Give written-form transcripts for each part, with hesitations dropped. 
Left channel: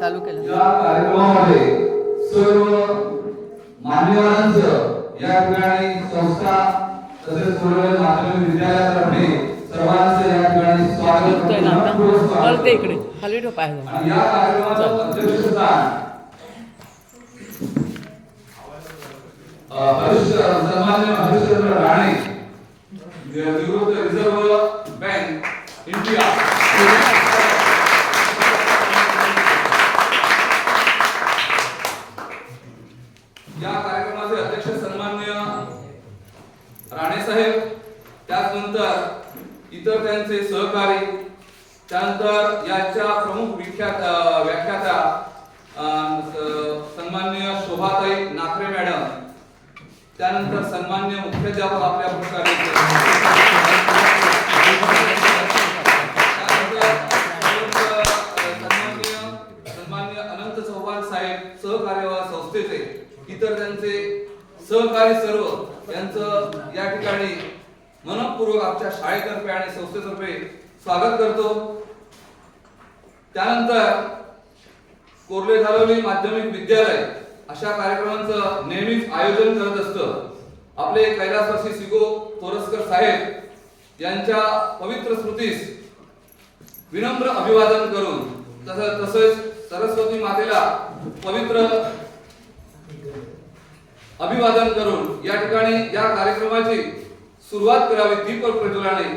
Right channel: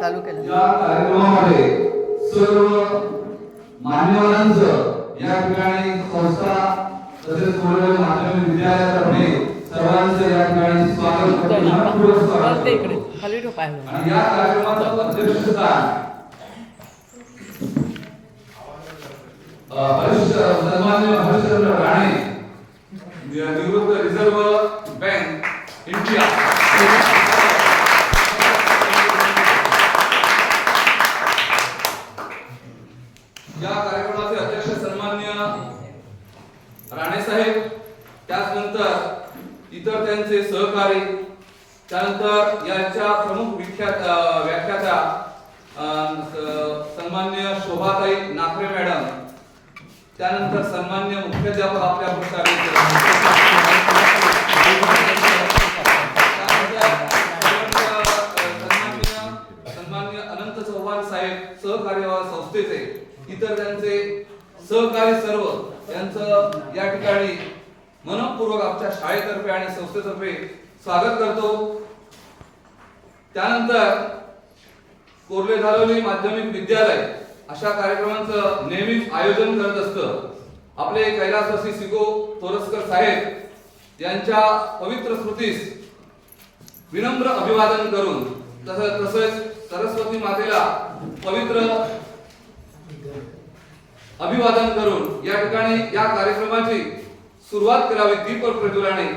चालू केलं. या कार्यक्रमामध्ये सर्व मान्यवरांचं या ठिकाणी संस्था तसेच कोल्हापूर माध्यमिक विद्यालयातर्फे सर्वांचं या ठिकाणी स्वागत करते. इकडे खाली ठेव पाय. आणि या कार्यक्रमाचं अध्यक्षस्थान सन्माननीय हरिश्चंद्र राणे, निवृत्त रिझर्व्ह बँक इंडिया, या कार्यक्रमाचे अध्यक्ष सन्माननीय राणे साहेब, त्यानंतर इतर त्यांचे सहकारी, त्यानंतर याच्या प्रमुख व्याख्याता सन्माननीय शोभाताई नाखरे मॅडम, त्यानंतर सन्माननीय मुख्याध्यापक आपल्या सन्माननीय अनंत चव्हाण साहेब, सहकार्य संस्थेचे इतर त्यांचे सहकारी सर्व यांचं या ठिकाणी मनपूर्वक आमच्या शाळेतर्फे आणि संस्थेतर्फे स्वागत करतो. त्यानंतर कोर्ले धालोली माध्यमिक विद्यालय अशा कार्यक्रमांचं नेहमीच आयोजन करत असतं. आपले कैलासवासी सिगो तोरसकर साहेब यांच्या पवित्र स्मृतीस विनम्र अभिवादन करून तसेच सरस्वती मातेला पवित्र अभिवादन करून या ठिकाणी या कार्यक्रमाची सुरुवात करावी दीप प्रज्वलनाने,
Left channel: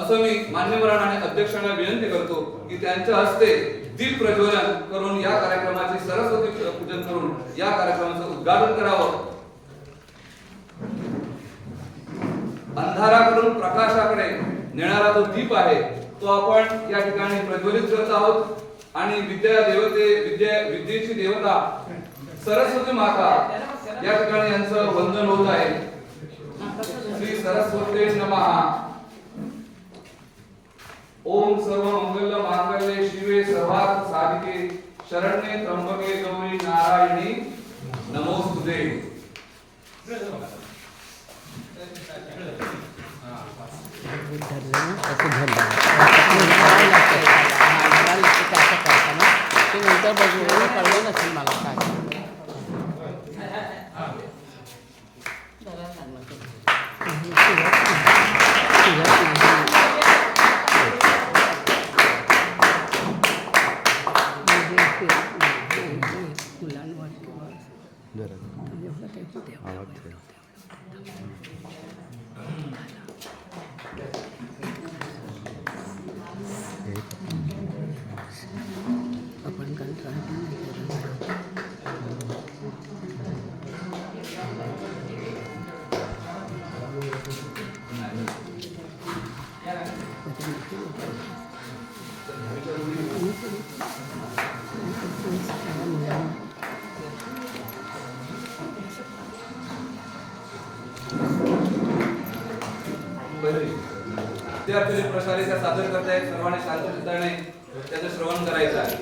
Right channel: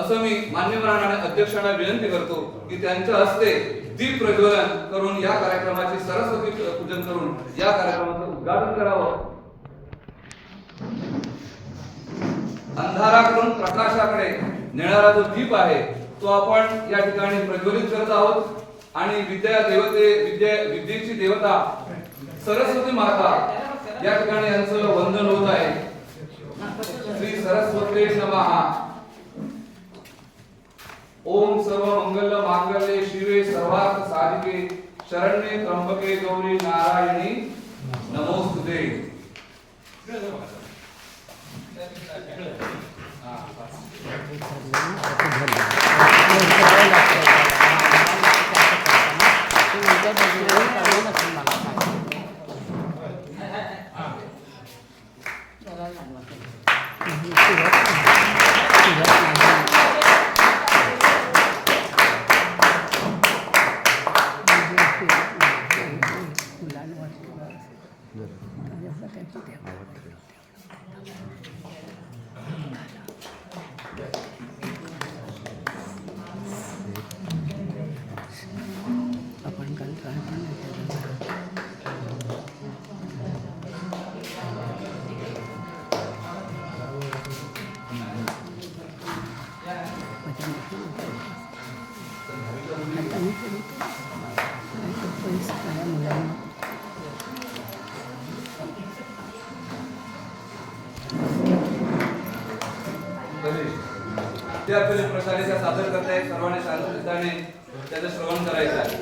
असं मी मान्यवरांना आणि अध्यक्षांना विनंती करतो की त्यांच्या हस्ते दीप प्रज्वलन करून या कार्यक्रमाचे सरस्वती पूजन करून या कार्यक्रमाचं उद्घाटन करावं. अंधाराकडून प्रकाशाकडे नेणारा जो दीप आहे तो आपण या ठिकाणी प्रज्वलित करत आहोत आणि विद्येची देवता सरस्वती माता या ठिकाणी यांचं वंदन होत आहे. श्री सरस्वती नमः. ओम सर्व मंगल मांगल्ये शिवे सर्वार्थ साधिके शरण्ये त्र्यंबके गौरी नारायणी नमोस्तुते. आपण विद्यार्थी प्रकारे सादर करतायत. सर्वांनी शांत चित्ताने त्याचं श्रवण करायचं आहे.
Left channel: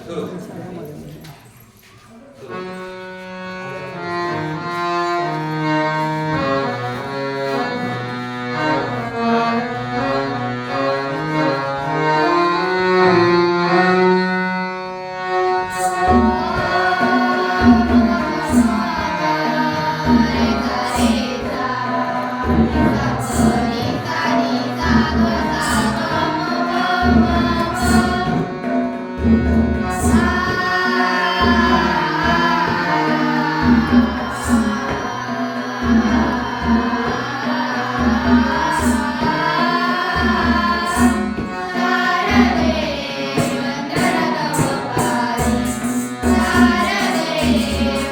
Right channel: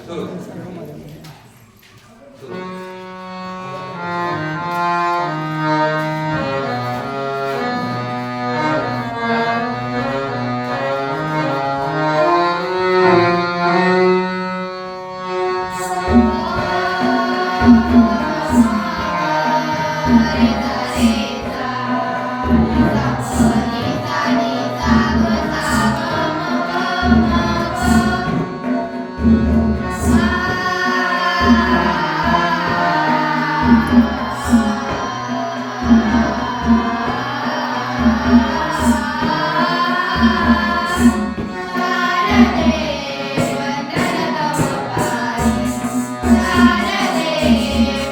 Sarade,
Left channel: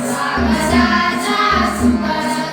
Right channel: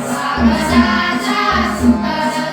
स्वागताचा सुखद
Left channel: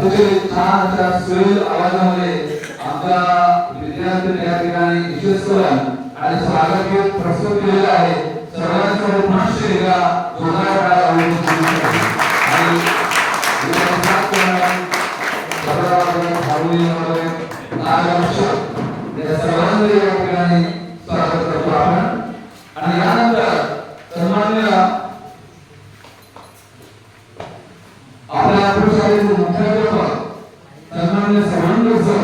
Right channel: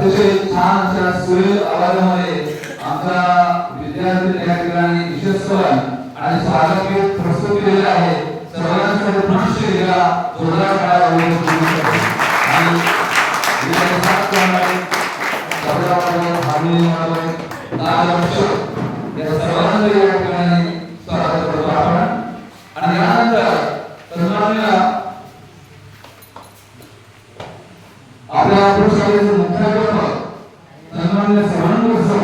अतिशय छान अशा सुरेल आवाजामध्ये आमचा विद्यार्थी या ठिकाणी विशेष करून आणि स्वागत गीत प्रस्तुत केलेलं आहे. सर्वांसाठी पुनश्च एकदा जोरदार टाळ्या होऊ शकतात. आणि विद्यार्थ्यांना या सर्वांचे या ठिकाणी स्वागत करतो आपण. आणि यानंतर सन्माननीय आपल्या पुरस्काराचे मुख्याध्यापक सन्माननीय सर्वांग सर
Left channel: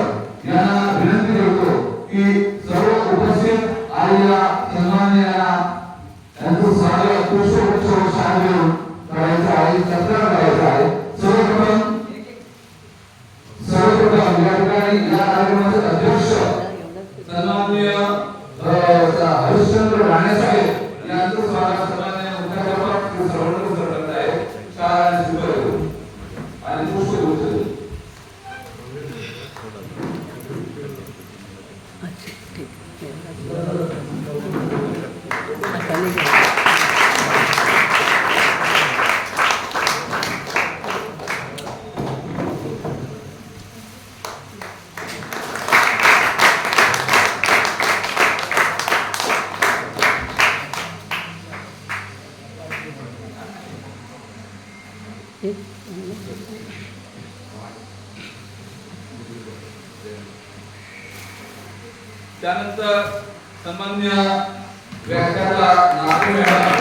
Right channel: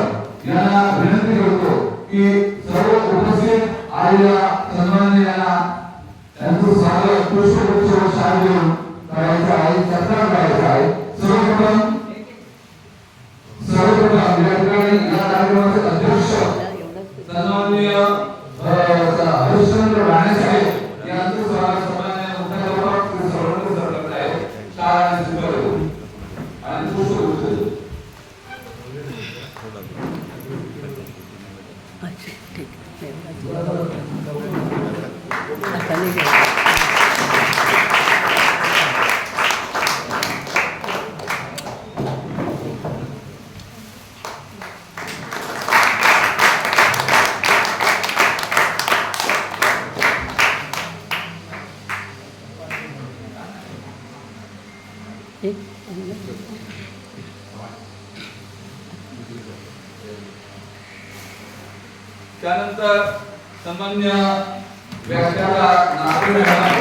यांना विनंती करतो की सर्व उपस्थित आलेल्या सन्माननीय यांचं स्वागत पुष्पगुच्छ शाल देऊन करायचं आहे, सत्कार करायचा आहे. सर्वप्रथम या ठिकाणी या कार्यक्रमाचे अध्यक्ष सन्माननीय हरिश्चंद्र राणे साहेब यांचं स्वागत सन्माननीय मुख्याध्यापक सर्वांग सर करत आहेत. शाळा स्वीकारतो आणि पुष्पगुच्छ त्यानंतर सन्मान्य व्याख्याता नागरे मॅडम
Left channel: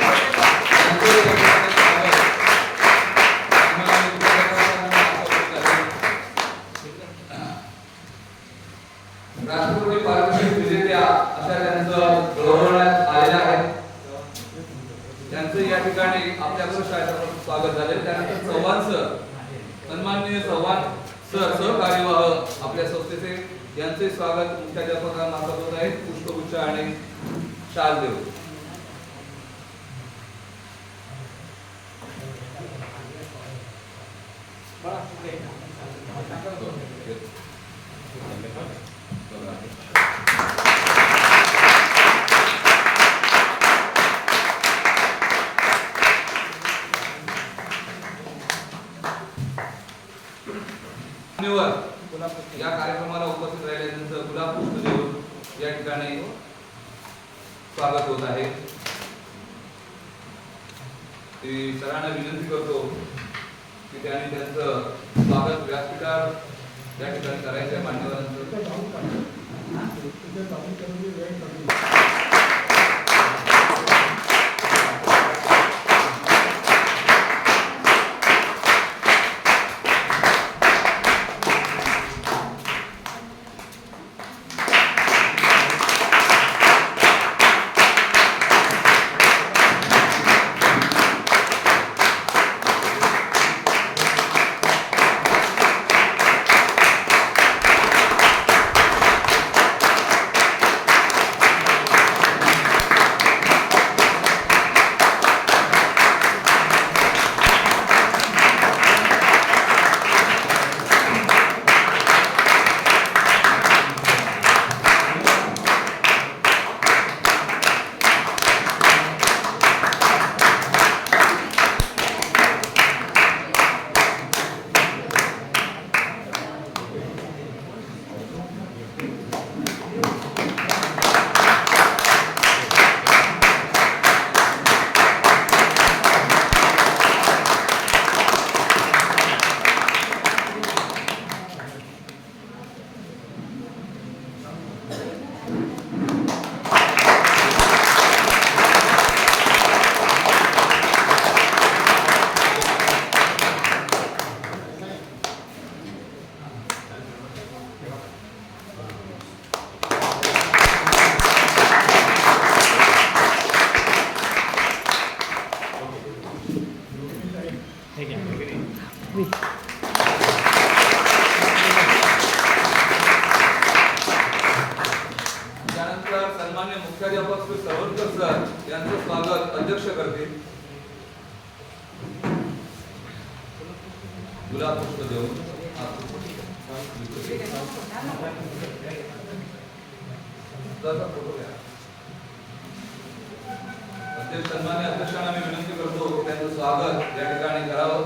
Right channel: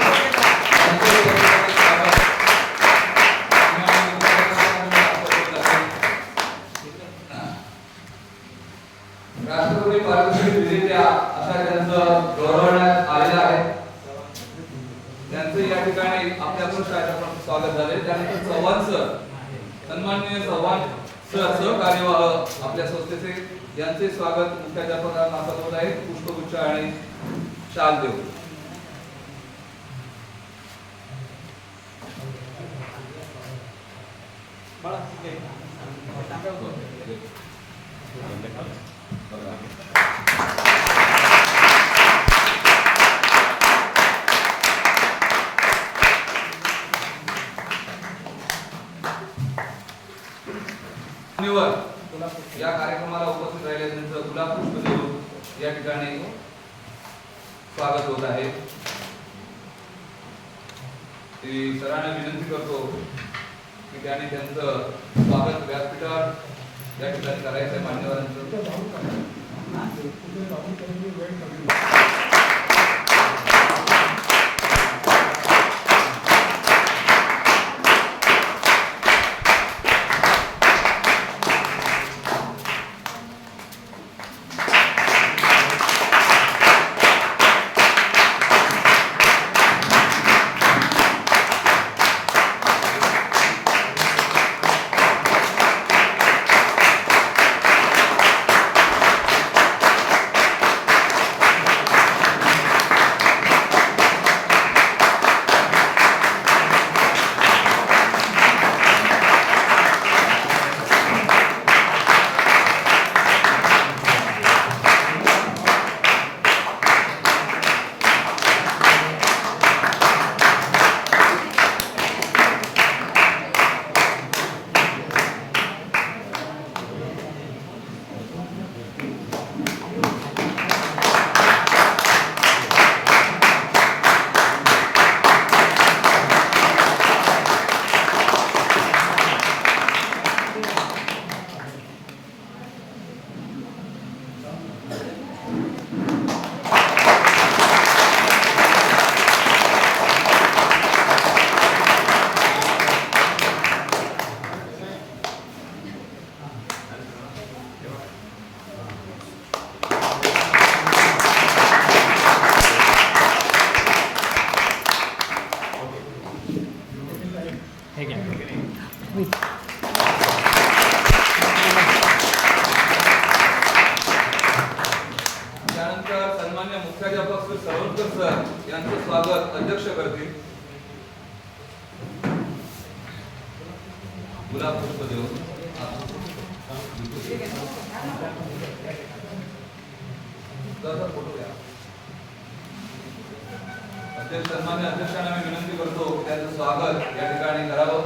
राष्ट्रपती पारितोषिक विजेत्या अशा त्यांचं गौरवण्यात आलेलं आहे. त्यांचे या ठिकाणी आपल्याकडून स्वागत झाले. त्यानंतर चव्हाण सर सन्माननीय चव्हाण सर सहकार्यवाह आपल्या संस्थेचे यांचे स्वागत मुख्याध्यापकांमार्फत होत आहे. पुष्पगुच्छ आणि शाल देऊ. या कार्यक्रमाला उपस्थित राहिले त्यांचं गुलाब पुष्प देऊन या ठिकाणी स्वागत होत आहे. सरांना विनंती करतो की त्यांनी त्यांचं स्वागत व्यासपीठावर या ठिकाणी करायचं मान्यवरांचं. त्यानंतर सन्माननीय मुख्याध्यापक श्री सर्वंकर सर यांचे स्वागत अध्यक्ष करतील. गुलाब पुष्प देऊन फोटो घ्या. सन्माननीय अध्यक्षांना मी विनंती करतो त्यांचं स्वागत या ठिकाणी करावं.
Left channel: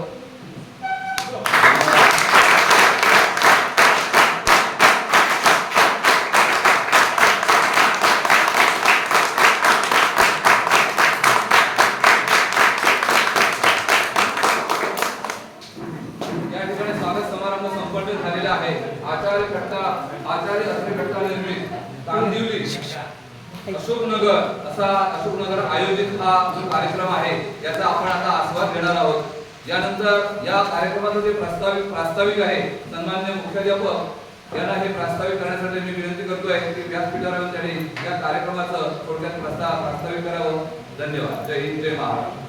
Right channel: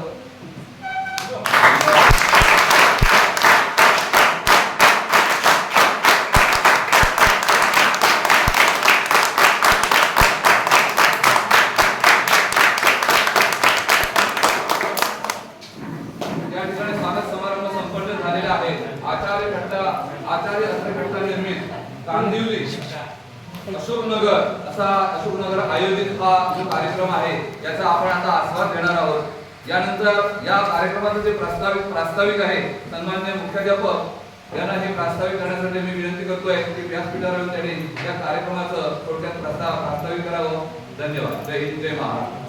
संस्था अशोकनगर आयोजित हा जो कार्यक्रम आहे याचा आपण आता आस्वाद घेणार आहोत. यानंतर या कार्यक्रमाचे जे प्रास्ताविक आहे सन्माननीय मुख्याध्यापक यांना हे प्रास्ताविक करण्यासाठी मी विनंती करतोय की व्यासपीठावर येऊन त्यांनी या कार्यक्रमाचं थोडक्यात प्रास्ताविक करावं. धन्यवाद. जय हिंद, जय महाराष्ट्र.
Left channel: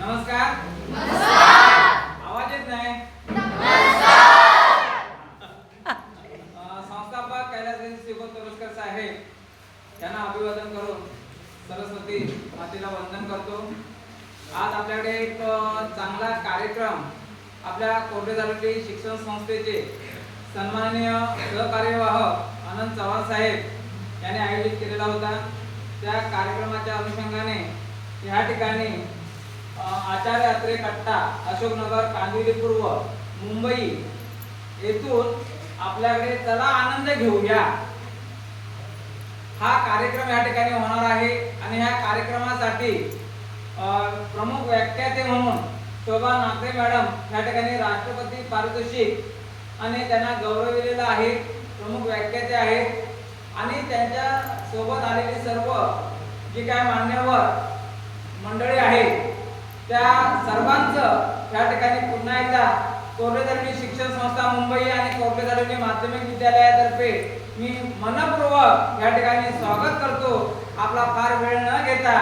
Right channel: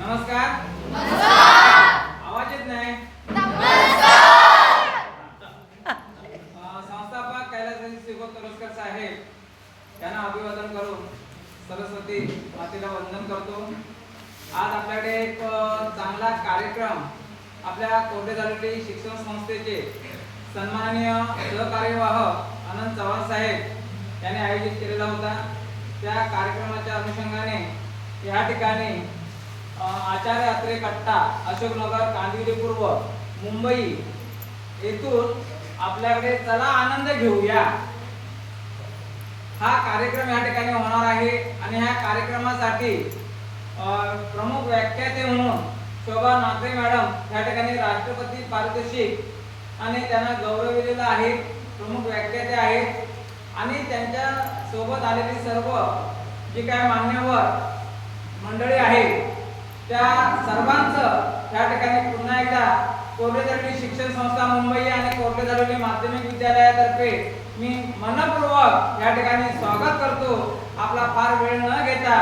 नमस्कार. आवाज येत नाही. संस्थापक कैलासवासी श्रीपाद तोरसकर साहेब यांना अभिवादन करून सरस्वती मातेला वंदन करतो. आज आपल्याकडे एक चांगला कार्यक्रम आपल्या कोरडेदारुली शिक्षण संस्थेचे सन्माननीय सहकार्यवाह आनंद चव्हाण साहेब यांनी आयोजित केलेला होता. त्या कार्यक्रमाच्या अनुषंगाने या ठिकाणी आचार्य अत्रे कट्टा अशोकनगर कांदिवली पूर्व मुंबई येथून आपल्याकडे चला आनंद घेऊया हा कार्यक्रम या ठिकाणी होणार आहे. आणि ह्या कार्यक्रमासाठी प्रमुख व्याख्याते म्हणून शोभा नागरे मॅडम या ठिकाणी राष्ट्रपती पारितोषिक आणि त्यांना गौरविलेलं आहे. प्रमुख व्याख्याते आहेत आणि त्यांच्या सोबत आलेली सर्व जी काय मान्यवर मंडळी आहेत त्या सर्वांचं या ठिकाणी पुन्हा एकदा कोरडेदारुली शिक्षण संस्था मुंबई आणि कोरडेदारुली माध्यमिक विद्यालयातर्फे मी मनपूर्वक या ठिकाणी स्वागत करतो. आपला फार वेळ न घेता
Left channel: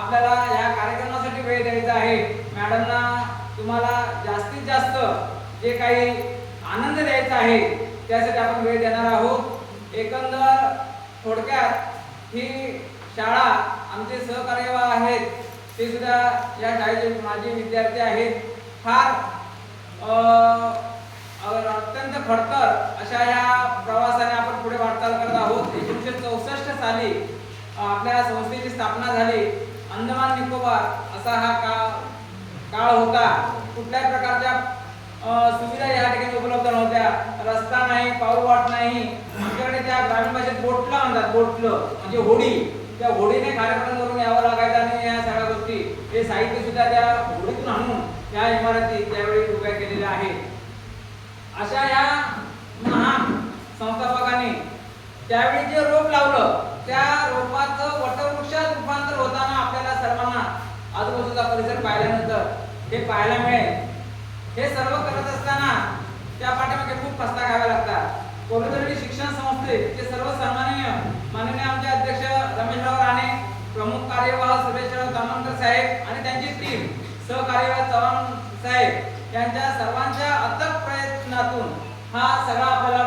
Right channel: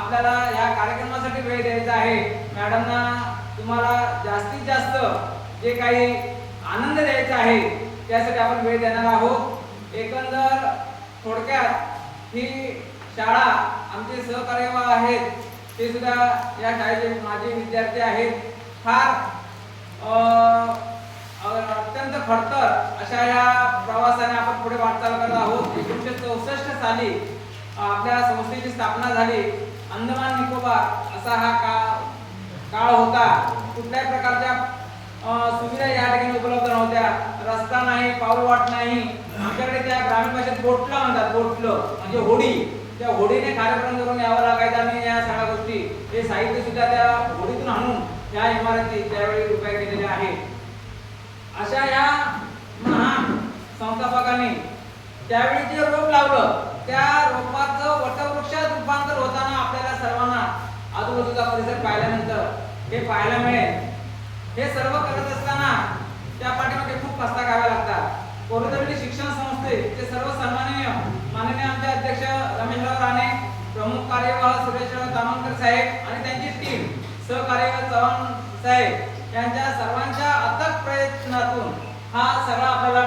आपल्याला या कार्यक्रमासाठी वेळ द्यायचा आहे. मॅडमना तुम्हाला जास्तीत जास्त जे काही आनंद द्यायचा आहे त्यासाठी आपण वेळ देणार आहोत. एकंदर थोडक्यात ही शाळा आमचे सहकार्यवाह आहेत ते सुद्धा या शाळेचे माजी विद्यार्थी आहेत. फार अत्यंत खडतर अशा या प्रवासाने आपण पुढे वाटचाल करत आहोत. 1964 साली आपल्या संस्थेची स्थापना झाली. अंदमान निकोबार असा हा काळ होता. कुठल्याही प्रकारच्या सुविधा या ठिकाणी उपलब्ध नव्हत्या. रस्ता नाही, पाऊलवाट नाही. आमच्याकडे त्या ग्रामीण भाषेत बोटलं म्हणतात. बोटलं म्हणजे होडी. त्या होडीने कार्यक्रम करून यावं लागायचं आणि या सगळ्या गोष्टी हे साहित्य सुद्धा त्या होडीतून आणून या इमारती त्यावेळी उभ्या केलेल्या आहेत. अशा या महान संस्थापकांनी त्यावेळी जे रोप लावलं त्या रोपाचं वटवृक्षात रूपांतर होताना आपल्याला सर्वांना आजूबाजूचा परिसर पाहिल्यानंतर हे पाहायला मिळेल. हे सर्व करत असताना त्या पाठीमागे खूप कष्ट घ्यावे लागतात. कोरडेदारुली शिक्षण संस्थेचे सर्व सन्माननीय माननीय आमचे अध्यक्ष रमेशराव राणे, प्रमुख कार्यवाह सुरेशराव तामणकर साहेब आणि त्यांची टीम, सहकार्यवाह चव्हाण साहेब यांच्या सर्वांच्या अथक प्रयत्नातून हा सगळा आपल्याला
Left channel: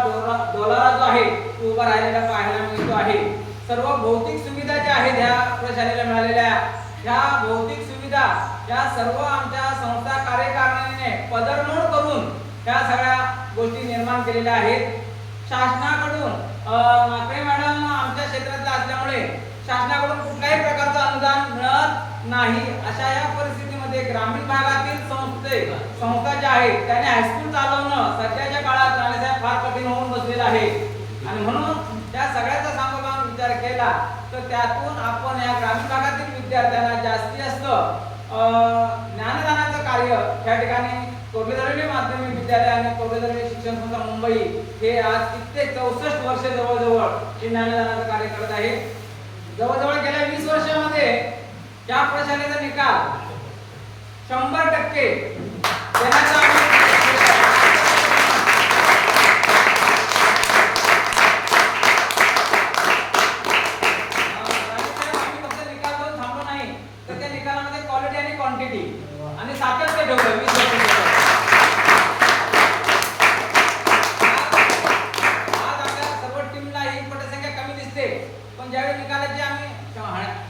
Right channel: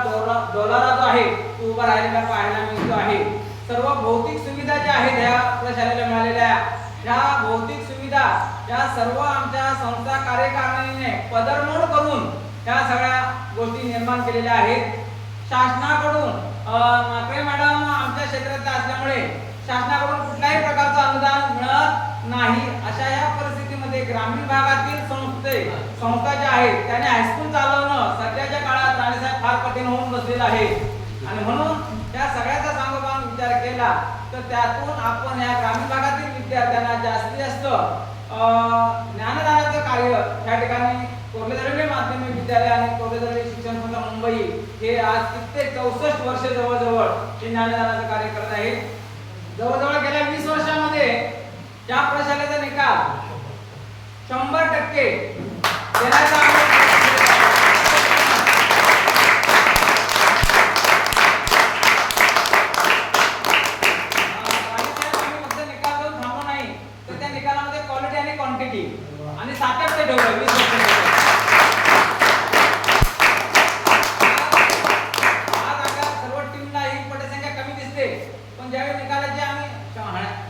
डोलारा जो आहे तो उभा राहिलेला पाहायला मिळतो आहे. सर्व भौतिक सुविधा ज्या आहेत ह्या प्रशालेला मिळालेल्या ह्या भौतिक सुविधा या सर्व आमच्या संस्था कार्यकारिणीने पदरमोड करून ह्या सगळ्या गोष्टी निर्माण केलेल्या आहेत. शासनाकडून नागरे मॅडम आमच्या क्षेत्रात असल्यामुळे शासनाकडून कुठल्याही प्रकारचं अनुदान मिळत नाही. अशा या परिस्थितीमध्ये ग्रामीण भागातील संस्था ज्या आहेत त्याने हायस्कूल चालवणं सध्याच्या काळात राहण्यासाठी फार कठीण होऊन बसलेलं आहे. आणि म्हणून त्या सगळ्याचा सांगोपांग विचार केला तर त्यातून आपण या ग्रामीण भागातील विद्यार्थ्यांना जास्तीत जास्त ज्ञानदानाचं कार्य या ठिकाणी कोरडेदारुली माध्यमिक विद्यालय आणि कोरडेदारुली शिक्षण संस्था मुंबई हे आज कित्येक 64 वर्षे जवळजवळ हे ज्ञानदानाचं कार्य करत आहे. जवळजवळ गेल्या 20 वर्षामध्ये त्या प्रशालेचा निकाल 100% देण्याचा फक्त निकाल देऊन थांबलो नाही तर त्या निकालामध्ये क्वालिटी आणि क्वांटिटी आणि सातत्य ठेवलं 20 वर्षाचं. आज आपल्या सर्व टीमला ही पटसंख्या कमी दिसते पण ज्यावेळी निकालाची आम्ही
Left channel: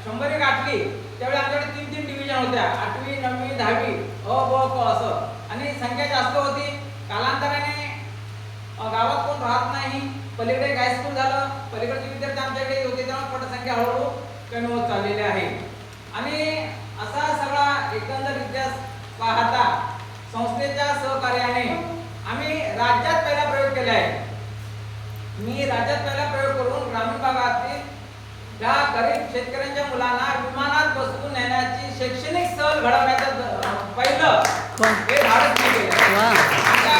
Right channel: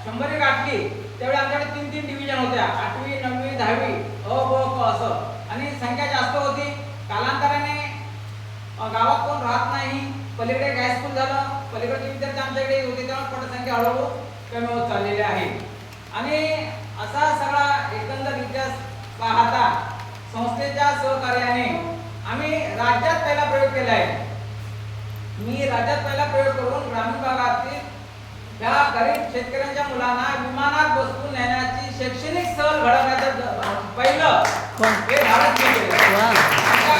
100 गाठली त्यावेळी आमच्याकडे 3 डिव्हिजन होत्या. 8वी 9वी 10वी अ ब क असं आणि संख्या जास्त होती. कालांतराने गावात कोण राहत नाही. पलीकडे हायस्कूल झालं. पलीकडचे विद्यार्थी आमच्याकडे होते तेव्हा पटसंख्या हळूहळू कमी होत चाललेली आहे. आणि असा सगळा एकंदर इतिहास पाहता संस्थेच्या सहकार्याने आम्ही राज्यात पहिला प्रयोग केला आहे. मी राज्यात पहिला प्रयोग करून ग्रामीण भागातील त्या गरीब शेतकऱ्यांच्या मुलांना विमानात बसवून नेण्याची शैक्षणिक सहल घडवण्याचं पहिलं वा. हे भारत केलं. वा. त्या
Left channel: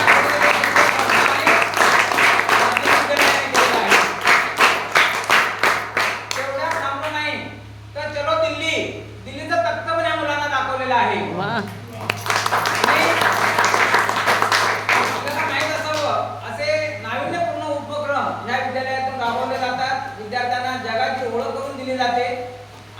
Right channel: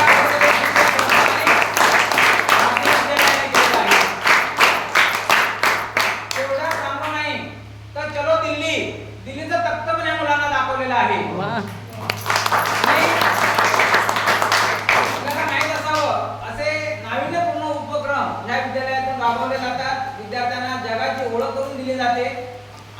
तेवढ्या थांबलं नाही तर चलो दिल्लीचं तख्त पण या मुलांना दाखवलेलं आहे. वा. आणि आपल्याला माहित असावं असे नाविन्यपूर्ण उपक्रम या विद्यालयातून राबवले जातात. विद्यार्थ्यांना जगाची ओळख करून दिली जाते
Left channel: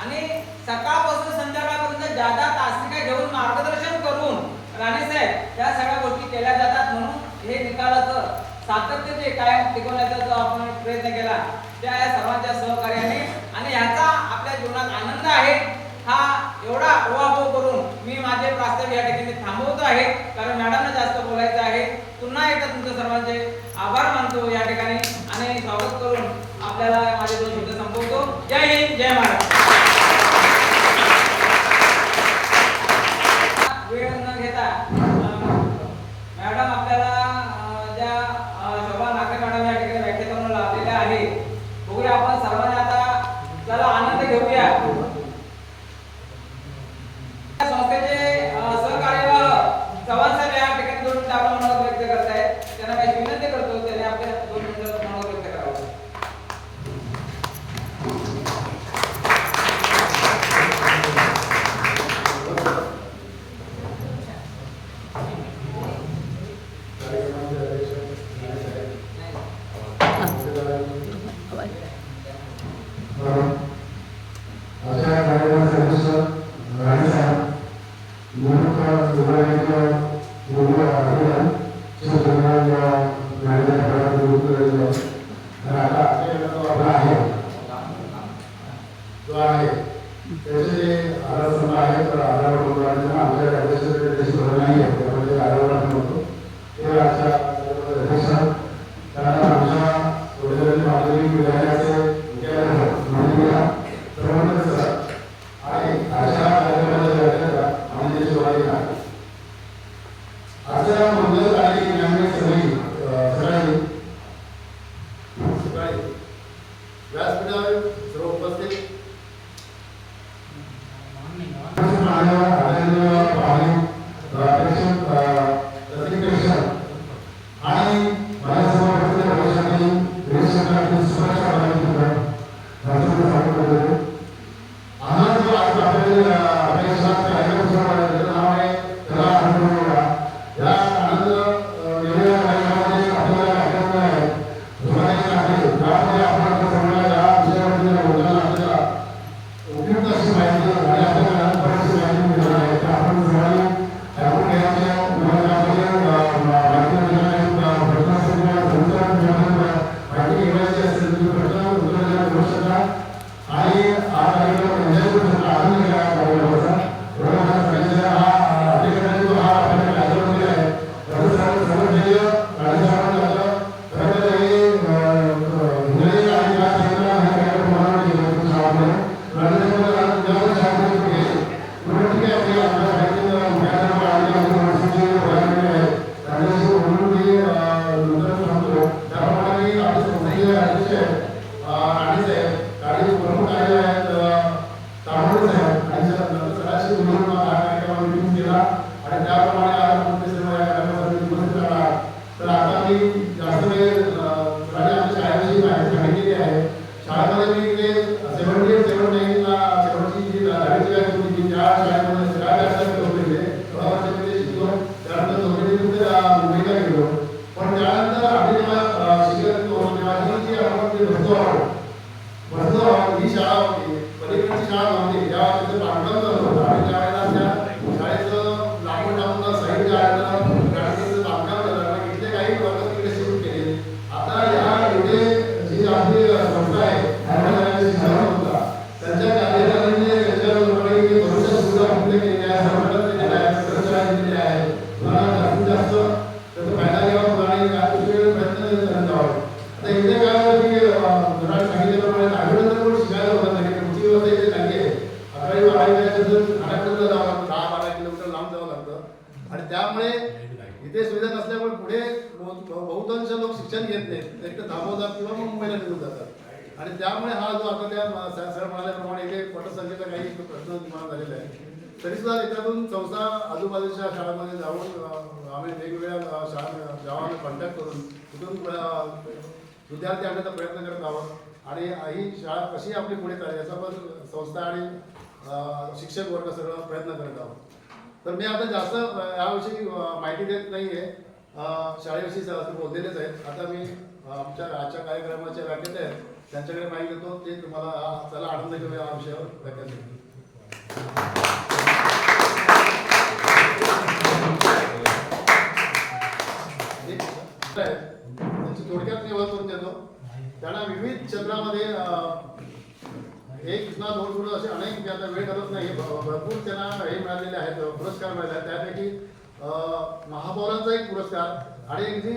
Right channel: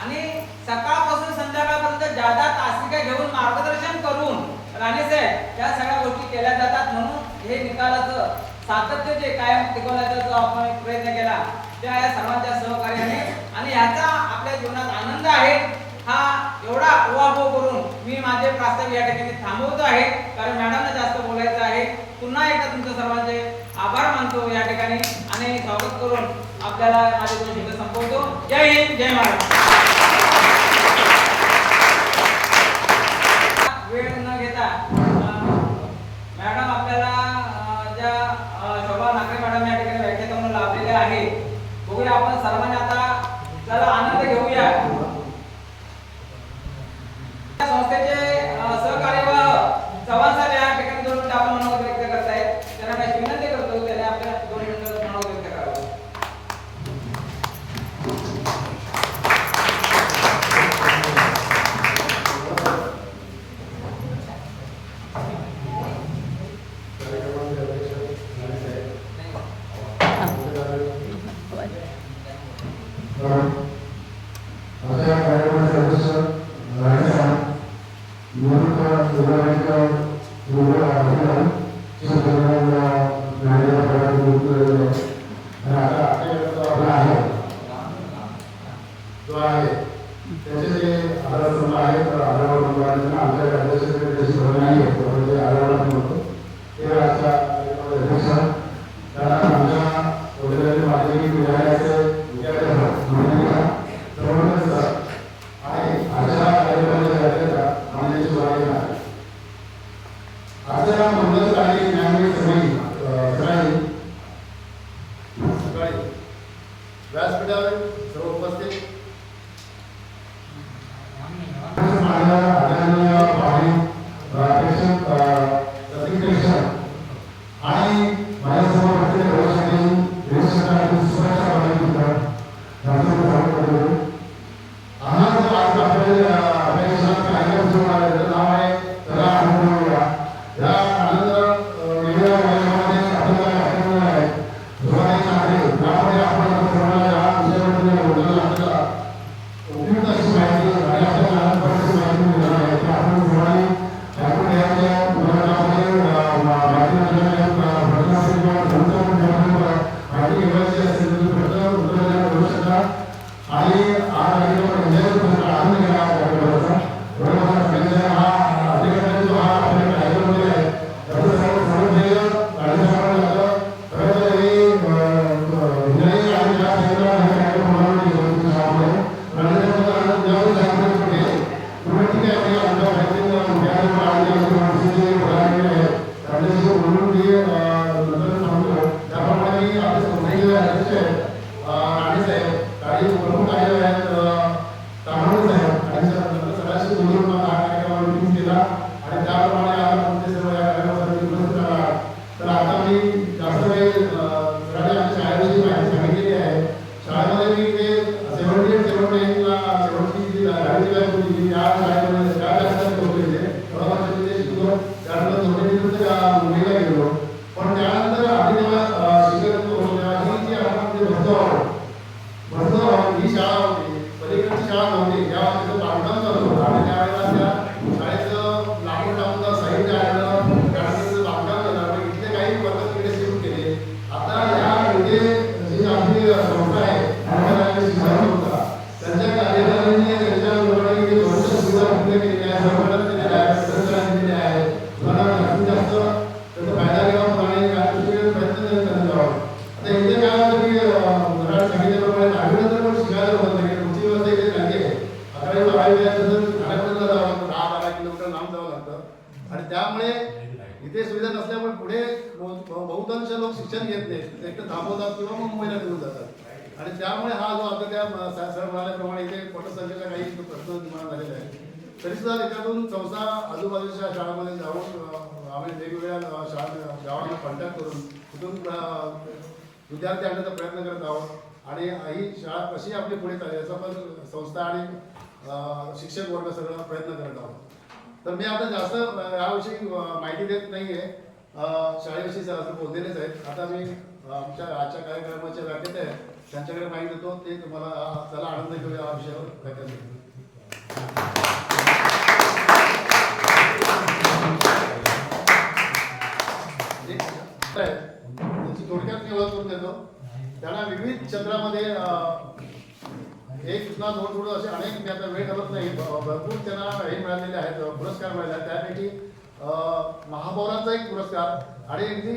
आणि सकाळपासून संध्याकाळपर्यंत जादा तासिका घेऊन मार्गदर्शन करून राणेसाहेब या सगळ्या गोष्टी केल्या जातात. म्हणून हे निकालाचं सातत्य जे कायम टिकवण्याचा जो आपण एक प्रयत्न केला त्या या सर्वांच्या सहकार्याने आणि ह्याचा आपल्या जीवनात आनंद आहे. हा एवढा उहापोह करून मी माझे प्रास्ताविक या ठिकाणी थांबवतो आहे कारण मॅडमला जास्त बोलायचं आहे. पुन्हा एकदा तुमच्या सर्वांचे आभार मानतो या ठिकाणी आणि स्वागत करून आपल्याला माझे दोन शब्द संपवतो. जय हिंद, जय महाराष्ट्र. वेळ न घेता मॅडम आपल्याला ज्या शोभा नागरे मॅडम या ठिकाणी व्याख्यान लाभलेल्या आहे. बघूया आपण सर्वांनी आता चला आनंद घेऊया. संस्थेचे सहकार्यवाह चव्हाण साहेब या ठिकाणी 2 मिनिटं आपण मनोगत व्यक्त करतायत. त्यांना मी विनंती करतो त्याने आपल्या 2 मिनिटं मनोगत व्यक्त करावं. इथे सुविधा नसल्यामुळे पुढे बहुतांश लोक शिक्षण घेत नाहीत, एक तर थांबवतात किंवा मुंबईला निघून जातात. आणि त्यामुळे हा जो आता त्या सर म्हणाल्याप्रमाणे इथे पटसंख्येचा काही प्रश्न निर्माण झालेला आहे. तरी सुद्धा त्याच्यातून संस्था आजूबाजूच्या शाळांमध्ये जाऊन आम्ही वेगवेगळ्या शाळा गावांना कॉन्टॅक्ट करून तिथून विद्यार्थी आणण्याचा प्रयत्न करत आहोत आणि ही शाळा कशी आपली पुढे चालेल याचा पण संस्था आणि शिक्षक वर्ग सगळं प्रयत्न करत आहोत. तर मी आता जास्त याविषयी माहिती देत नाही आहे. शाळेविषयी असं बोललेलेच आहेत. आता मी आमच्या आजच्या कार्यक्रमाचे व्याख्याते आहेत त्यांच्याकडे माहिती देतो, ते तुम्हाला चला आनंद घेऊया या विषयावर व्याख्यान देतो. त्यांची थोडक्यात मी ओळख करून देतो. त्यांना विविध क्षेत्रामध्ये एक ना दोन पुढं असे अनेक, मी आता वेळ करत नाही, भरपूर त्यांना हे मिळालेले आहेत, पुरस्कार मिळाले आहेत. त्यापैकी महापौरांचा एक पुरस्कार आणि अगदी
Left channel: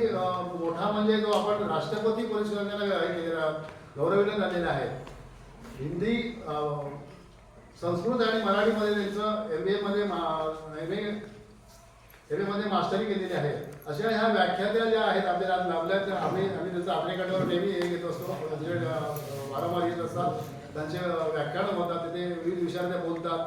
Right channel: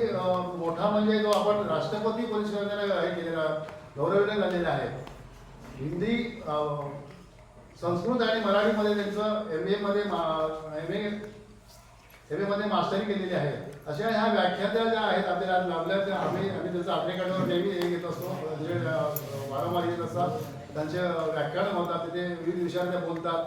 मोठा म्हणजे जो आपण राष्ट्रपती पुरस्काराला हे केलेला गौरवले झालेला आहे. हिंदी, संस्कृत आणि मराठीमध्ये त्यांचं MA मध्ये मास्टरी केलेली आहे. अशा ह्या व्याख्यात्या ज्या आहेत आपल्याला आज लाभल्या, त्या आम्ही त्याचं आपल्याकडे नेहमी हे घेत असतो, जे वारंवार येत असतात त्यांचे व्याख्यान होतात, तिथे विविध विषयावर त्या बोलतात.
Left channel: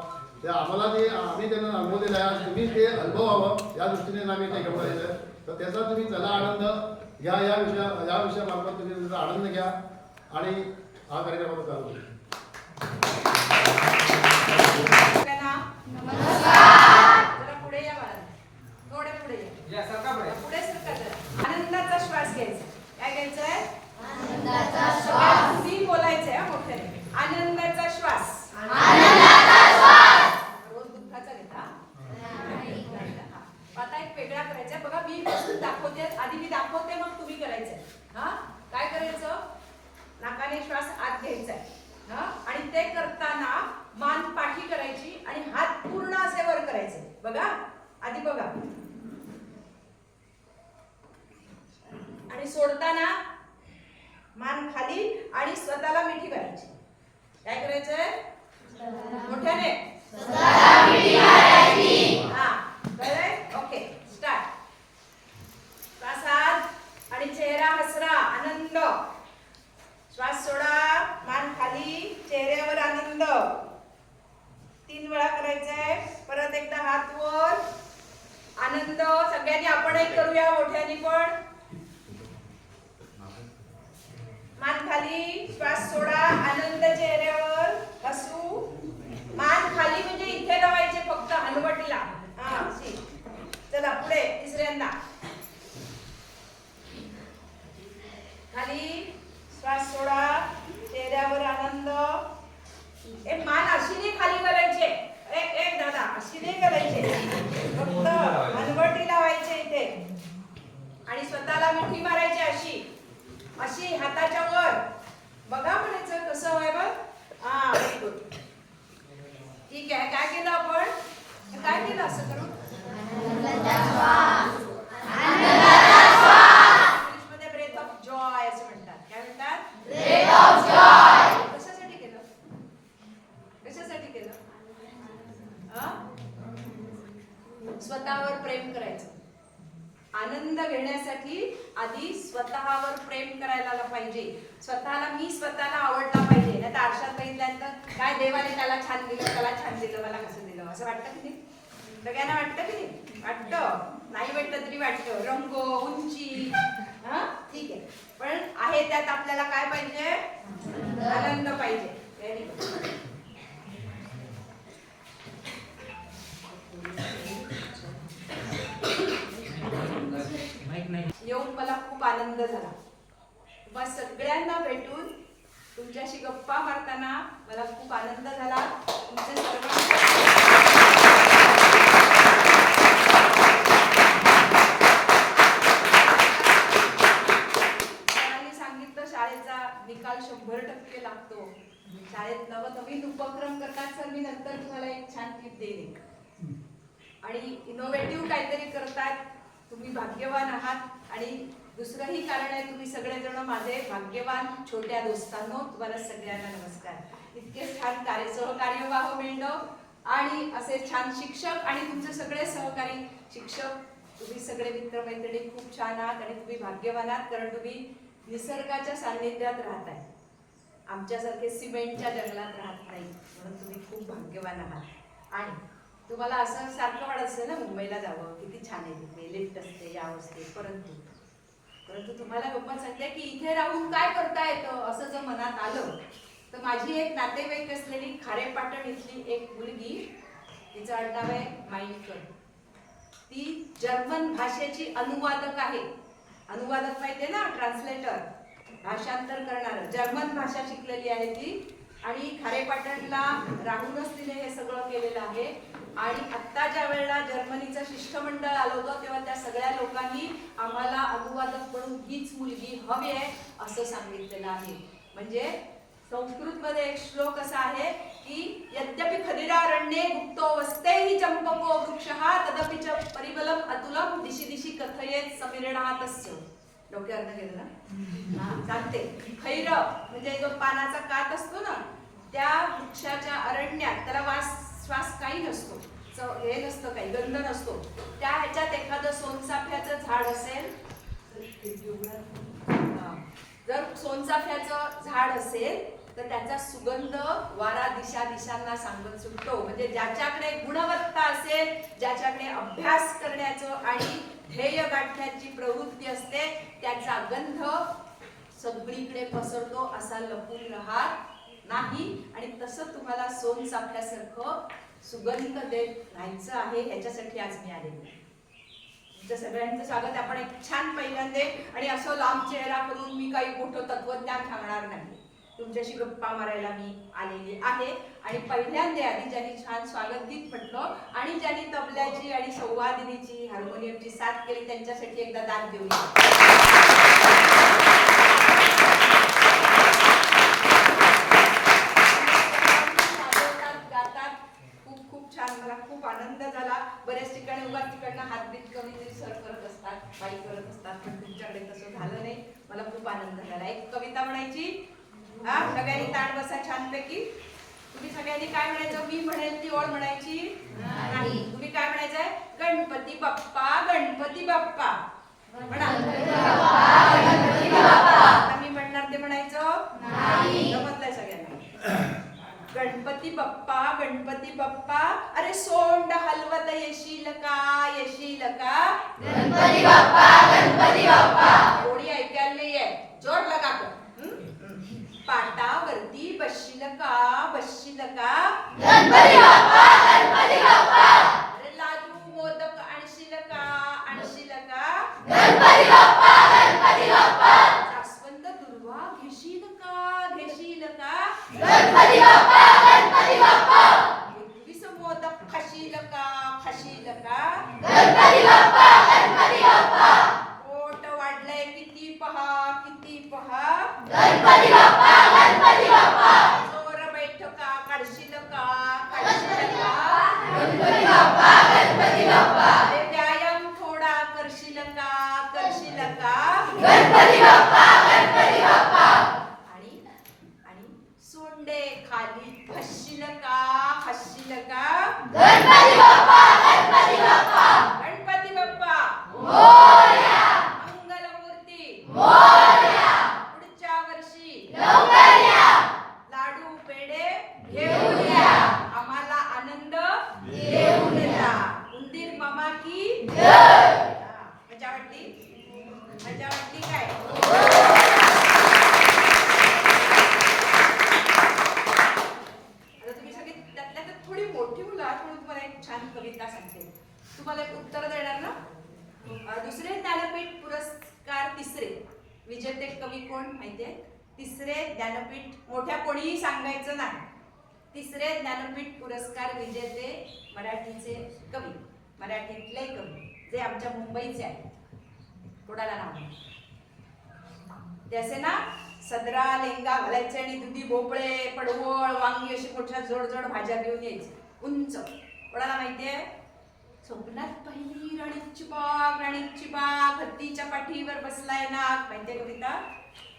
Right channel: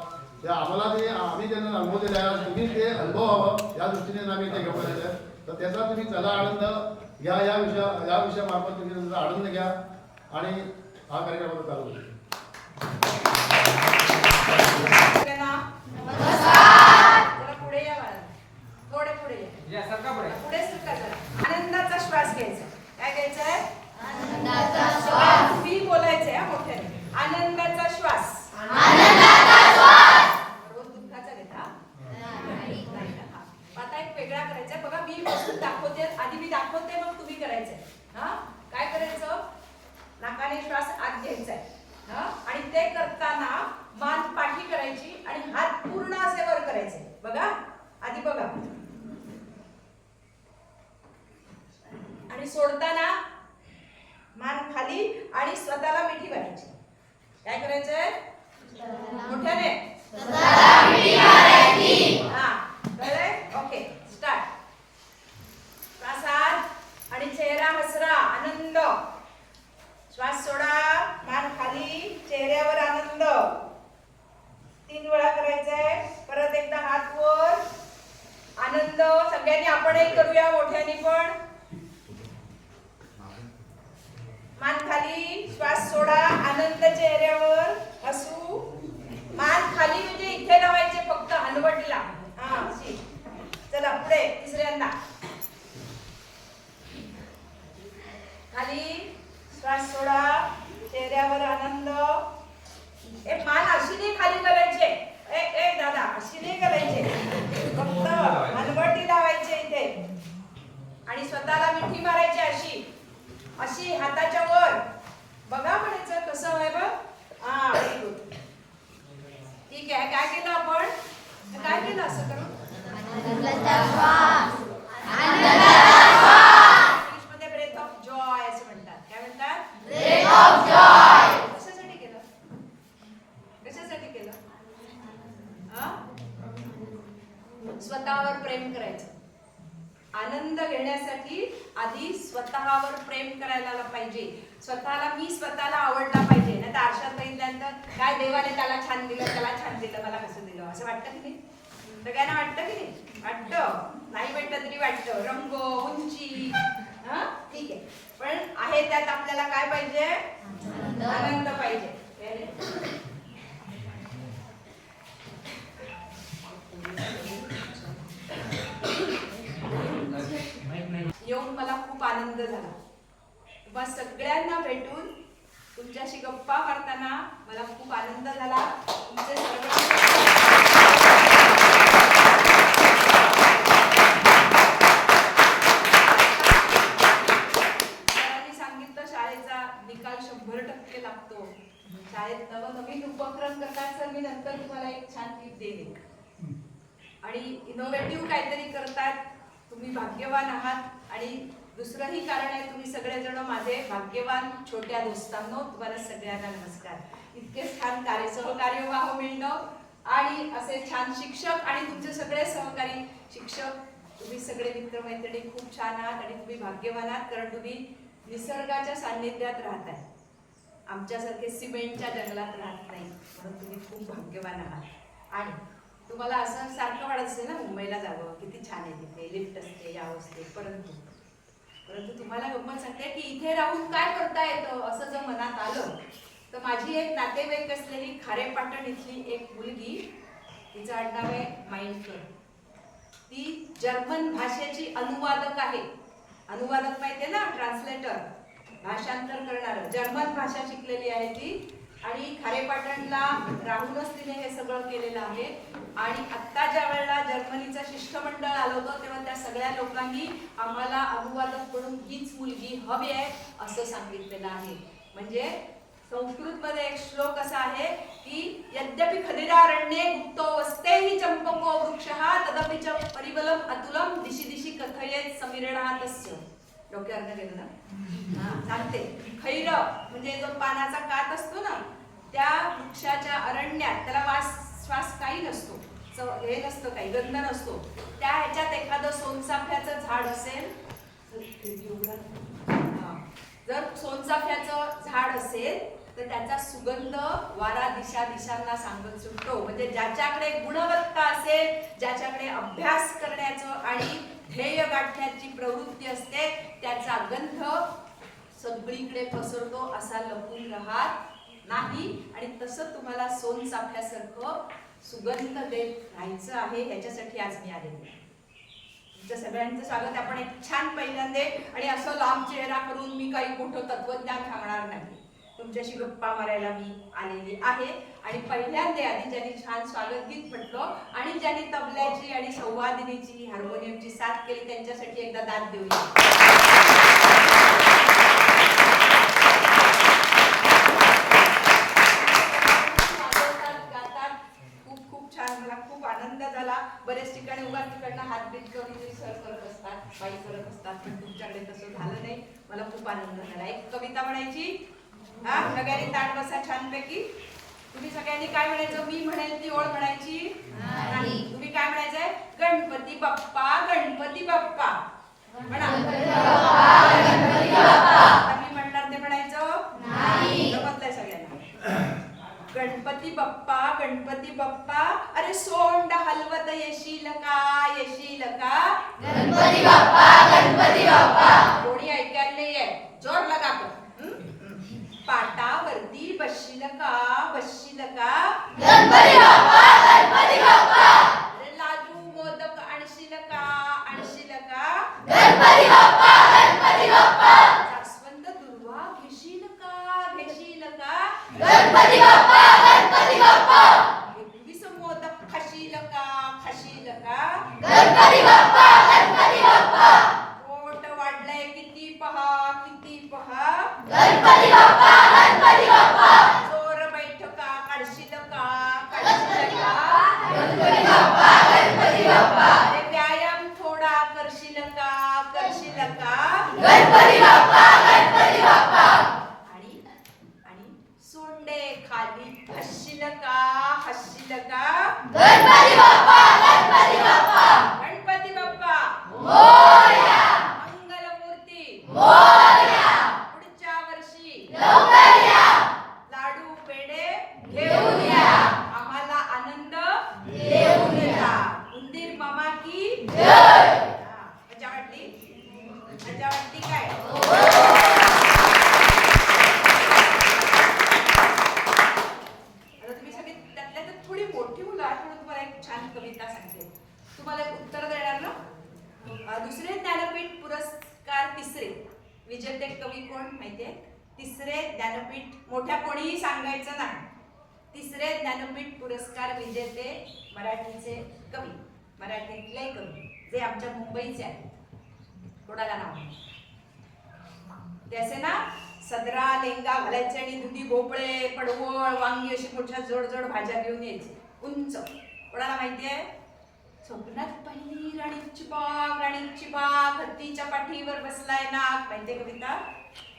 त्या आम्हाला ते आम्ही त्यांना अनुभव दिला आहे, तुम्ही ते अनुभवावं या दृष्टीने आम्ही ते घेऊन आलेलं आहे. तर त्याचा तुम्ही चला आनंद घ्या, या विषयामार्फत तुम्ही त्याचा आनंद घ्या आणि हा कार्यक्रम चालू होईल. पुढे या मला, थोडे पुढे या, पुढे सरका जरा. आनंदाचा श्वास घ्यायचा. काय घ्यायचंय? आनंदाचा श्वास. मी बोलायचंय मोठ्याने. आनंदाचा श्वास. रोज दुःखाचा घेता नाही ना. आता एक वेगळा करायचा बघा. मी वस्तू दाखवते, आधी मी दाखवते मग तुम्ही करायचंय. हा, काय करायचं? नाकाने श्वास आत घ्यायचाय. हा, आणि ते करताना मान पाठी करायची आणि हात पूर्ण असे वर करायचे. बघा, आधी बघा. आणि सोडताना मान खाली आणि स्वतःला मिठी मारायची. काय करायचंय? मोठ्याने हा, कळलंय? Okay, start. श्वासात आणि चेहरा हसरा, आनंद. श्वास सोडा, मान खाली, चेहऱ्यावर आनंद. 3 वेळा करायचंय. परत एकदा हात वर, आनंद. सगळ्यांनी आपण एक करूया मोठ्याने पण. मान खाली, श्वास सोडा, आनंद चेहऱ्यावर, हसू. मान खाली म्हणजे इथे लावायचे फक्त, हलवटला. हा, अशी. चला पुढे, तिसऱ्यांदा. खाली, श्वास सोडा, चेहऱ्यावर आनंद. मान अशी नाही खाली करायचे. दादा, अशी नाही करायचे, फक्त हलवटी लावायचे इथे. आणि स्वतःला मिठी मारायची अशी अशी हाताच्या वर. बघा म्हणायचं कसं आहे बघ. हा, व्हेरी गुड. ठीक आहे. काय केलं आपण? काय केलं असं करून? इंग्लिशमध्ये ब्रेथ ऑफ जॉय असं म्हणतात. काय म्हणतात? Breath of joy. कशासाठी केलं? कशासाठी केलं? स्वतःवर प्रेम करायचं. आनंद घेण्यासाठी आधी स्वतःवर प्रेम करायला पाहिजे. मी स्वतःला आवडला पाहिजे. नाही तर आरशात बघितल्यानंतर काय देवाने त्याला छान दिलं, त्याला छान दिलं, मला कसं दिलं असं वाटतं की नाही? सगळ्यांना वाटतं की नाही? वाटतं. नाही वाटतं तरी वाटतं. रंग, उंची, हा, ठीक आहे. पण आहे त्यात आपल्याला काय पाहिजे? आनंद पाहिजे. येऊन मला खूप आनंद झाला. तुम्हा सगळ्यांना भेटून तुमच्याशी गप्पा मारताना मला खूप आनंद झाला. तुमचे सरांनी सांगितलं शाळेचा निकाल 100% लागतो. शाळेत नवनवीन उपक्रम करतात सर. मी नंतर तुम्हाला एक छान टिप देईन. आणि इनोव्हेटिव्ह काहीतरी करतात. तुम्ही भाग्यवान आहात. आणि दुसरंही कारण आहे, तुम्ही सगळेजण माझे भाग्यवान छोट्या दोस्तांनो. तुम्हाला सगळ्यांना नमस्कार. इतके छान सहकार्य व्हावं मिळणं आणि असे छान शिक्षक आणि तुमचे सगळे सहकारी शिक्षक, तुम्ही सगळे मित्रमैत्रिणी खूप छान आहात आणि तुम्ही भाग्यवान आहात, कारण तुम्ही निसर्गाच्या सान्निध्यात राहताय. आमच्यासारखे सिमेंटच्या जंगलात राहत नाही, म्हणून तुम्ही खूप भाग्यवान आहात. आणि तुम्हाला असं सारखं वाटत असेल ना मुंबईला जावं, किती छान आहे तिथे, लिफ्ट असते, याव असते, परंतु तुम्हाला गंमत सांगते की इथे राहून काय करता येतं असं जर मनात आलं तर माझी एक नातेवाईक असलेली खारेपाटण इथली एक मुलगी, तिचं आडनाव आहे माइंडकर, ती जर्मन भाषेची अनुवादक आहे. अनुवादक माहितीये ना, ट्रान्सलेटर, भाषांतर करणारं, जर्मन भाषा शिकलेली आहे ती. आणि खारेपाटणला राहूनच तिने हे सगळं केलेलं आहे. आणि आत्ता ज्या वेळेला जर्मनीचं शिष्टमंडळ आलं होतं तेव्हा त्या सगळ्या लोकांनी आम्हाला अनुवादक म्हणून हीच मुलगी हवी आहे असं सांगितलेलं आहे. म्हणजे संस्कृतमध्ये एक श्लोक असा आहे की यद्यपि खदिरारण्ये गुप्तो वस्तेहि चंपको वृक्षः तदपि च परिबलम अतुलम दिशी दिशी कथयेत समीरणातस्य. डोक्यावर गेलं ना? हा, सांगते. खैर म्हणजे जो पानाचा कात असतो ना, त्या वृक्षाच्या अरण्यात त्याला श्वास काही नसतो, हे नसतं, काही गंध नसतो. त्या ह्याच्यात एखादं सोनचाफ्याचं झाड असेल, जर सोनचाफ्याचं झाड असेल तर त्याचा सुगंध वारा दिशांना सांगत सुटतो. म्हणजे ज्याच्याकडे गुणवत्ता असेल, ज्याच्याकडे अभ्यास करण्याचं आणि ध्येय गाठण्याची प्रवृत्ती असते, त्याचा गंध सगळीकडे पसरतो, असा लपून राहत नाही. आणि तसं तुम्हाला सोनचाफ्यासारखं सुगंध देत राहायचं आहे. ह्याच्यासाठी आज मी आलेली. तुमच्या सगळ्यांचं स्वागत. आपण एक छान पहिल्यांदा, आणि असं लांब चेहरा करून मी काही मोठं तत्वज्ञान सांगणार नाही, तुमच्याशी गप्पा मारायला मी आलेली आहे. आणि पहिल्यांदा आधी ज्यांनी छान स्वागत गीत म्हटलं आणि ज्यांनी तबल्याची आणि संवादिनीची, हार्मोनियमची साथ केली, त्यांच्यासाठी एकदा दाद देऊया. मला खूप आनंद झाला. बऱ्याच ठिकाणी उगाच तिकडनं हातबीत कविते सर करत असतात, बाई करत असतात, पण तुमच्याकडे तसं झालं नाही. मला खूप आनंद झाला. एक कविता म्हणायची. हा, सगळ्यांनी ताट बसा छानपैकी. तुम्ही सगळ्यांनी काय म्हणायचं? मी म्हणेल ती ओळ म्हणायची नाही. तुम्ही काय म्हणायचंय? गणपती बाप्पा, गणपती बाप्पा म्हणा. आता मी म्हणणार ते म्हणायचं नाही. जमतलंय सगळ्यांना? गणपती बाप्पा, गणपती बाप्पा, अरे सोंड हलवत येशील का, येशील का? गणपती बाप्पा, गणपती बाप्पा. कोणी ऐकायला नाहीये, जोर लगा कर. पाटावरती बसशील का, बसशील का? गणपती बाप्पा, गणपती बाप्पा. अरे लाडू मोदक आणशील का, आणशील का? गणपती बाप्पा, गणपती बाप्पा. जास्वंद दुर्वा घेशील का, घेशील का? गणपती बाप्पा, गणपती बाप्पा. 21 मोदक खाशील का, खाशील का? गणपती बाप्पा, गणपती बाप्पा. पोट वाढलंय किती पहा, किती पहा? गणपती बाप्पा, गणपती बाप्पा. जोर बैठका काढशील का, काढशील का? गणपती बाप्पा, गणपती बाप्पा. अरे व्यायाम थोडा करशील का, करशील का? गणपती बाप्पा, गणपती बाप्पा. सोंडे खाली हसशील का, हसशील का? गणपती बाप्पा, गणपती बाप्पा. गणपती बाप्पा मोरया. मंगलमूर्ती मोरया. पुढच्या वर्षी लवकर या. लाडू पेढे घेऊन या. आम्हाला आनंद देऊन जा. उंदीर मामा की जय. मजा वाटली? मजा वाटली काय? थोडी मोठी मुलं आहेत म्हणून तुम्हाला एक छान कविता सांगते. तुम्हाला एक उत्तर देणार ना? दुसरे ज्ञानपीठ पुरस्कार तिसरे विजेते कवी कोण माहितीये? तिसरे ज्ञानपीठ, मोठ्या कोणीही सांगायचं नाही. तिसरे ज्ञानपीठ पुरस्कार विजेते मराठीचे कवी, मराठीतले कवी जे आमच्या मुंबईचे आहेत. कोणाला नाव ते असे ना, सदरा लेंगा घालायचे आणि दुधी भोपळे, पडवळ, वांगी अशी मोठ्या जोड जोड भाज्या घेऊन यायची, उंच. कोणाला माहितीये? स्वप्नात पहिली राणीची बाग, राणीची बाग, हत्तीच्या पाठीवर बसलाय नाग. माहितीये कविता?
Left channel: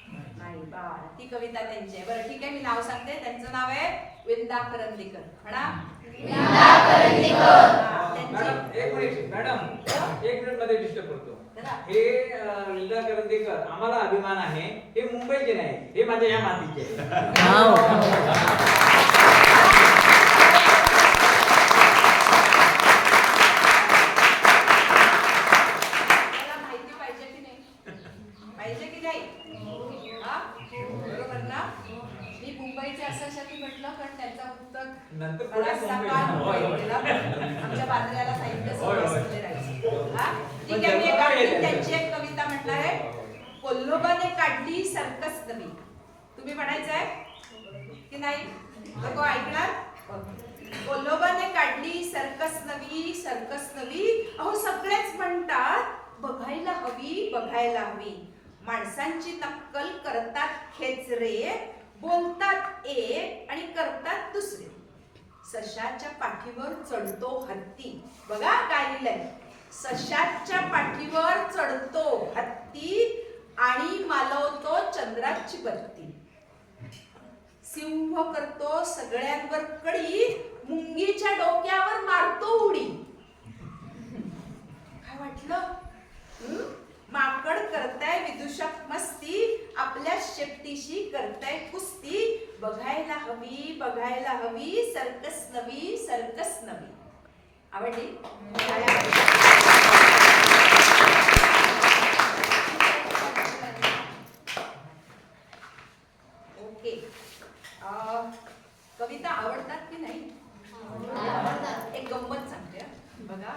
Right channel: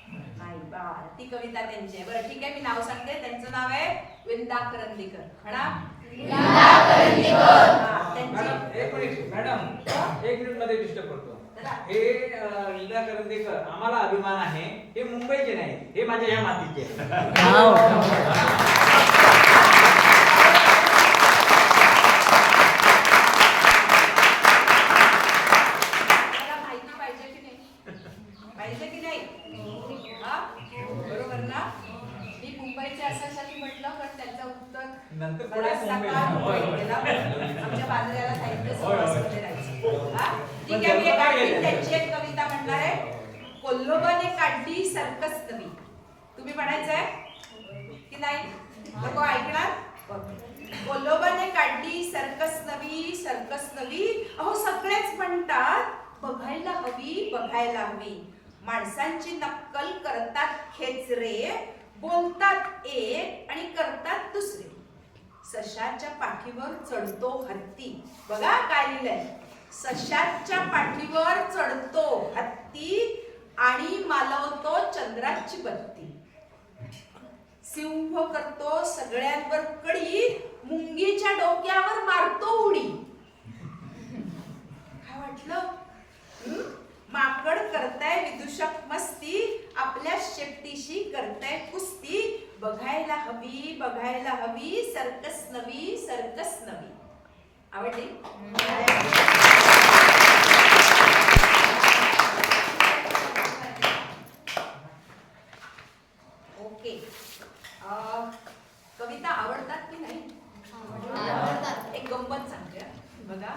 नाही बा, ती कविता त्यांची आहे. बरं ठीक आहे, मी नाव सांगते. त्यांचं नाव आहे विंदा करंदीकर. म्हणा विंदा करंदीकर. एक मिनिट मॅडम, एक मिनिट मध्ये डिस्टर्ब करतो. जरा. हे लीला करंदीकर आम्हाला अभिमान आहे. हे मुंबईचे नाही, हे माझ्या ह्या मातीचे. मला माहिती पाहिजे की नाही? पाहिजे की नाही? हा बरोबर ना? मी मुंबईचे अशासाठी म्हटलं कारण त्याचा उत्तर नंतर पुढे बराचसा मुंबई. काळ होय. मुंबईत गेला. आमच्या बांद्र्याला साहित्य होय, होय. संस्थेमध्ये राहायचं. हा ठीक आहे. मी एक आणखी त्यांची एक कविता म्हणणार आहे. कोल्होबाने काढली सर्कस नवी. तुम्ही म्हणायचंय की नाही? लोक ऐकणार? कोल्होबाने काढली सर्कस नवी, सर्कस नवी. अहो सगळेच म्हणतात बघायला हवी, बघायला हवी. माणसांची नक्कल करतात खेचरे, बोलतात एक आणि करतात दुसरे. सशाच्या पाठीवर चढतो हत्ती. बघा काय लिहिलंय. सशाच्या पाठीवर चढतो हत्ती आणि मालवतो चंद्राची बत्ती. सिंह करतो सगळ्यांवर कडी, मुंगीच्या डोक्यावर मारतो उडी. काय वाटलं? माकड करताय विदूषक मस्ती, आपल्या शेपटीशी करताय कुस्ती. बघायला हवी, बघायला हवी, सर्कस नवी, सर्कस नवी. आवडली? ओके. कविता आवडतात की नाही? एक गंमत सांगते बघा.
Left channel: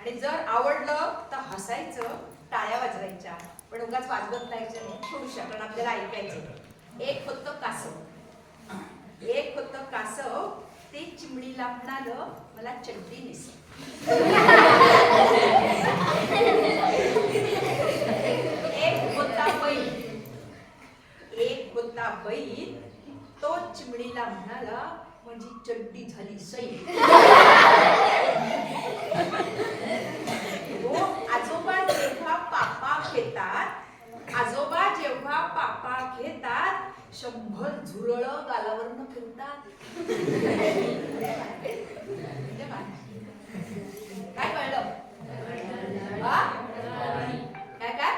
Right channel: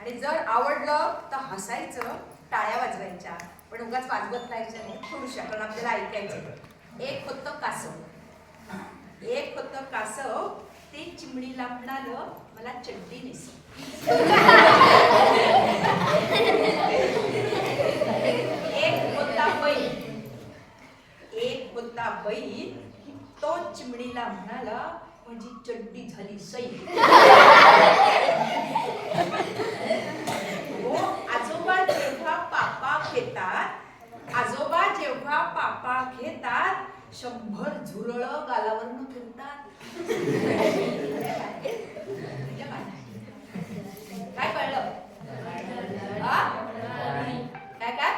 आणि जर आवडलं तर हसायचं, टाळ्या वाजवायच्या, पण उगाच वाजवत राहायचं नाही, थोडूशा, कारण आपल्याला ऐकायचं. एक होतं कासव. एक होतं कासव, ते चिमणीला म्हणालं मला चड्डी नेसव. एक होता बैल. एक होता बैल, तो चिमणीला म्हणाला माझी चड्डी झाली सैल. आजोबा जेव्हा पापा घेतात, आजोबा जेव्हा पापा घेतात, 100 झुरळ गालावरनं फिरतात. काय कळलं? काय काय?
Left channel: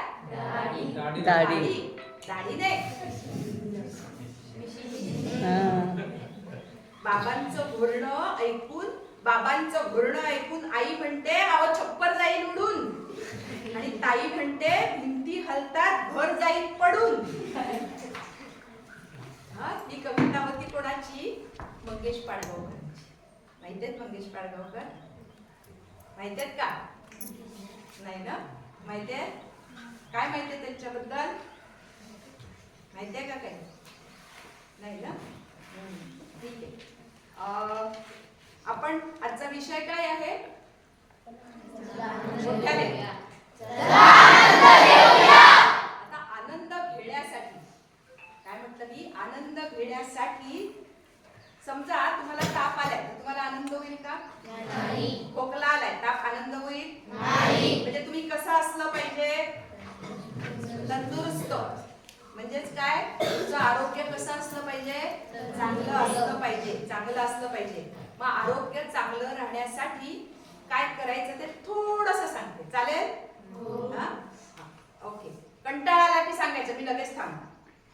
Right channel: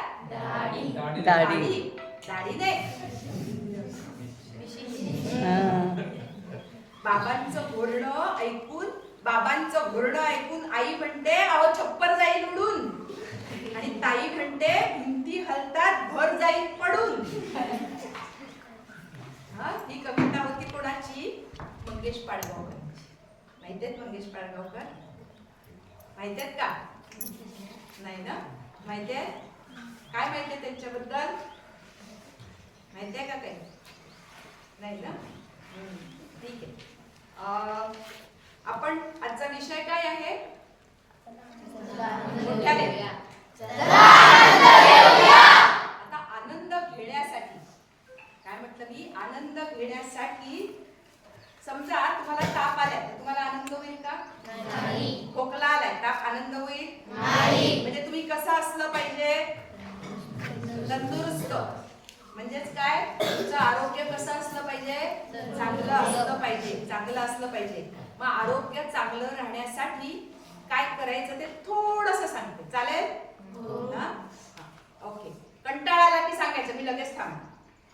दाढी. दाढी नाही. बाबांचं घोरणं ऐकून आई म्हणते अहो छप्पर जाईल उडून. आणि ताई म्हणते भिंती हलतात घर जाईल पडून. ही कविता होती कोणाची? मंगेश पाडगावकरांची. माहितीयेत मंगेश पाडगावकर? माहितीयेत का? नाही ना? माहितीये? काय माहितीये त्यांच्याबद्दल? माहितीये का काही? नाही ना? ठीक आहे. आपण आजचा विषय काय आहे? मोठ्याने. आता आनंद घेण्यासाठी काय म्हटलं मी? आनंद घेण्यासाठी समजा तुम्हाला ताप आलाय तर तुम्हाला आनंद होईल का? नाही. खोकला आलाय, ताप आनंद होईल? नाही. म्हणजे तुम्ही कसं असलं पाहिजे? तंदुरुस्त. म्हणजेच काय? तुमचं आरोग्य कसं असलं पाहिजे? चांगलं असलं पाहिजे. चांगलं असलं पाहिजे. मग आरोग्य चांगलं राहण्यासाठी काय करायचं ते थोडंसं सांगते. चालेल? हा? ओके. कंटाळा आला की सांगायचं मी लगेच थांबणार.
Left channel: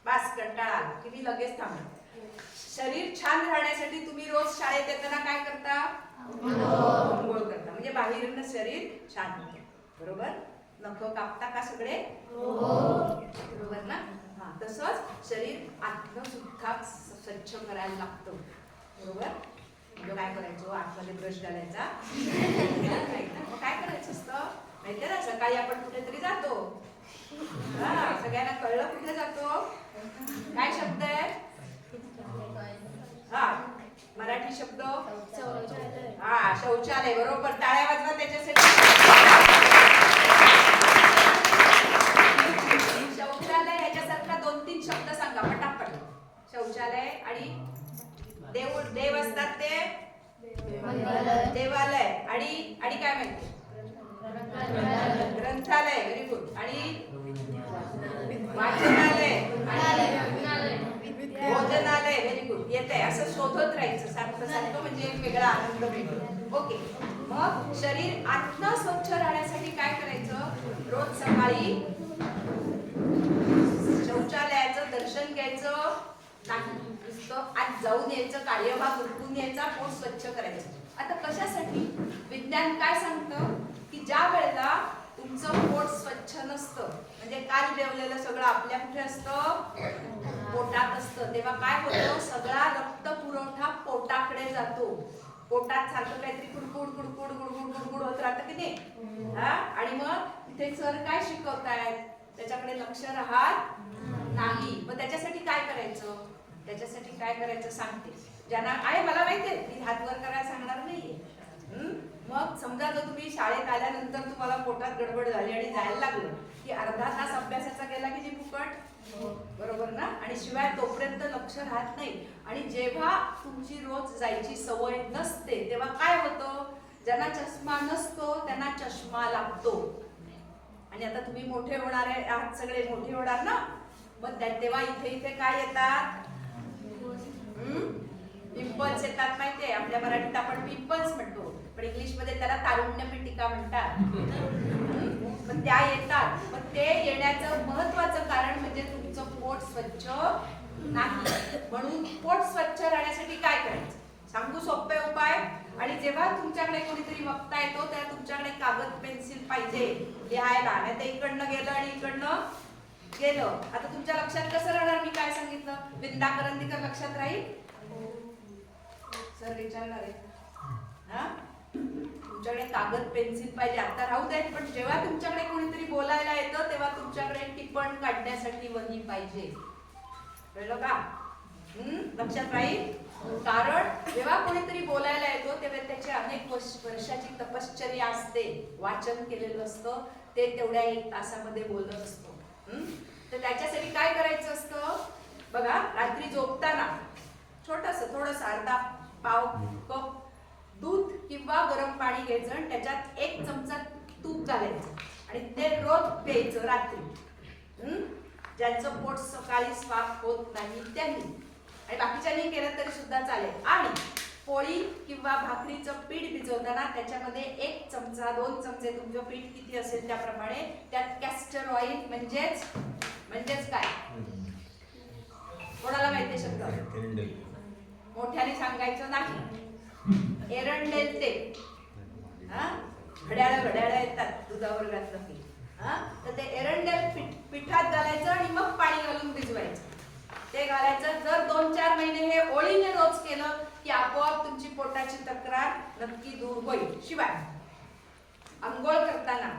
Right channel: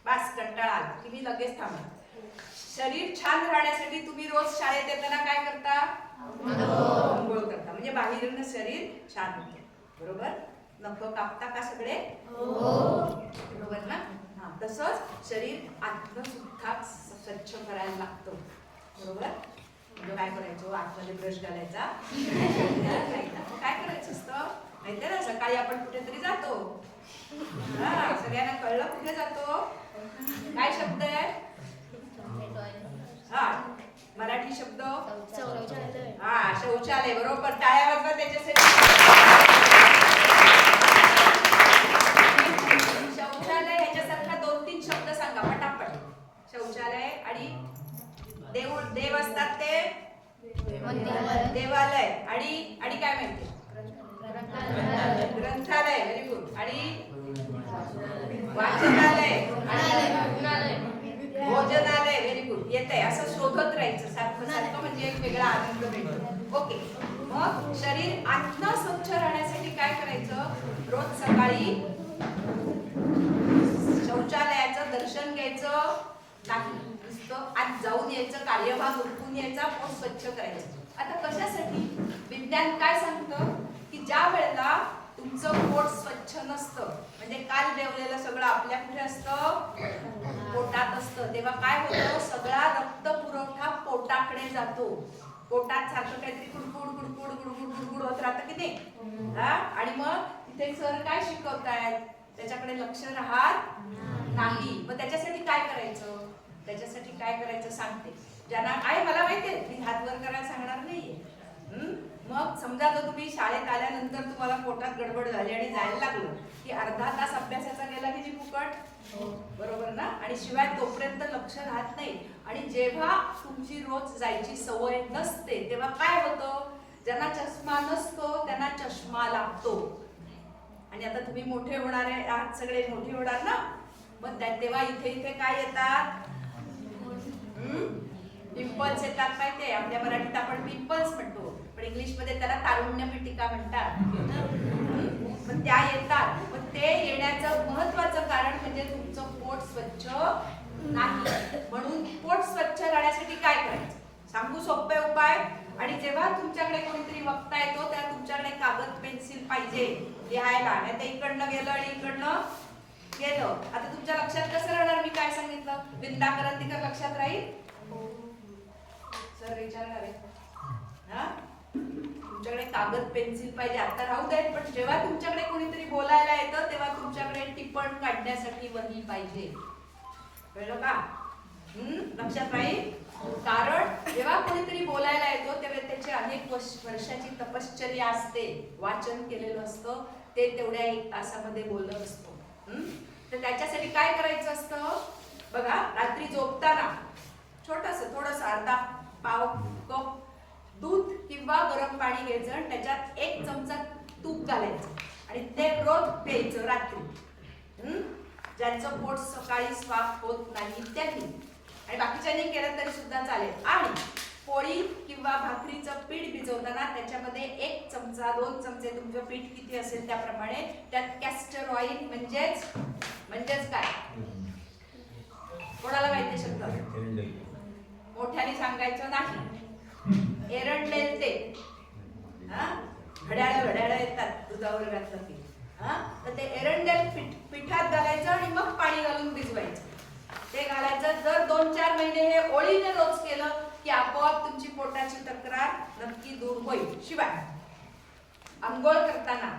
बस कंटाळा आला की मी लगेच थांबणार. शरीर छान राहण्यासाठी तुम्ही रोज शाळेत येताना काय करता? आंघोळ करता. म्हणजे बाहेरून शरीर छान होतं. बरोबर? नख कापता का सगळे? बरोबर ना? हा. तसंच शरीर आतनं सुद्धा स्वच्छ करायला लागतं. बरोबर? म्हणजे काय करायचं? आतमध्ये ब्रश घालायचा नाही ना? मग काय करायचं असतं माहितीये ना? सकाळी आपण कुठेतरी जातो. हा. सगळ्यांना कळलं कुठे जातो? काय शब्द आहे? हा. मराठी शब्द? हा. शौचालय. बरोबर. टाळ्या वाजवा त्याच्यासाठी. शौचालय ह्याच्यासारखा 2-3 शब्द सांगा पटापट. शौचालय आणि देव असतात ते देवालय. आणि काय माहिती? ग्रंथालय. Very good. आणि वाचनालय आणि भोजनालय. Very good. येत आहे. असं शोधत राहायचं सारखं सारखं म्हणजे एक वेगळा आनंद मिळतो. ओके. मग मग शरीर आतनं स्वच्छ राहण्यासाठी काय करायचं? रोज सकाळी शौचालयाचं दर्शन घ्यायचं नाही, नुसतं आत जाऊन यायचं, कार्यभाग उरकून यायचा, पोट स्वच्छ करायचं. आता कशासाठी? विज्ञान काय सांगतं की ज्या वेळेला तुमचं पोट स्वच्छ नसतं, म्हणजे काल जेवलेलं सगळं आपल्या कुठे असतं? पोटात असतं. तेव्हा काय होतं? सगळा रक्त पुरवठा पोटाकडे जातो. पोटात सारखं काहीतरी कुडकुड कुडकुड गुडगुड गुडगुड होत राहतं की नाही? आणि मग इथे सर काय शिकवतायत? त्याच्याकडे लक्ष राहत नाही. मग त्याच्यासाठी काय करायचं? त्याच्यासाठी काय करायचं सांगते. ज्यांना आहे मला माहितीये, मी हात वर करायला सांगणार नाहीये. मग समजा जर तुम्ही शाळेत आल्यानंतर तुम्हाला पोटात गडबड झाली आणि जायला लागलं की अर्धा तास अभ्यासाचा गेला की जी फुकट, बरोबर ना? आणि शिवाय तोपर्यंत लक्ष राहत नाही. आणि जेव्हा तुमची रोज जायची सवय नसते तेव्हा काय होतं? ज्यांना चष्मा नसतो त्यांना चष्मा लागतो. आणि आता तुम्ही मोठे होणार आहात, सगळे मोठे होणार ना, मग तेव्हा इथे इथे काय येतात? पिंपल्स येतात. माहितीये, आपल्या मराठीत आपण पिंपल्स म्हणतो, पण इंग्लिश मध्ये त्याला तारुण्य पिटिका म्हणतात. पण त्या येतात. मग ते येण्याचं महत्वाचं कारण म्हणजे तुमचं पोट स्वच्छ नाही. म्हणून पोट स्वच्छ राहण्यासाठी काय करायचं सांगू? सोपे उपाय. आणि जेव्हा तुमच्याकडे कोणीतरी वक्ता येतो तेव्हा तुमच्याकडे कागद पेन्सिल पाहिजे लिहायला, नाही तर इकडनं गेलं आणि इकडनं गेलं. आता तुमच्या लक्षात कसं राहणार? मी काय सांगितलं? विंदा करंदीकर लक्षात राहील? सर विचारणार आहे. तुमच्याकडे कागद पेन्सिल पाहिजे. आता राहू देत, पण जेव्हा तुमच्याकडे कोणीतरी बोलायला येतं तेव्हा तुमच्याकडे टिप्पण काढण्यासाठी वही पाहिजे. कळलं का? लक्षात राहील? कारण जेव्हा कोणीतरी बोलायला येतो तेव्हा त्याची अनेक वर्षाची तपश्चर्या असते, वाचन केलेलं असतं, ते तेवढ्या 1 तासामध्ये बोलत असतो. तर त्याच्यासाठी काय करायचं असतं? बघा, रात्री झोपताना छोटस थोडस अर्धा पाव कप दूध किंवा गरम पाणी घ्यायचं आणि त्याच्यात 1 चमचा तूप घालायचं आणि ते रोज प्यायचं रात्री. ज्यांचं पोट सकाळी साफ होत नाही त्यांनी, आणि बाकीच्यांनी केलं तरी सुद्धा चालेल. आणि पोळी किंवा भाकरीचं पीठ भिजवताना त्याच्यामध्ये 1 चमचा 2 चमचे तुमचं पीठ किती असेल त्याप्रमाणे त्यात कॅस्टर ऑइल म्हणजेच काय? कोणाला माहिती शब्द? मोठ्याने सांगायचं नाही. एरंडेल तेल. घड्याळ येतात दुधावर घातलं की. तर ते एरंडेल पिठात घालायचं आणि मग पाणी घालून भिजवायचं. ते घालायचं. जर 2-4 महिने हे ओळीने रोज केलं की आपोआप तुमची पोटाची तक्रार नक्की दूर होईल. शिवाय अंघोळ करताना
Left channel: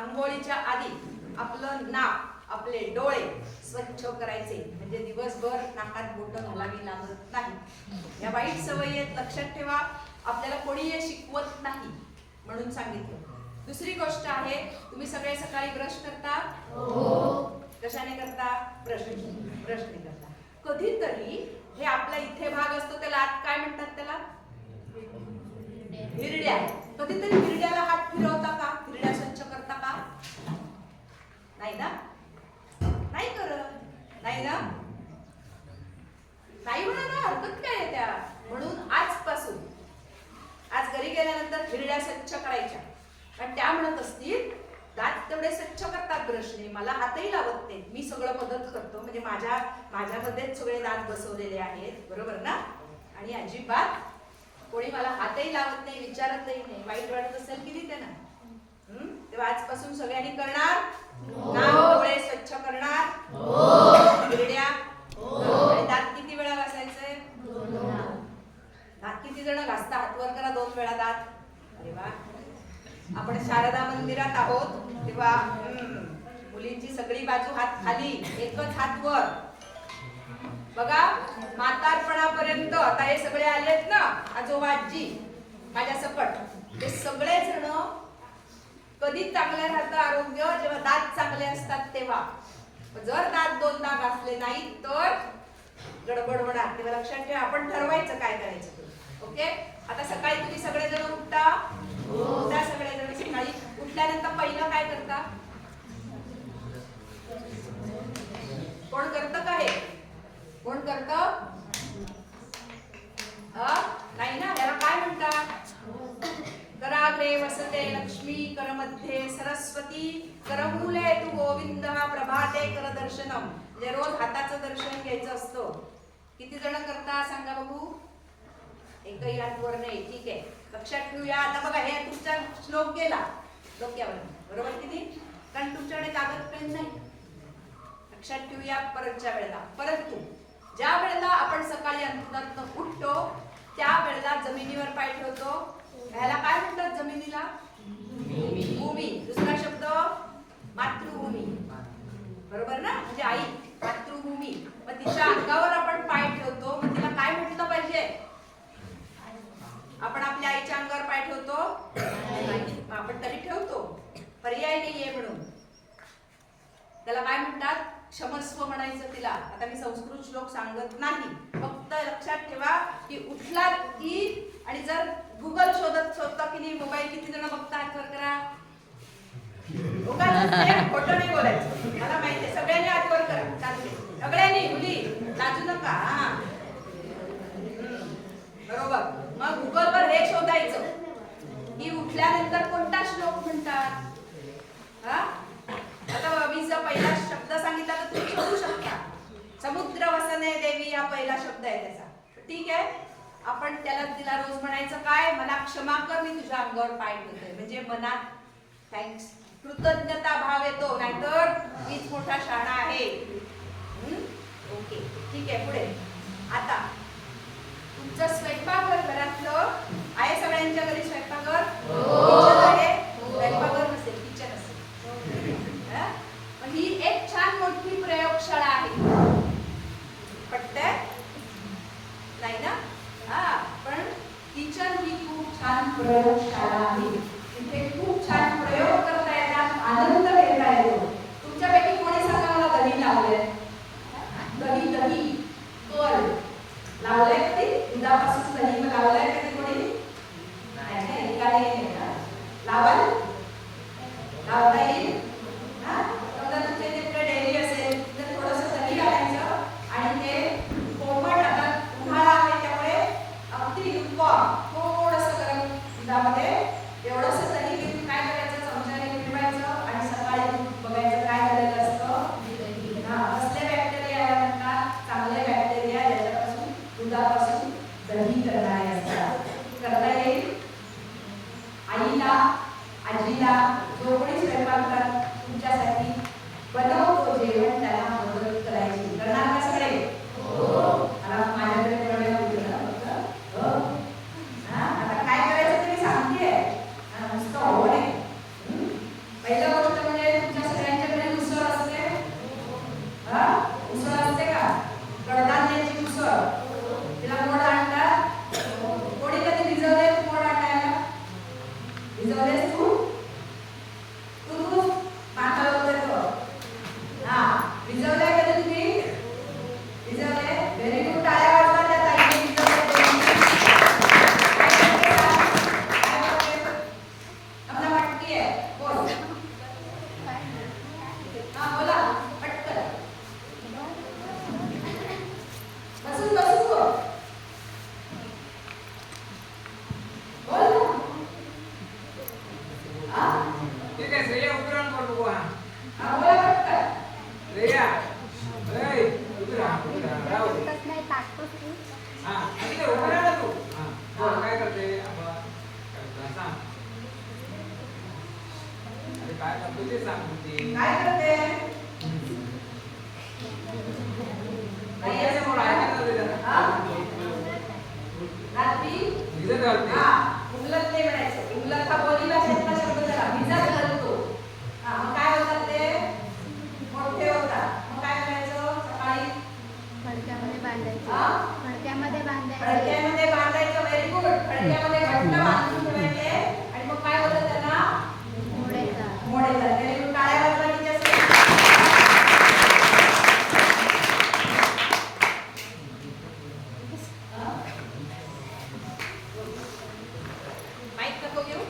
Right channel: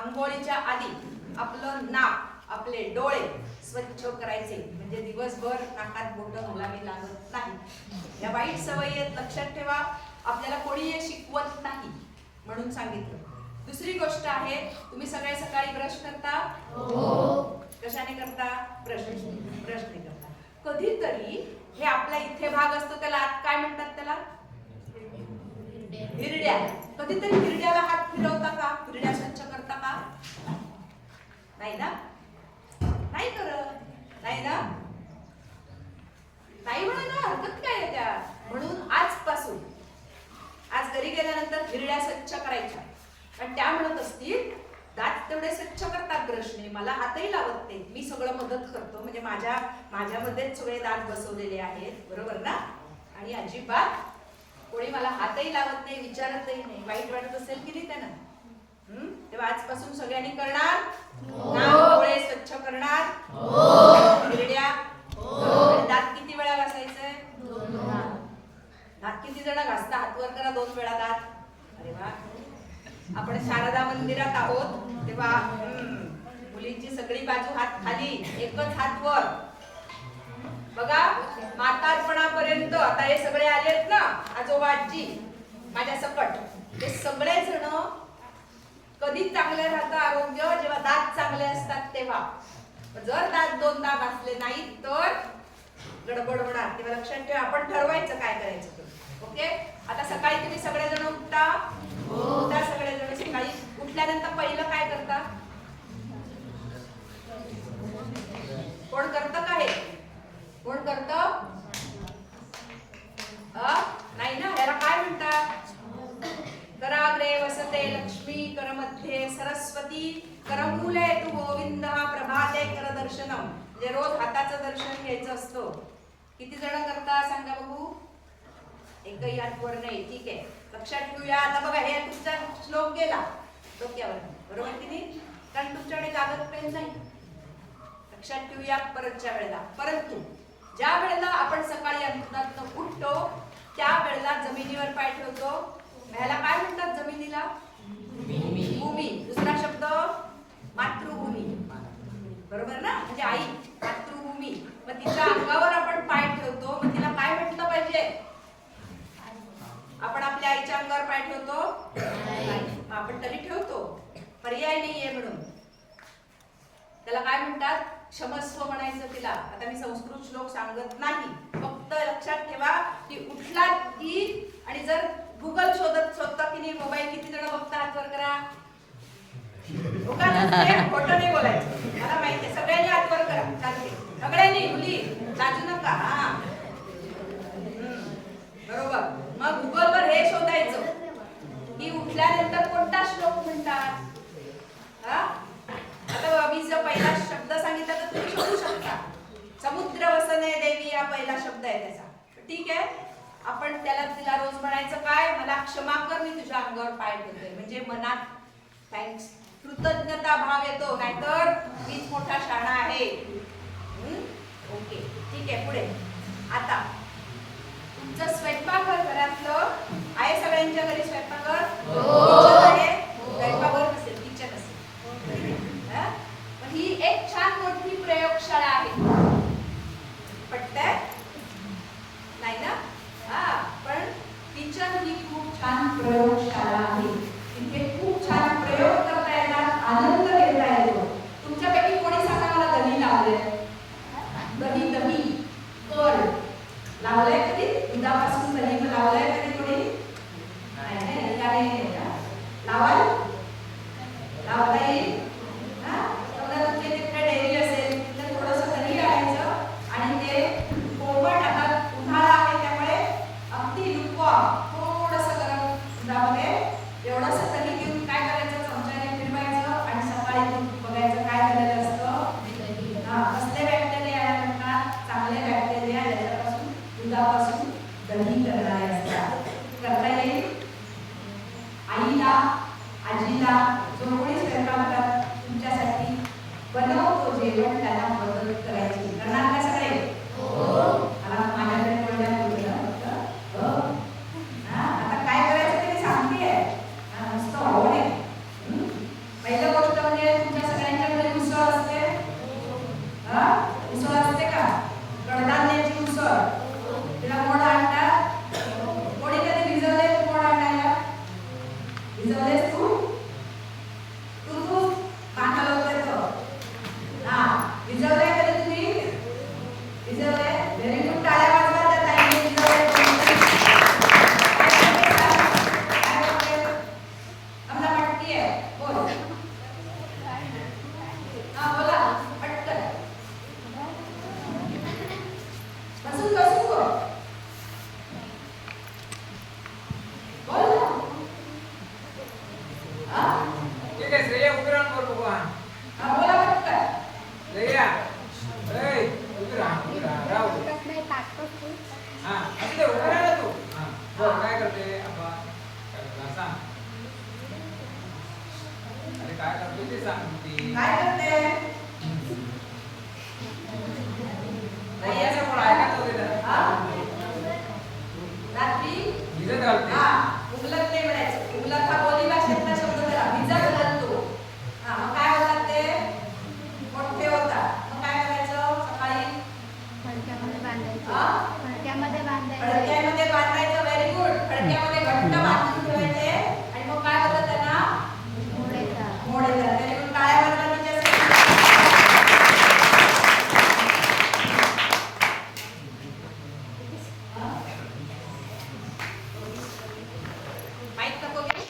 अंघोळीच्या आधी आपलं नाक, आपले डोळे स्वच्छ करायचे, म्हणजे दिवसभर नाकात बोटं घालावी लागत नाही. या वाईट सवयी आहेत, लक्षात ठेवा. आपल्याला कोणी हे शिकवत नाही म्हणून सांगितलं. दुसरी गोष्ट आहे, तुम्ही सगळे सकाळी ब्रश करता? कशाने करता? ब्रशने करता. कधीतरी हे आपला इथे भाग असतो त्याला आत काय म्हणतात? त्याला हिरड्या. कधीतरी हिरड्याला हात फिरवता का? हिरड्या स्वच्छ करता का? नाही ना? नाही करत. नाही ना? नाही म्हणा ना, हरकत काय आहे त्या. म्हणून आजपासून आज घरी गेल्यानंतर हिरड्या स्वच्छ करायच्या. पण त्या म्हणत असतील दात तेवढे स्वच्छ करतात ब्रशने, मला हातही लावत नाही, मी सगळं मदत करतो, म्हणजे माझ्यामध्येच सगळे दात बसवलेले आहेत, बरोबर ना? आणि अजिबात कोणी मला हातही लावत नाही, विचारतही नाही. वाईट वाटत असेल की नाही त्यांना? तेव्हा आजपासून सगळ्यांनी करणार. नाक डोळे स्वच्छ करणार. हिरड्या. आणि दात किती वेळा घासायचंय? दात किती जण घासता? हात वर करा. 2 वेळा दात. अरे वा. आपण शारदा मंदिरात आहोत तेव्हा मुलींची सगळी बाजू हात खाली, एकच हात वर. बघा, म्हातारपणापर्यंत आता हे सगळे आलेत ना, आजोबा आजी माझ्या सकट, ते सगळे जण कधी चांगले राहतं आरोग्य? जेव्हा दात चांगले असतात तेव्हा. जर दात 2दा घासले नाही तर गडबड होणार. तेव्हा लक्षात ठेवा. आपण ठरवायचं काय करायचं ते. ओके. आता सकाळी तुम्ही सगळेजण उठता सगळेजण सकाळी उठल्यानंतर पहिलं काय करता? कोण करतं का हे? कोण करतं? नाही ना, याला काय म्हणतात? कराग्रे करहस्ते लक्ष्मी करमध्ये सरस्वती करमूले तू गोविंद प्रभाते कर दर्शनम. म्हणजे रोज हाताचं दर्शन घ्यायचं असतं. किती जण करता सांगा बघू? एकही हात वर नाही. ठीक आहे, लक्षात ठेवूया. आता बघा, हे तुमचा श्लोक गेला डोक्यावर, बरोबर की नाही? कारण तुमच्याकडे कागद पेन नाही. लक्षात ठेवूया परतच्या वेळेला. परंतु ज्या वेळेला आपण सकाळी अंथरुणातून उठतो त्या वेळेला जमिनीवर पाय ठेवतो. ह्याला काय म्हणतात? जमिनीला भूमी. दुसरा शब्द मातृभूमी, बरोबर ना? म्हणजे आई, मातृभूमी. मग तिच्या अंगावर आपण पाय ठेवतो, मग तिला काय म्हटलं पाहिजे? आपण आपल्या आईच्या अंगावर पाय ठेवतो नाही, मग आपण तरी ठेवतो, पर्याय नाहीये म्हणून. त्याला काय म्हणतात? क्षमस्व म्हणायचं तिला. आता मी संस्कृत श्लोक सांगत नाही, फक्त लक्षात ठेवा की उठला की, आणि जर गुगल शोधता की नाही मोबाईल, किती जण बघता? हात वर करा. खोटं नाही बोलायचं, मला माहिती आहे. सगळ्यांनी हात वर करा, चालते. सगळ्यांनी, मुली लाजू नका. हा, बरोबर. मग गुगलवर हे शोधायचं की उठल्यानंतर कोणता श्लोक म्हणतात. हा, आता मी जर पहिला शब्द सांगितला तर तुम्ही शोधू शकता. समुद्र वसने देवी हा पहिला शब्द आहे त्याचा. ठीक आहे, आपण त्याला तिला रोज म्हणायचं काय? मला क्षमा कर, मी तुझ्या अंगावर पाय ठेवतोय. म्हणजे मनात थँक्स, कृतज्ञता भाव येतो, नाहीतर मीच मोठा शाणा आहे. ओके, ठीक आहे. पुढे आता तुमचं स्वयंपाकघर घरातलं आहे. सगळ्यांच्या घरी स्वयंपाकघर किचन आहे. स्वयंपाकघर नसेल, किचन असेल. पण ही एक छान मोठी प्रयोगशाळा आहे. पटतंय? नाही ना? हा, पण किचन ही खूप छान प्रयोगशाळा आहे. इथे खूप छान प्रयोग करता येतात, आनंद घेता येतो. तुमच्यापैकी कोणी सांगा मला दही लावले? दही, दही कर्ड लावलंय कधी? दुधापासून दही मग लावलंय कधी कोणी? नाही का? लावाल? लावता येईल? समजा तुमच्या तिकडे डेअरी असेल तर थोडंसं दही टाकायचं आणि ते कोमट, आता उन्हाळा आहे त्यामुळे अगदी lukewarm, थोडंसं गरम दुधामध्ये एवढंसं दही घेऊन काय करायचं? चमच्याने फिरवायचं आणि सकाळी बघायचं काय झालेलं असतं. कसले बॅक्टेरिया याला म्हणतात? चांगले बॅक्टेरिया, ज्याच्यापासून दुधापासून दही करणारे असतात. करता येईल? आईला, आजीला, जो कोणी स्वयंपाकघरात तुमच्यासाठी बनवतो जेवण, त्याला मदत करायची. करणार का सगळे? मला माझ्याकडे कोणाला बोललं फक्त. आता काय करायचं ते मी सांगतेय, नुसतं हो नाही. पहिलं गोष्ट म्हणजे तुमच्या सगळ्यांच्याकडे उसळ असते. उसळ असते का? कडधान्याची उसळ. तिला मोड आणतात. कोणी कधी भिजवले मोड आणायला? भिजवलेस तू? तू पाण्याला होते तो. हा, भिजवलंय कधी तुम्ही? भिजवले? Very good. टाळ्या वाजवा त्या ताईने भिजवले. काय करते? आमचा मटकी आहे. बोल. हा, बोला पटकन. बसून बसून बोल. बोल ना. ठीक आहे, श्रेया उतरण बोल बघू. हा, बोला पटकन. श्रेया, ए, उतरा, राहू दे. नाही टाकतोस तू. हा, असू दे, उतरा ना तू. हा, बोल, काय करते? सांग. अरे काय करतो ते सांग ती. काय करते? नाही याचं बोल, ऐकायला जाऊ दे जरा. हा? रात्री भिजत घालते. हा, उमलत नाही म्हणायचं. उमलत हा बोली भाषेतला शब्द झाला. भिजत घालतो. हा, मग काय होतात ते? मोठे होतात. मग काय करायचं? सकाळी फडक्यामध्ये बांधायचे. हा? फडक्यामध्ये बांधायचे. फडक्यामध्ये बांधायचं. Very good. फडक्यामध्ये घट्ट बांधून ठेवायचे आणि मग काय होतं त्यांना? मोड येतात. मोड येतात. Very good. टाळ्या वाजवा तिच्यासाठी. माईक नको घेऊ?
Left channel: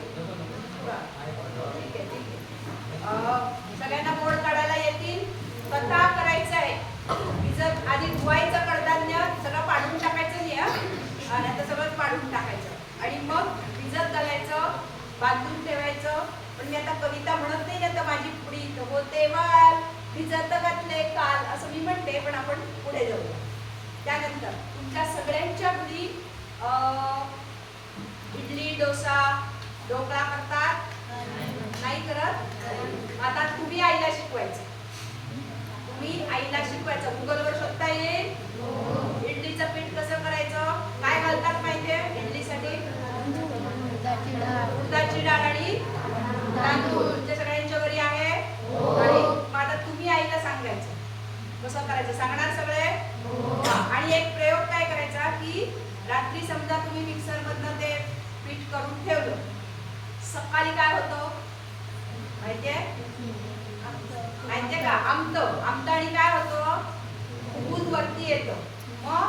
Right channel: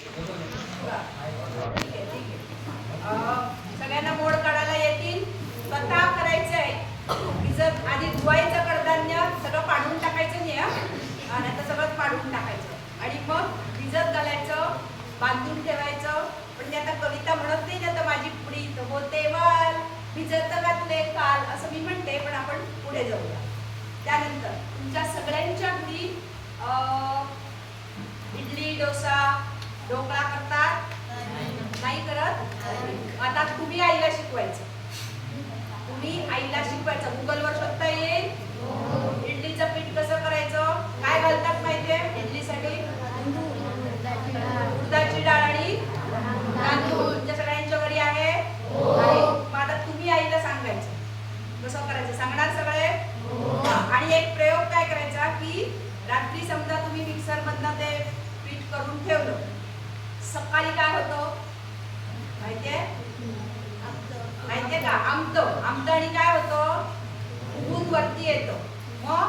ठीक आहे, ठीक आहे. सगळ्यांना मोड काढायला येतील? स्वतः करायचंय. भिजत आधी धुवायचं कडधान्य, सगळं पाडून टाकायचं नाही. नाही तर सगळं पाडून टाकायचं आणि मग भिजत घालायचं, बांधून ठेवायचं. भिजत घातले काल असं मी म्हणते, पण आपण पुढे जाऊया. त्यानंतर तुमच्या सगळ्यांच्या घरी इडली, डोसा, ढोकळा करतात? नाही करत? आता तुम्ही आईला शिकवायचं. तुम्ही आईला शिकवायचं. गुगलवर शोधता येईल. इडलीचं पीठ कसं करायचं? काय घालतात माहितीये इडलीसाठी? उडदाची डाळ आणि तांदूळ. तुमच्या सगळ्यांच्या घरी आहे. आणि मग आता तुम्ही आईला सांगायचं कसं करायचं. सांगणार सगळे? आणि एक प्रयोग काय करायचा की रात्री समजा तुम्ही मिक्सर मधनं ते पीठ करून ठेवलं, सकाळी काय होतं माहितीये? माहितीये का? आमदानी काय होतं? ऊन वरती येतं. मग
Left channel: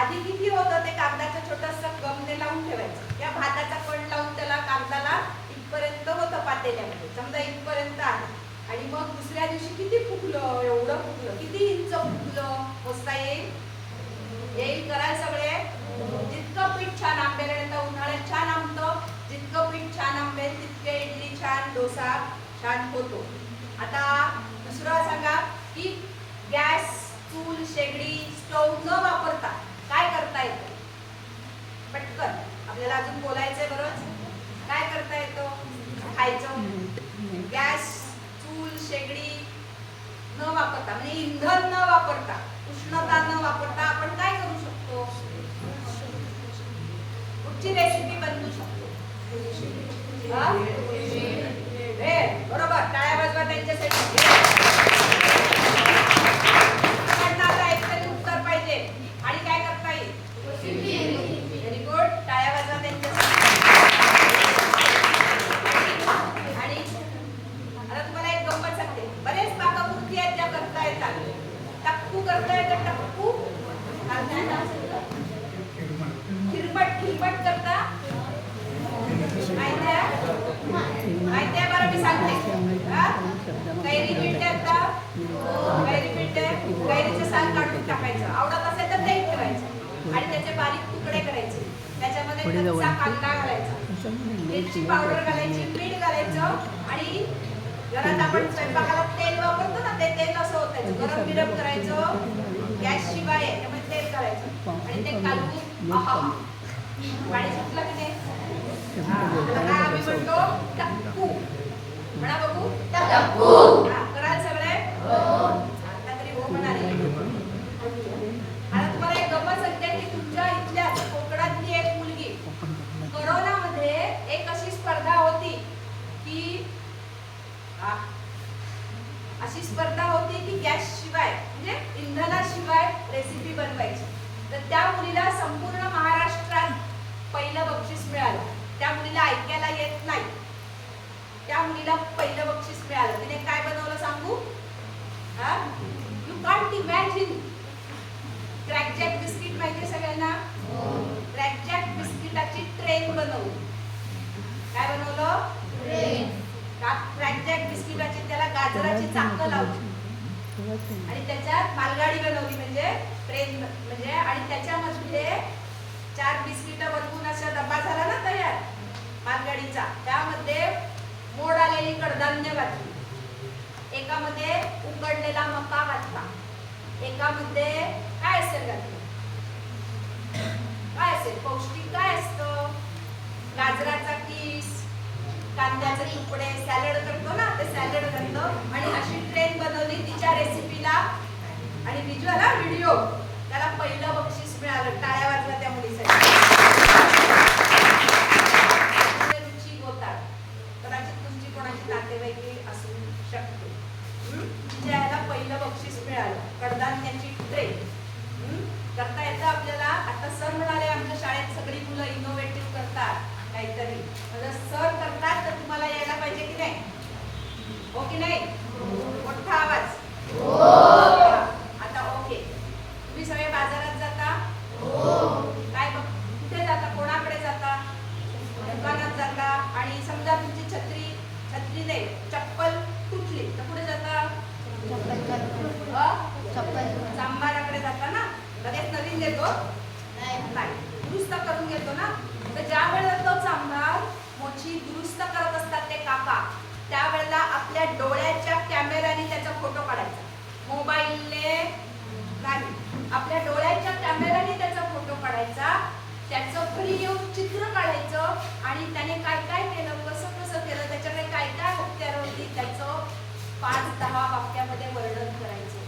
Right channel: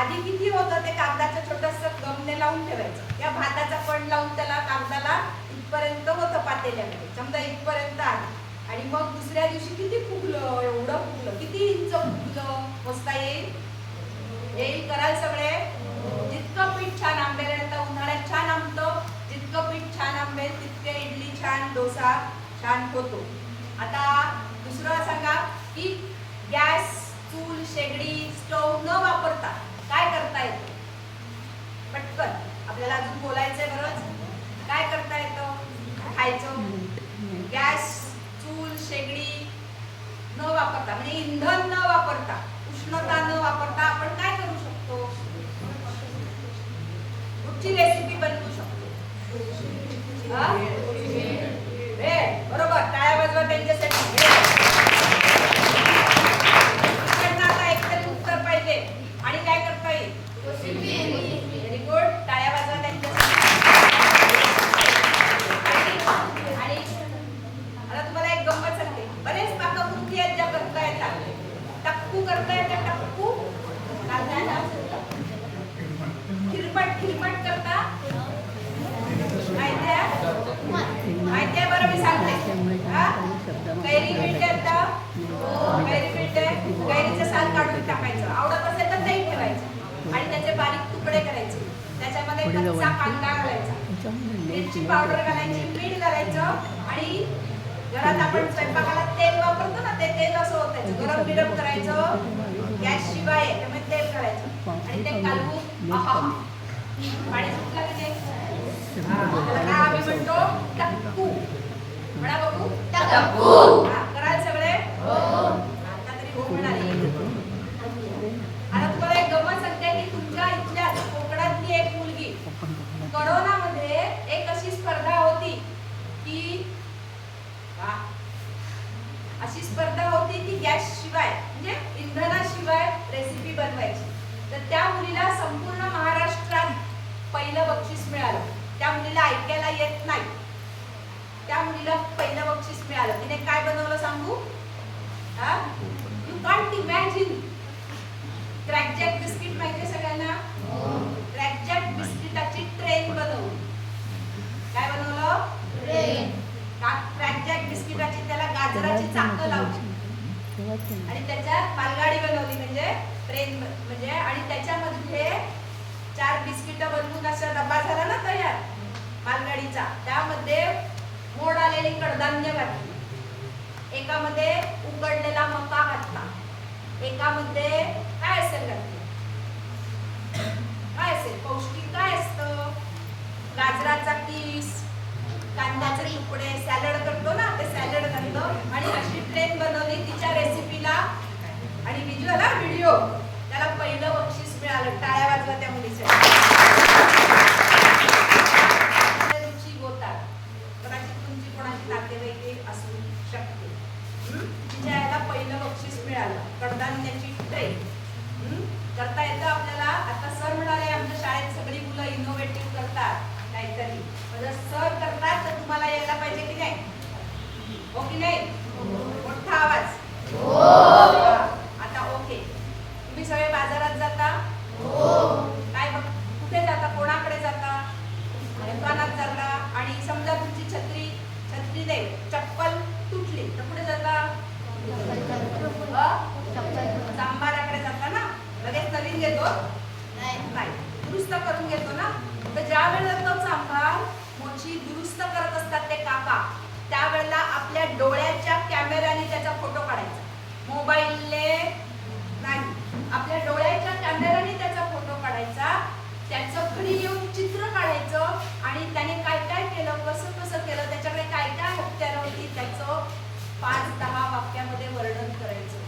आधी किती होतं ते कागदाचं छोटंसं गमने लावून ठेवायचं. या भाताचा कण लावून त्याला कागदाला इथपर्यंत होतं पातेल्यामध्ये, समजा इथपर्यंत आहे. आणि मग दुसऱ्या दिवशी किती फुगलं, एवढं फुगलं. किती इंच फुगलं मोजता येईल? कराल सगळे? जितकं पीठ छान आंबेल, आता उन्हाळ्यात छान आंबतं, जितकं पीठ छान आंबेल तितके इडली छान, डोसा छान होतो. आता दुसरं सांगा की गॅस, चूल, शेगडी, स्टोव्ह न वापरता काय करता येतं? पटकन आपल्याला अजून बोलायचंय बरंच. काय करता येतं? खायचं. गॅस, चूल, शेगडी न वापरता म्हणजे इंधन न वापरता, उष्णता न वापरता आपण काय करू शकतो? कुठची रेसिपी बनवू शकतो? बरोबर, टाळ्या वाजवा त्यांच्यासाठी. आता एकतरी उत्तर पाहिजे. आणि काय करता येईल? व्हेरी गुड, टाळ्या वाजवा त्यांच्यासाठी. आणि आता तुम्हाला एक गंमत सांगते. बरेच पाककृती आहेत ज्या करता येतात. टप्पू करता येतं. टप्पू काय नाव? खिरमट करता माहिती आहे? बरं मी सांगते. कैरी पीठ येतं. कैरीचं साल काढून टाकायचं. आवडत असेल तर ते ठेवायचं आणि त्याचे बारीक तुकडे करायचे. त्याच्यामध्ये कच्चा कांदा घालायचा, मिरची पावडर घालायची, मीठ घालायचं. आणि घरात आपण स्वयंपाकाला तेल वापरतो ना, ते तेल असं होतं गरम बिरम करायचं. गॅस शिवाय त्यामुळे तेल घालायचं आणि ते कालवून पाणी सुटलं की नाही आम्ही म्हणतो टप्पू. म्हणा बघू टप्पू. कराल सगळे? आता तरी हो म्हणाली. आता तुम्हाला एक गंमत सांगते की तुमच्या इथल्या कोकणातली एक मुलगी करोनामध्ये एक अशी स्पर्धा होती की गॅस शिवाय म्हणजे इंधनाशिवाय रेसिपी बनवायची. तर त्या मुलीला संपूर्ण महाराष्ट्रात पहिलं बक्षीस मिळालं. त्या मुलीला ऐकायला येत नाही. त्या मुलीला पहिलं बक्षीस मिळालं. तिने काय बनवलं सांगू? You can't imagine. Krackjack biscuit माहिती सगळ्यांना? क्रॅकजॅक बिस्किटाची ट्रेन बनवली. काय बनवलं? क्रॅकजॅक बिस्किटाची त्याला गाजराची चाकं लावली आणि त्याच्यात मालगाडी बनवली म्हणजे ट्रेन म्हणजे. आणि त्याच्यामध्ये 4 बिस्किट बनवून असा डब्बा झाला ना तयार मालगाडीचा. त्यामध्ये मोड आलेली कडधान्य घातली, एकामध्ये उकडलेला मका घातला, एकामध्ये काय असेल घातलं? काय असेल पौष्टिक? काय असतं? गाजराचा किस, कांद्याचे तुकडे, सॅलड करतो ना ते सॅलड घातलं आणि अशी ट्रेन बनवली तिच्या रेसिपीला. आणि व्हिज्युअल व्हिडिओ त्याला पहिलं बक्षीस मिळालं. टाळ्या वाजवा त्या मुलीसाठी. रुची होतात. कदाचित तुमची कोणाची नातेवाईके असू शकते. तिच्या याला पहिलं बक्षीस मिळालं. कडधान्याची ट्रेन करता येतं आपल्याला. आता सर म्हणाले आमच्या शाळेत सगळी मुलं इनोव्हेटिव्ह करतात काहीतरी. म्हणजे सर करतात तर तुम्हाला यायला पाहिजे की नाही? हो की नाही? मोठा आवाज. आता ओके. तुम्ही सगळे बाजारात जाता? काय कुठे जाता? कोणाकडे जाता? दुकानात जाता. आणि समजा तुमची छत्री नाही, चप्पल तुटली तर कुठे जाता? चांभाराकडे जाता ना. लगेच नवीन घेतो नाही, दुरुस्त करून घेतो ना. तर ज्या वेळेला तो चांभार मोची दुरुस्त करत असतात ते काका, त्यावेळेला आपल्या डोळ्याच्या कॅमेऱ्याने त्याचा फोटो काढायचा, मोबाईलने नाही. आपल्या डोळ्याच्या कॅमेऱ्याने त्याचा फोटो काढायचा, त्याचं घरी येऊन चित्र काढायचं आणि त्याने काय काय केलं, कसं कसं केलं, त्याच्याकडे काय काय हत्यारं होती, त्याचं 5-10 वाक्यामध्ये वर्णन करायचं.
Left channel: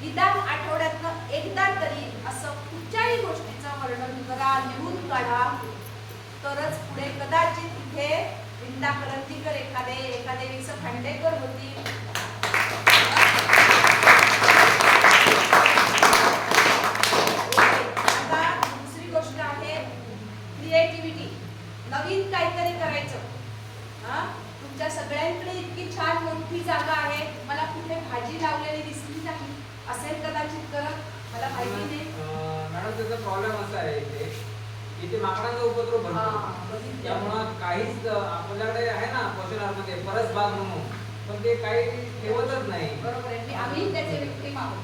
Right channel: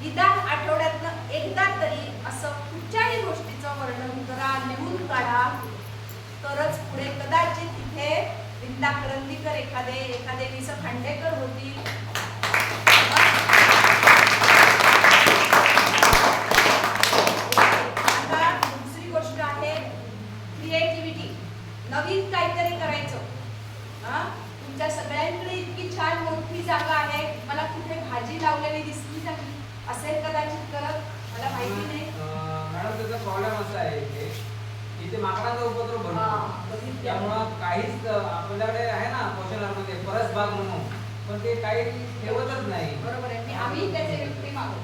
निदान आठवड्यातनं एकदा तरी असं कुठच्याही गोष्टीचं वर्णन करा, लिहून काढा, तरच पुढे कदाचित इथे विंदा करंदीकर एखादे विस खांडेकर होतील. आता दुसरी गोष्ट आहे क्रिएटिव्हिटी, नवीन काहीतरी करायचं. तुमच्या सगळ्यांकडे इतकी छान मोठी जागा आहे, मला कुठे भाजी लावलेली दिसली नाही असेल कदाचित करत, मला माहिती नाही. मॅडम त्याचा प्रॉब्लेम असा आहे इथे माकडांचा उपद्रव भरतो, त्यामुळं काहीच आपल्याकडे आहे ना पोषणामध्ये परस बाग म्हणून, पण ते काही ठेवतच नाही. बरोबर आहे, आम्ही त्याचे विक्री मागतो.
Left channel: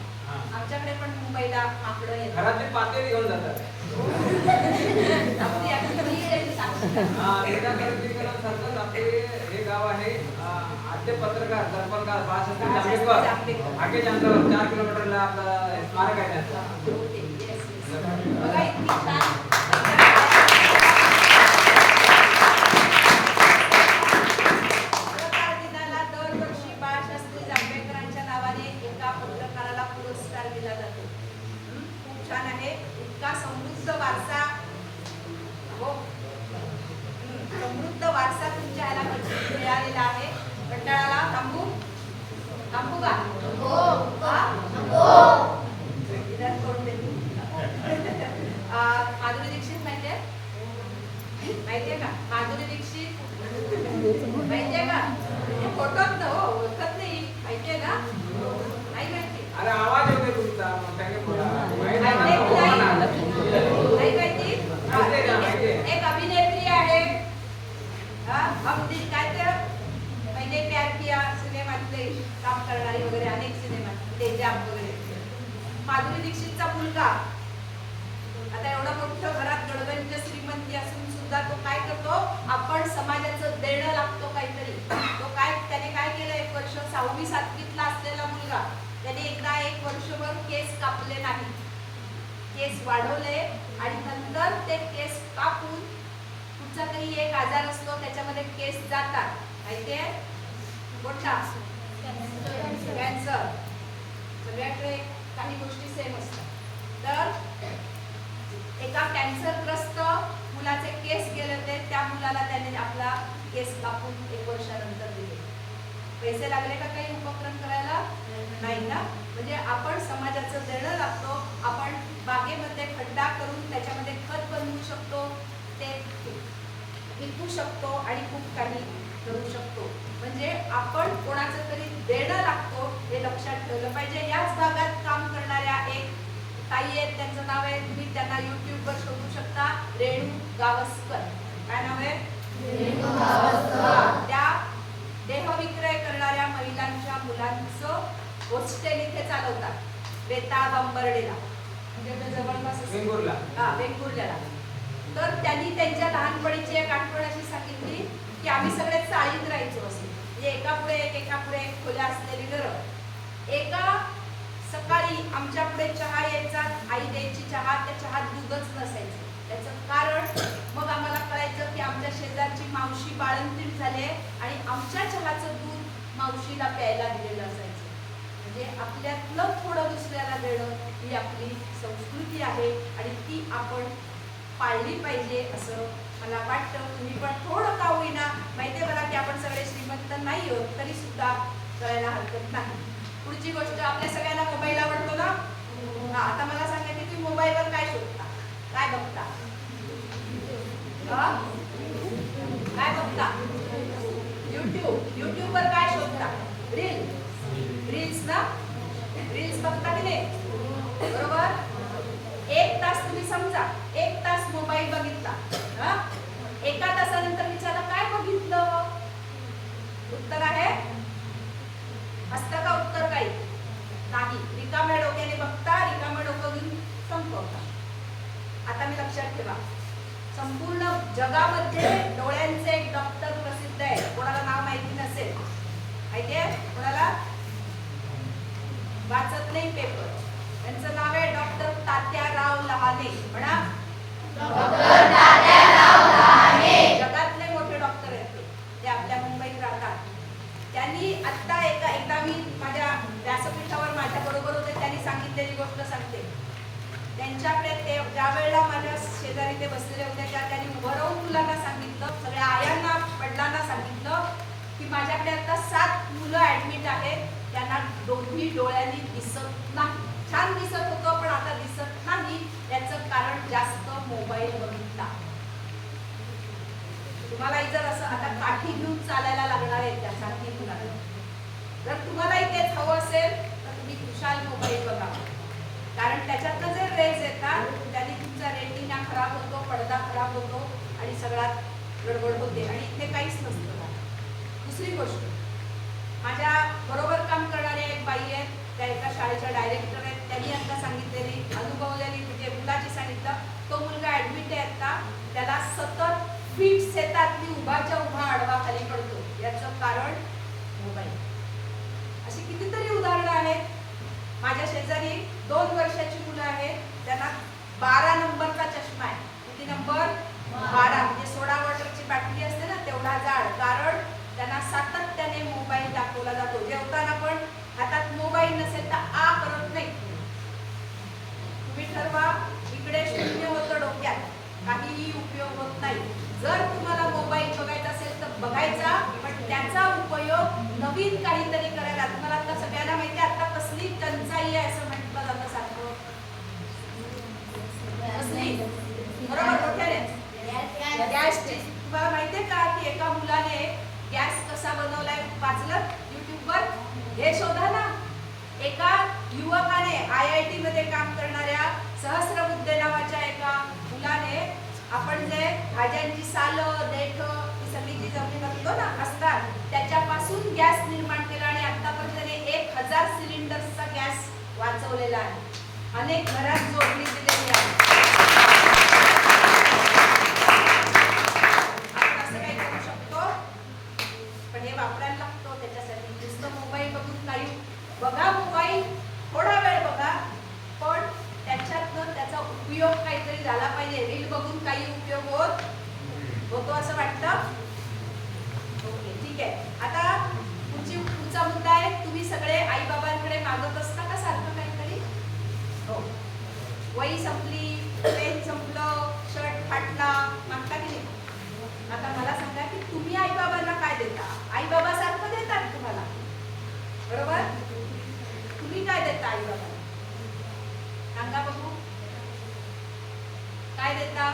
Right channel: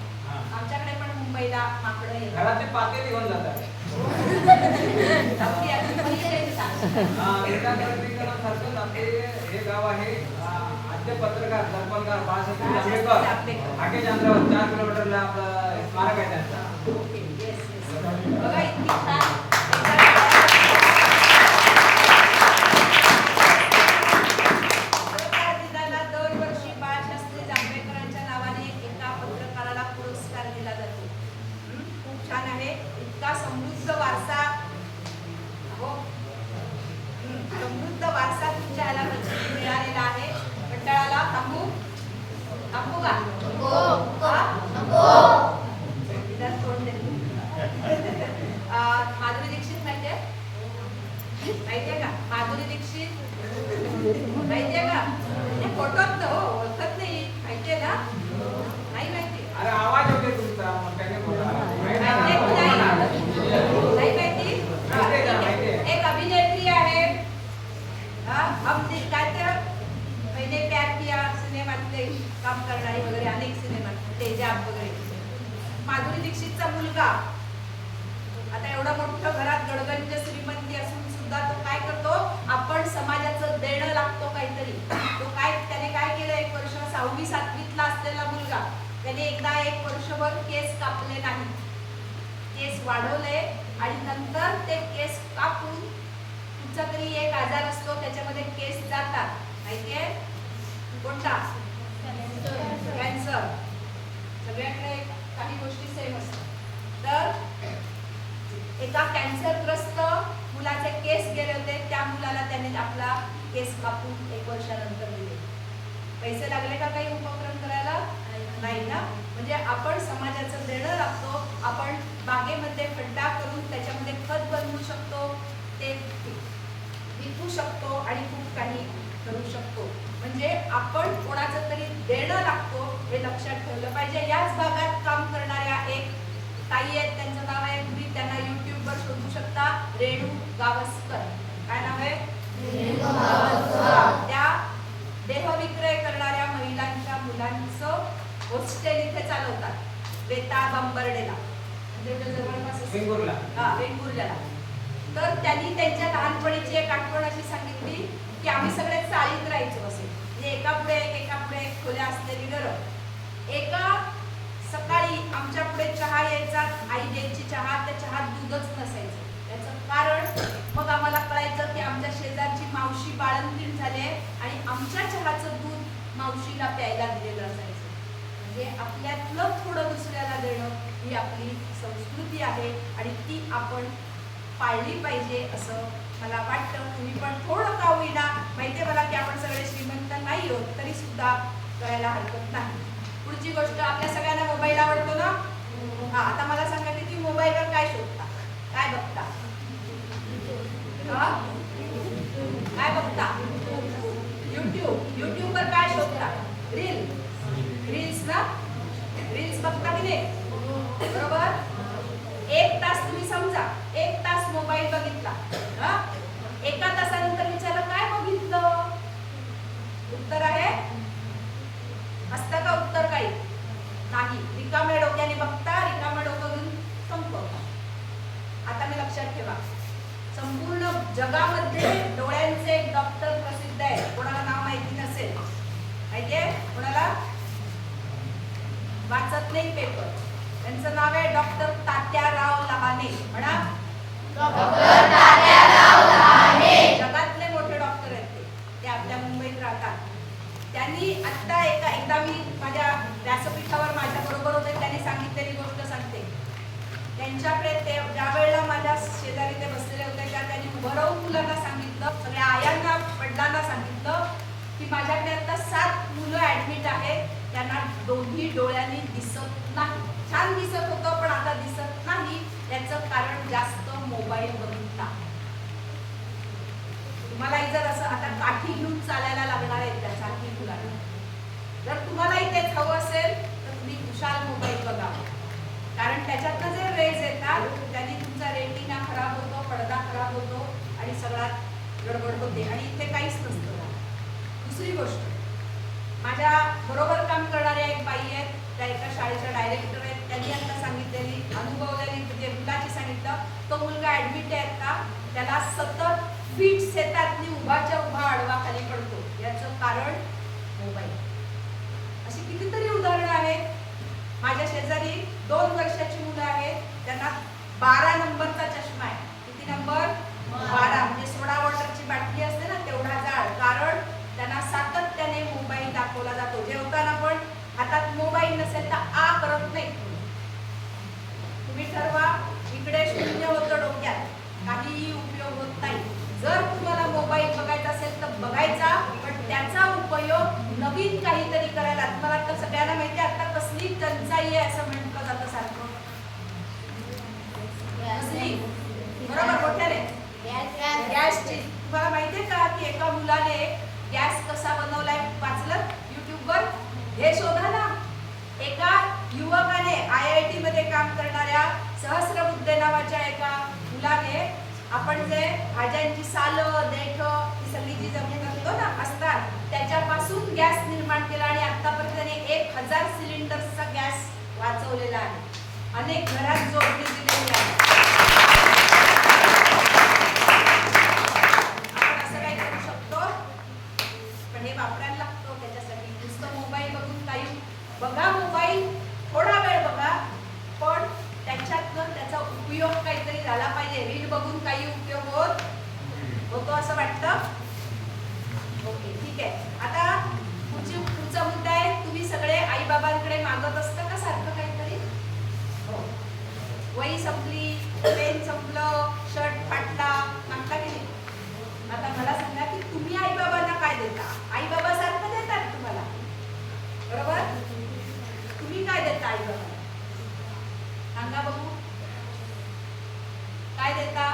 आमच्याकडे पण मुंबईला माकडं येतात, घरातले पाते घेऊन जातात. अगदी अगदी मुली त्यांनी सांगतात. विंदा करंदीकर सारखं आपले हे गाव आहे, आद्य पत्रकार दर्पणकार बाळासाहेब आंबेडकर आठे अंतरावर 4 किलोमीटरला आपलं स्मारक आहे त्यांचं. Okay, yes yes. बघा इतकी छान पत्रकार दिनाला दरवर्षी बाळशास्त्री जांभेकरांच्या नावाने एका पत्रकाराला पुरस्कार दिला जातो. खूप छान आहे. इतका समृद्ध वारसा, हो समृद्ध वारसा तुमच्या ह्याला मिळालेला आहे. कंटाळाला थांबू का? इधर तोड दे. माधुरी दीक्षित माहितीये का? माधुरी दीक्षित माहितीये का? ते फोटोत ना हो, ओळखत नाही, माहितीये ना? नाही माहिती? अरे आवाज येते तुमचा, माहितीये की नाही? नाही माहिती? एक अभिनेत्री आहे, हम दिल काय ते मैंने प्यार किया सिनेमातले काम करणारी वगैरे अनेक सिनेमात तेजाब वगैरे. माधुरी दीक्षितचा मुलगा आता एवढं मोठं घरात गडगंज श्रीमंती असून सुद्धा तो काय करतो, आपण समाजाचं देणं लागतो काहीतरी. तो त्याने काय केलं, 1 वर्ष 6वी-7वीतला असलेला मुलगा, त्याने एकदा 1 वर्षभर केस कापले नाही, केस वाढवले आणि नंतर ते केस कापून, कुठचा तरी एक आजार असतो त्याच्यामध्ये केस जातात, माहितीये कोणता? कॅन्सर. सगळ्याकडे काही गोष्टी सेम असतात. तर एका कॅन्सरग्रस्त मुलाचे केस गेले होते, त्या मुलाला त्याने आपला केस कापून 1 वर्षानंतर दिले. पैसे लागले का काही उपक्रम करायला? नाही ना. म्हणजे आपण समाजाचं देणं लागतो. आपण बागेमध्ये खड्डा करून त्याच्यामध्ये खत बनवू शकतो, ते विकू शकतो आणि खूप काही करू शकतो. म्हणजे आपण कोणाचं तरी देणं लागतो हे लक्षात ठेवलं पाहिजे. याच भागात काम करणाऱ्या एक ताई आहेत, त्यांचं नाव आहे, तुम्ही त्यांना YouTube वर शोधू शकता, रेणू गावस्कर. काय नाव आहे? त्या देहविक्रय करणाऱ्या महिलांच्या मुलांचं हॉस्टेल इथे चालवतात, वेताळ बांबर्डेला, म्हणजे जवळपास वेंगुर्ल्याला. तर त्यांनी त्यांच्या लहानपणीची एक आठवण अशी सांगितली की आम्ही सगळे चाळीत राहायचो असे, म्हणजे एका पुढे एक खोल्या असलेली घरं. एका सकाळी आमच्या पुढे चहा यायचा, आई द्यायची चहा, त्या चहात दूधच नसायचं. त्याचं कारण मग आम्हाला कळायचं की आमच्या शेजारची मावशी बाळंतीण झाले आणि आमच्या चहाचं दूध मावशीला प्यायला दिलेलं असायचं. म्हणजे आपल्यातलं थोडं दुसऱ्याला देणं ही आपली संस्कृती आहे आणि ती आपण पाळली पाहिजे असं मला वाटतं. तुम्ही पण थोडं का होईना, माहितीये मला की आपण सगळे श्रीमंत नाही आहोत, तरी सुद्धा करायला हरकत नाही. पुढची गोष्ट, आपल्या सगळ्यांना मोबाईल आवडतो ना? आता मला सांगा की तुम्ही मोबाईलवर काय शोधता, काय बघता? काय बघता? युट्यूबवर काय शोधता? रील्स ना? रील्स बघता की नाही? बरोबर. 1 तास तुम्ही समजा 1 तास मोबाईल बघितला, एका तासानंतर विचारलं काय बघितलं? उत्तर आहे असतं का उत्तर? काही नाही. रिकाम्या डोक्याने बघता, रिकाम्या डोकं घेऊन संपवता. आता मी लक्षात ठेवा, संपूर्ण जगामध्ये डोळ्यांचे एक डॉक्टर प्रसिद्ध आहे, कोणाला नाव माहिती नसेल, माहितीये कोणाला? वाचत नाही पेपर. त्यांचं नाव आहे डॉक्टर तात्याराव लहाने. म्हणा, जगातले मोठे डॉक्टर आहेत ते आपल्या मुंबईत राहतात. त्यांनी आता एकदा मी माझ्या व्यासपीठावर माझ्या बरोबर होते, त्यांनी सांगितलेली गोष्ट सांगते. त्यांच्याकडे ते ज्यावेळेला माझ्या शेजारी ते बसलेले होते त्यांनी उभं राहून मुलांना सांगितलं, सगळ्या आयांना वडिलांना सांगितलं की माझ्याकडे आता 7 मुलं ऍडमिट आहेत, त्यांना दोन्ही डोळ्यांनी दिसत नाही. छान दिसत होतं पण आता दिसत नाही. याचं कारण जास्त मोबाईल बघितला. तुम्हाला जर असं आता काठी घेऊन चालायला लागणार आहे त्यासाठी मुलांना, जर तुम्हालाही तेच हवं असेल तर तुम्ही खुशाल मोबाईल बघावा. कारण त्याच्यातनं जे रेज येतात त्यांनी तुमचा रेटिना खराब होतो, पडदा खराब होतो आणि सगळ्यात गडबड होते आणि इथे काहीच नसतं. दुसरी गोष्ट, माझ्या बरोबर काम करणाऱ्या एक बाई आहेत, त्या एका शाळेच्या डायरेक्टर आहेत. त्यांनी आता सांगितलेली अनुभवलेली म्हणजे मुलाची सांगितलं, तो मुलगा ऍडमिट आहे आता, त्याला सतत फिट्स येतात, मी उभाच्या उभा आडवा खाली पडतो. याचं कारण मोबाईल. अशी कितीतरी उदाहरणं आहेत. माझ्या शेजारी 2 वर्षाची मुलं आहेत, त्यांना 12 नंबरचा चष्मा आहे. किती नंबर? 12. म्हणजे सोडा वॉटरची बाटली असते ना तेवढा जाड. कारण त्यांना सातत्याने मोबाईल दाखवला जातो. जेवताना पण हातात मोबाईल नसेल तर आ करत नाही. तुम्ही ठरवा, इकडे 0 होतं डोक्यात, काहीही उपयोग होत नाही. जर तुम्हाला मोबाईल बघायचा असेल तर बघायचा, पण त्याचा उपयोग नवीन काहीतरी करायला. तुम्हाला आता सगळ्यांना माहिती आहे आता कसली टंचाई आहे असं म्हटलं जातं सारखं. कसली? बरोबर, मोठ्याने गॅसची. तुम्हाला माहितीये का की एका मुलाने गॅस कसा बनवलाय वाचलं युट्यूबवर? हे शोधा ना. एका युवकाने IIT मध्ये काम करणाऱ्या सहस्रबुद्धे नावाच्या एका मुलाने आपण जे भाज्यांची सालं, देठ ही सगळी जी जमीन असतो ना असतात त्याच्यापासून गॅस निर्माण केला आणि आतापर्यंत त्याने 1000 सिलेंडर्सचा गॅस वाचवलेला आहे. अनेक घरात जोडणी दिलेली आहे. आपण असं काही करू शकतो, पण हे वापरायला लागतो. त्याच्यासाठी नुसतं मोबाईल बघून काही बघा, मोबाईल थोडा वेळ बघा, पण त्याच्यातनं त्याचा उपयोग काहीतरी झाला पाहिजे. रील बघून काही उपयोग होतो असं वाटतं? ओके, ठीक आहे. आता पुढचा मुद्दा आहे, तुम्ही सगळे आई बाबांकडे मागत असता का सारखं काहीतरी? हो. वही संपली, पेन संपलं, शर्ट फाटला, मागता की नाही? आता मला सांगा की तुम्ही आई बाबांना काय देता? आई बाबा सारखं देतात तुम्हाला, बरोबर? तुम्ही काय देता आई बाबांना? सांगा बघू, काय देता?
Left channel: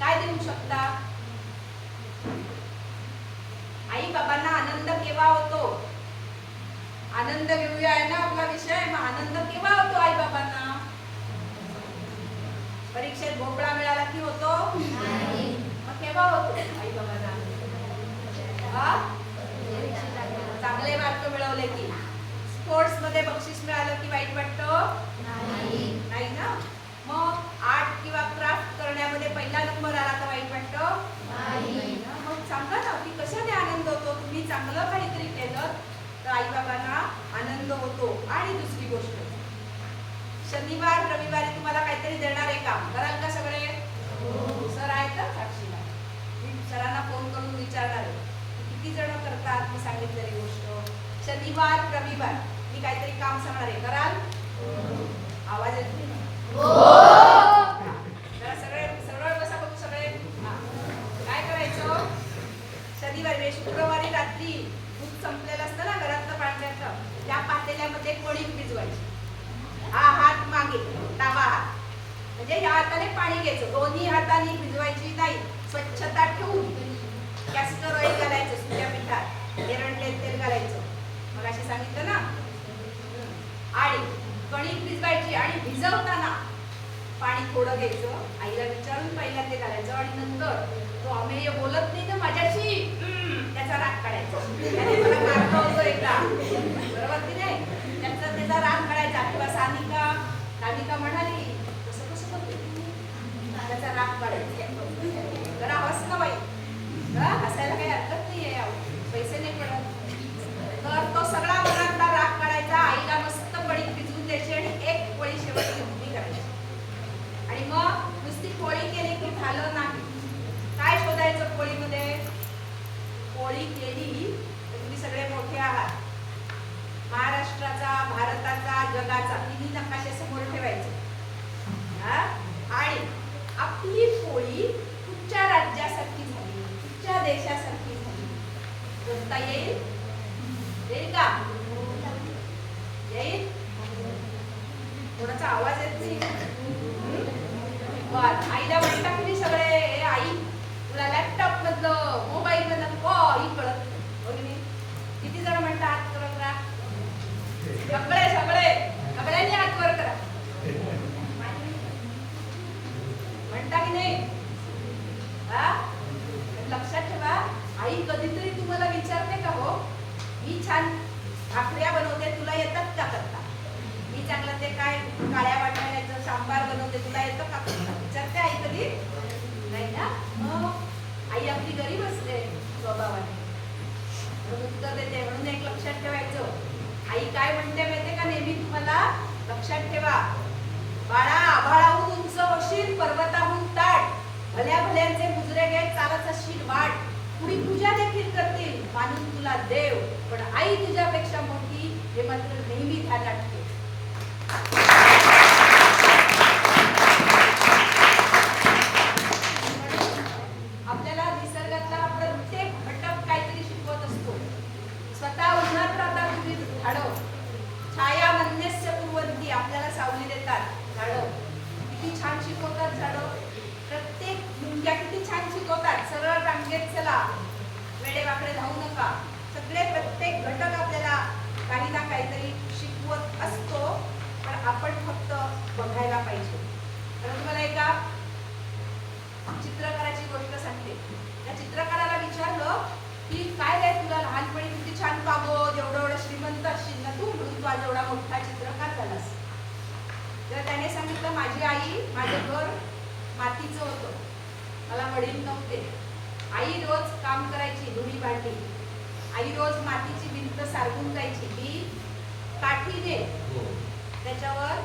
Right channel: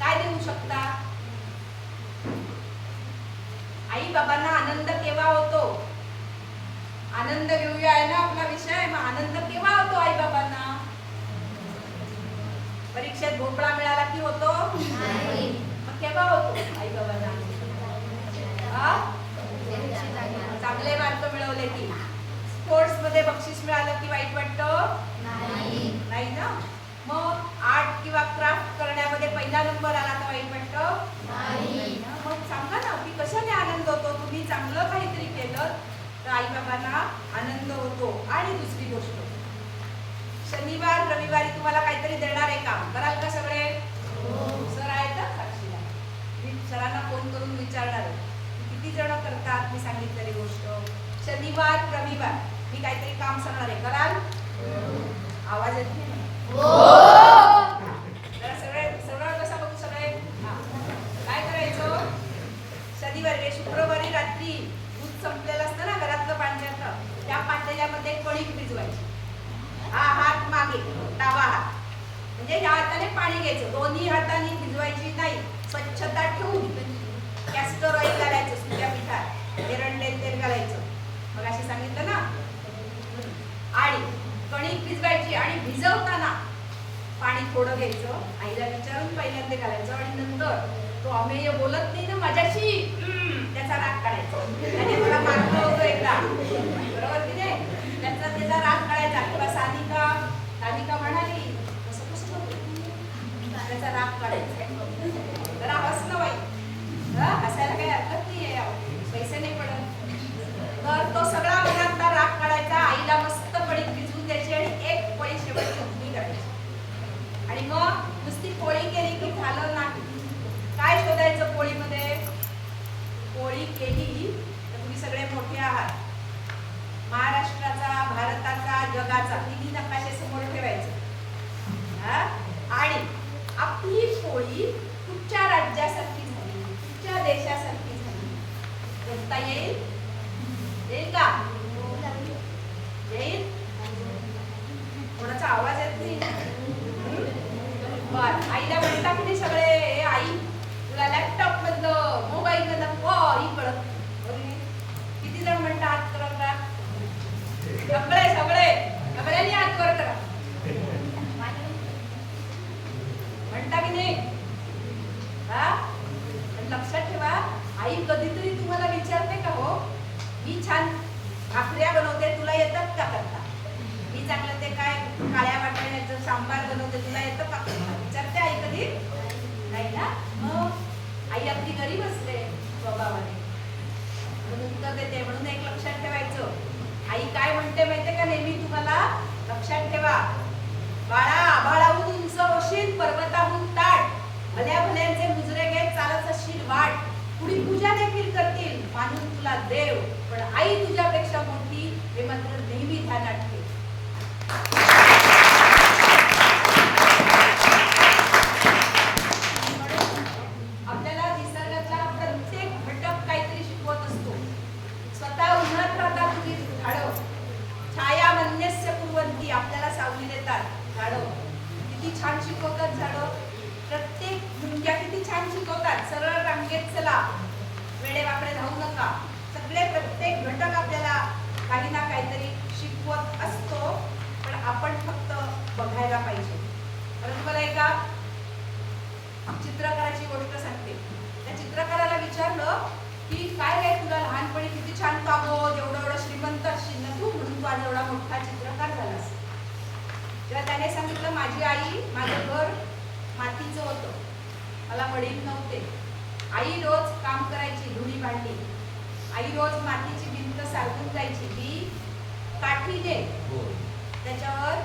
काय देऊ शकता? आई बाबांना आनंद केव्हा होतो? आनंद घेऊया आहे ना आपला विषय. मग आनंद केव्हा होतो आई बाबांना? परीक्षेत भोपळा मिळाला की होतो? मग केव्हा होतो आई बाबांना? चांगले मार्क मिळवले की? स्पोर्ट्स मध्ये बक्षीस मिळालं की वाईट वाटतं? नाही ना. मग आर्ट किंवा क्राफ्ट करण्यामध्ये पहिला नंबर आला तर वाईट वाटतं? नाही ना. मग सांगा ना की कशाने आनंद होतो? तुम्ही चांगलं काहीतरी केलं तर आई बाबांना आनंद होतो. आणि दुसरी गोष्ट, शनिवार रविवारी तुम्हाला काहीतरी देणार आहे काम, कराल का सगळे? सर आहेत का साक्षी? मी सरांना फोन करून विचारणार आहे किती जण करतात मी सांगितलेली गोष्ट. शनिवार रविवार मी काहीतरी काम सांगणार आहे, कराल? आवाज येत नाही मला. जरा सरळ बसा बघू सगळे. काय करायचं? शनिवारी शुक्रवारी रात्री दूध संपलेलं असतं ना घरातलं पाण्याचं, त्या पातेल्यामध्ये कणिक भिजवायची. हा हात मागे, डावा हात, म्हणजे ह्या हाताने पाणी घ्यायचं, दोन्ही हाताने भिजवायची नाही. स्वच्छता ठेवून कॅस्टर ऑइल घालायचं, सुक्या पिठात एरंडले तेल घालायचं. मग असे सांगितलं ना. आणि कणिक भिजवायची आणि भिजवताना पाणी थोडं घ्यायचं, आईला विचारून पहिल्यांदा ते घालायचं आणि नंतर तो अमेय बोलत नाही ना माझ्याशी, त्याचा राग काढायचा. त्याने मला मारलं होतं एकदा, बरोबर की नाही? त्याचा राग काढायचा. किंवा सानिका म्हणाली कसं कसं त्याचा राग काढायचा. जरा हसलं बाई, हसायला काही हरकत नाही आहे, पैसे नाही पडत. देशासारखी झाली. बोलता येईल? येईल का? येईल? कोणाचा आवाज येत नाही? बर, आईला म्हणता की नाही सगळे, "ए आई, तुला लॅपटॉप मधलं, मोबाईल मधलं काही कळत नाही." हो की नाही? किती जण म्हणता हात वर करा? सगळे सगळे सगळ्यांनी हात वर करा. म्हणता की नाही? हा? पण लक्षात ठेवा, आई कधीतरी तुम्हाला विचारते का, हो मी छान भाकऱ्या बनवते, तुला येतात का करता? मी चांगलं ते काय काळ्या वाटाण्याचं सांबार बनवते, तुला येतं का करता? विचारते आई कधी? नाही ना. मग आई आपली गरीब असते स्वभावाने, म्हणून उत्तर देते. म्हणून एक लक्षात ठेवायचं, आई काय म्हणते माहितीये का नेहमी तुम्हाला? लक्षात ठेवा, बाळा आभाळाहून उंच होशील, पर्वताहून ताट, भल्या भल्यांचे मुजरे घे, चालत असशील वाट, कुणी पूजा देखील करतील, मानून तुला देव, पण आई तुझ्यापेक्षा मोठी, हे मात्र नेहमी ध्यानात ठेव. आपल्याला निसर्गातला प्रत्येक घटक काहीतरी शिकवत असतो. स्वतः उन्हात राहतात तुम्ही झाडं, छाया मन्यस्य कुर्वन्ति, आपल्याला सावली देतात झाडं. किती छान शिकवतात झाडं. प्रत्येक झुणक्या किती छान शिकवतात. सरळ रांगेत चला, वेडेवाकडे धावू नका. सगळे प्रत्येक घटक आपल्याला काही ना काहीतरी शिकवत असतो, पण आपण फक्त बघायला पाहिजे. तर तुम्हाला एका चित्रकाराची गोष्ट सांगते. त्या चित्रकाराला विचारलं की काय रे, तुला लहानपणी किती छान कागद, एवढं एवढं श्रीमंत असशील ना तू, म्हणून तू आज एवढा मोठा चित्रकार झालास. तेव्हा त्याने सांगितलं, माझी आई, माझं घर मातीचं होतं, मला वडील नव्हते. आई रोज काम करायची, धुणी भांडी. आई रोज मातीची भिंत सारवून जायची. मी काठीने त्याच्यावर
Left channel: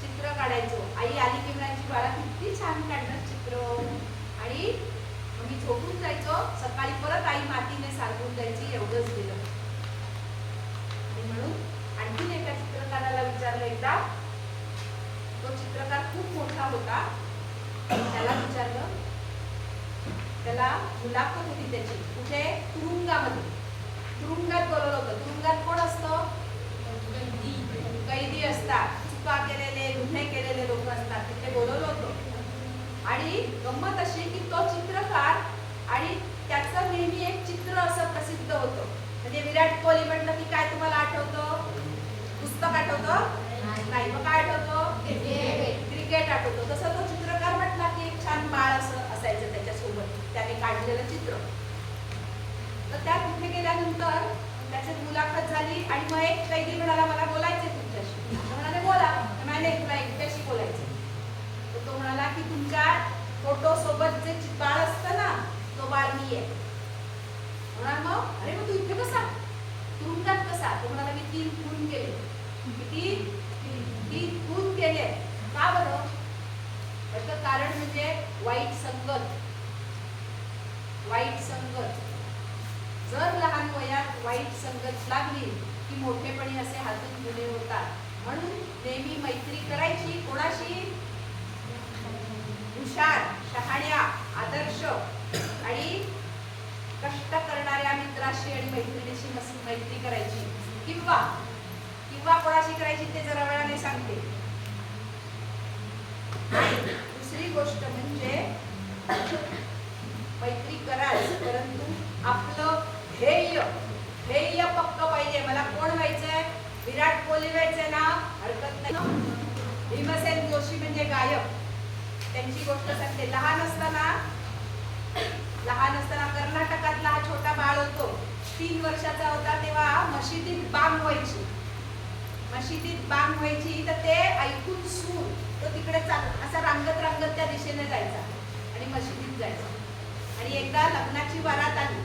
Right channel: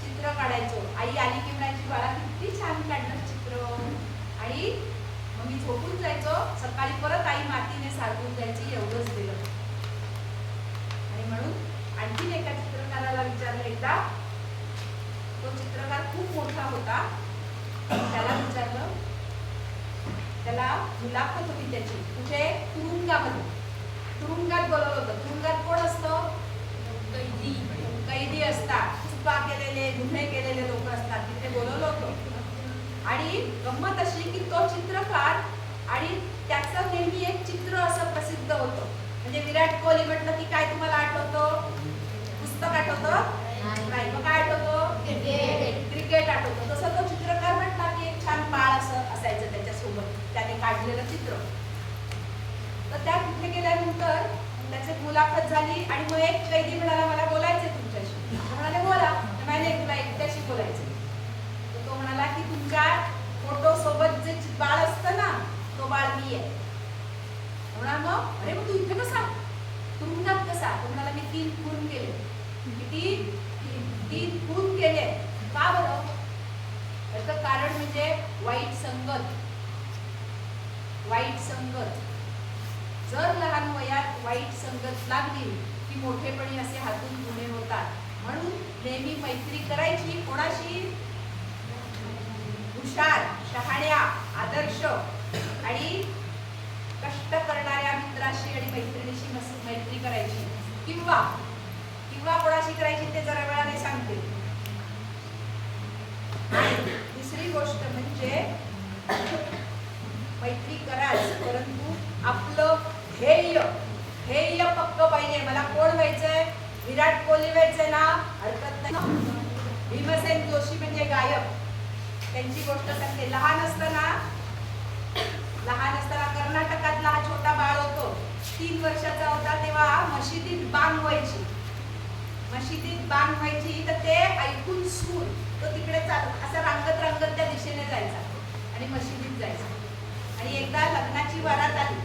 चित्र काढायचो. आई आली की म्हणायची, बाळा किती छान काढणार चित्र, आणि मग मी झोपून जायचो. सकाळी परत आई मातीने सारवून जायची. एवढंच दिलं. आणि म्हणून आणखीन एका चित्रकाराला विचारलं एकदा. तो चित्रकार खूप मोठा होता. त्याला विचारलं, त्याला मुलाखत होती त्याची. कुठे? तुरुंगामध्ये. तुरुंगात बोलवलं होतं. तुरुंगात कोण असतं? कैदी असतात, चुका केलेले, गुन्हे केलेले लोक असतात. तिथे बोलवलं होतं. आणि गंमत अशी की तो चित्रकार, आणि त्याचं नेहमी एक चित्र असं प्रसिद्ध होतं. म्हणजे विराट कोहली म्हटलं की काय तुम्हाला आठवतं? पुस्तक आठवतं? नाही. मग काय आठवतं? क्रिकेट आठवतं. तसं तो चित्रकार म्हटला की एक छान बाळ असं असायचं त्याच्यासोबत, त्याने काढलेलं चित्र. तर त्या तिथे गेल्यानंतर त्याची मुलाखत झाली, आणि मग एक कैदी म्हणाला, मला बोलायचंय तुमच्याशी. तो म्हणाले, बोला. नाही, तुला एकट्याशी बोलायचंय. तर तो म्हणाला की तुमच्या फोटो सोबत जे बाळ असतं ना, तो बाळ मी आहे. म्हणाला, मग अरे मग तू इथे कसा, तुरुंगात कसा? तो म्हणाला, मी 3 खून केले. किती? 3 खून केले. का बरं? त्याचं कारण म्हणजे वाईट संगत. वाईट संगत. जर लहान वयात वाईट संगत लागली की मोठेपणी असे हातून गुन्हे होतात. म्हणून नेहमी मैत्री करायची. कोणाशी? हुशार, शहाण्या, आदर्श आणि कष्ट करणाऱ्या मित्राशी आणि मैत्रिणीशी मैत्री करायची. किंवा कोणाशी करायची ते जरा वेळाने सांगते. आणि दुसरी गोष्ट म्हणजे मैत्री कराल, परंतु आपलं ध्येय पक्क पाहिजे. मला कोण व्हायचंय? विराट कोहली व्हायचंय ना, हरकत नाही. भीमसेन जोशी म्हणजे गायक, त्यांची गोष्ट सांगते. लहान असताना कर्नाटकातला हा छोटा बाळ होतो. 3 वर्षाचा होता तेव्हा मशिदीत बांग व्हायची. तर ते ऐकून सूर तो तिकडे चालत असा रांगत त्या दिशेने जायचा आणि मशिदीत जायचा. आणि एकदा लग्नाची वरात आली.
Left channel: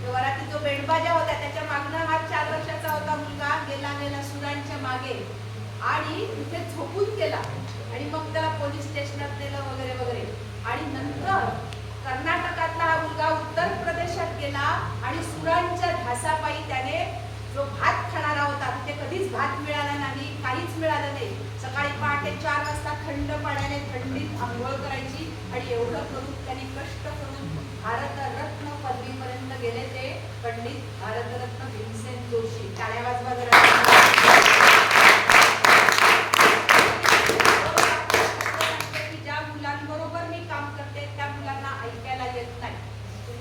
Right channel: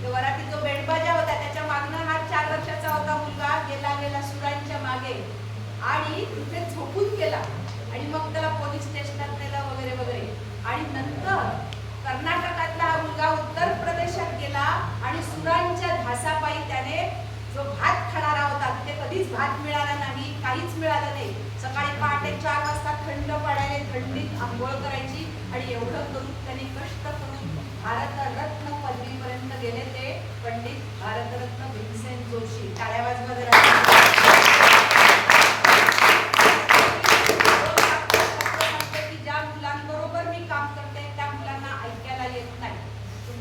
त्या वरातीत जो बेंडबाजा होता त्याच्या मागनं हा 4 वर्षाचा होता मुलगा गेला सुरांच्या मागे, आणि तिथे झोपून गेला. आणि मग त्याला पोलीस स्टेशनात नेलं वगैरे. आणि नंतर कर्नाटकातला हा मुलगा उत्तर प्रदेशात गेला, आणि सुरांच्या धासापायी त्याने जो भात खाणारा होता, तिथे कधीच भात मिळाला नाही, काहीच मिळालं नाही. सकाळी पहाटे 4 वाजता थंड पाण्याने थंडीत आंघोळ करायची. आणि एवढं करून त्यांनी कष्ट करून भारतरत्न पदवी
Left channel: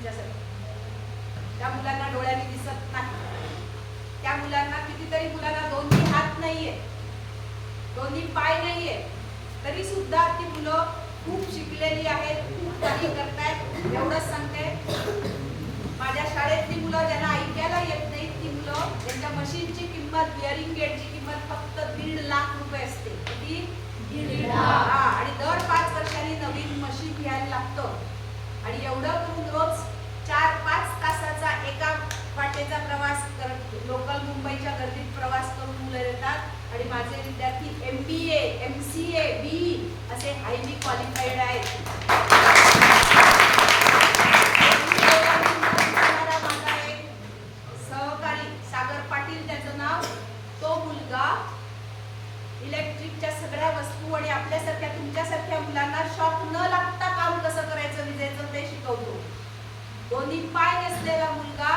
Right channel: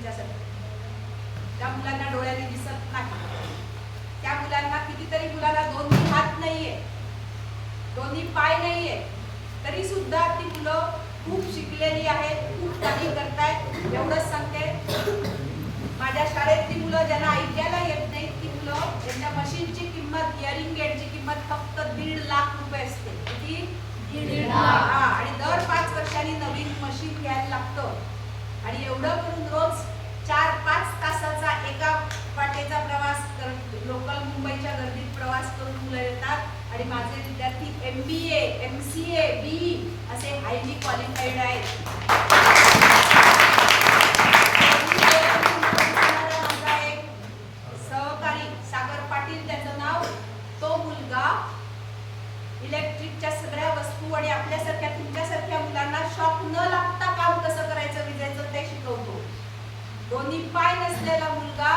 तुमच्यासाठी. त्या मुलांना डोळ्याने दिसत नाही, त्या मुलांना कितीतरी मुलांना दोन्ही हात नाहीये, दोन्ही पाय नाहीये, तरी सुद्धा ती मुलं खूप शिकलेली आहेत, खूप काही करतायत. एवढंच सांगते, माझ्या शाळेतली मुलं ज्यांना ऐकायला येत नाही ती मुलं, त्यांच्या मशीनची किंमत, हिअरिंग एडची किंमत फक्त 1.5 लाख रुपये असते. किती? 1.5 लाख. आणि दर 5 वर्षांनी नवीन मशीन घ्यायला लागतं. आणि एवढं करून रोज 4-5 तासाचा एका वाटेचा प्रवास करत लोकल मुंबईच्या गर्दीत प्रवास करून मुलं येतात. आणि माझे विद्यार्थी MBA, MCA, BE असे हायली क्वालिफाईड आहेत. माझा एक सहकारी सागर पाटील त्याचं नाव, तो मुलगा इलेक्ट्रिकच्या सगळ्या वस्तू आणि आपल्यासारख्या तुमच्यासारख्या मुलांना शॉक न लागता काम कसं करायचं विजेचं ते शिकवतो. दोन्ही पाय नसलेला मुलगा,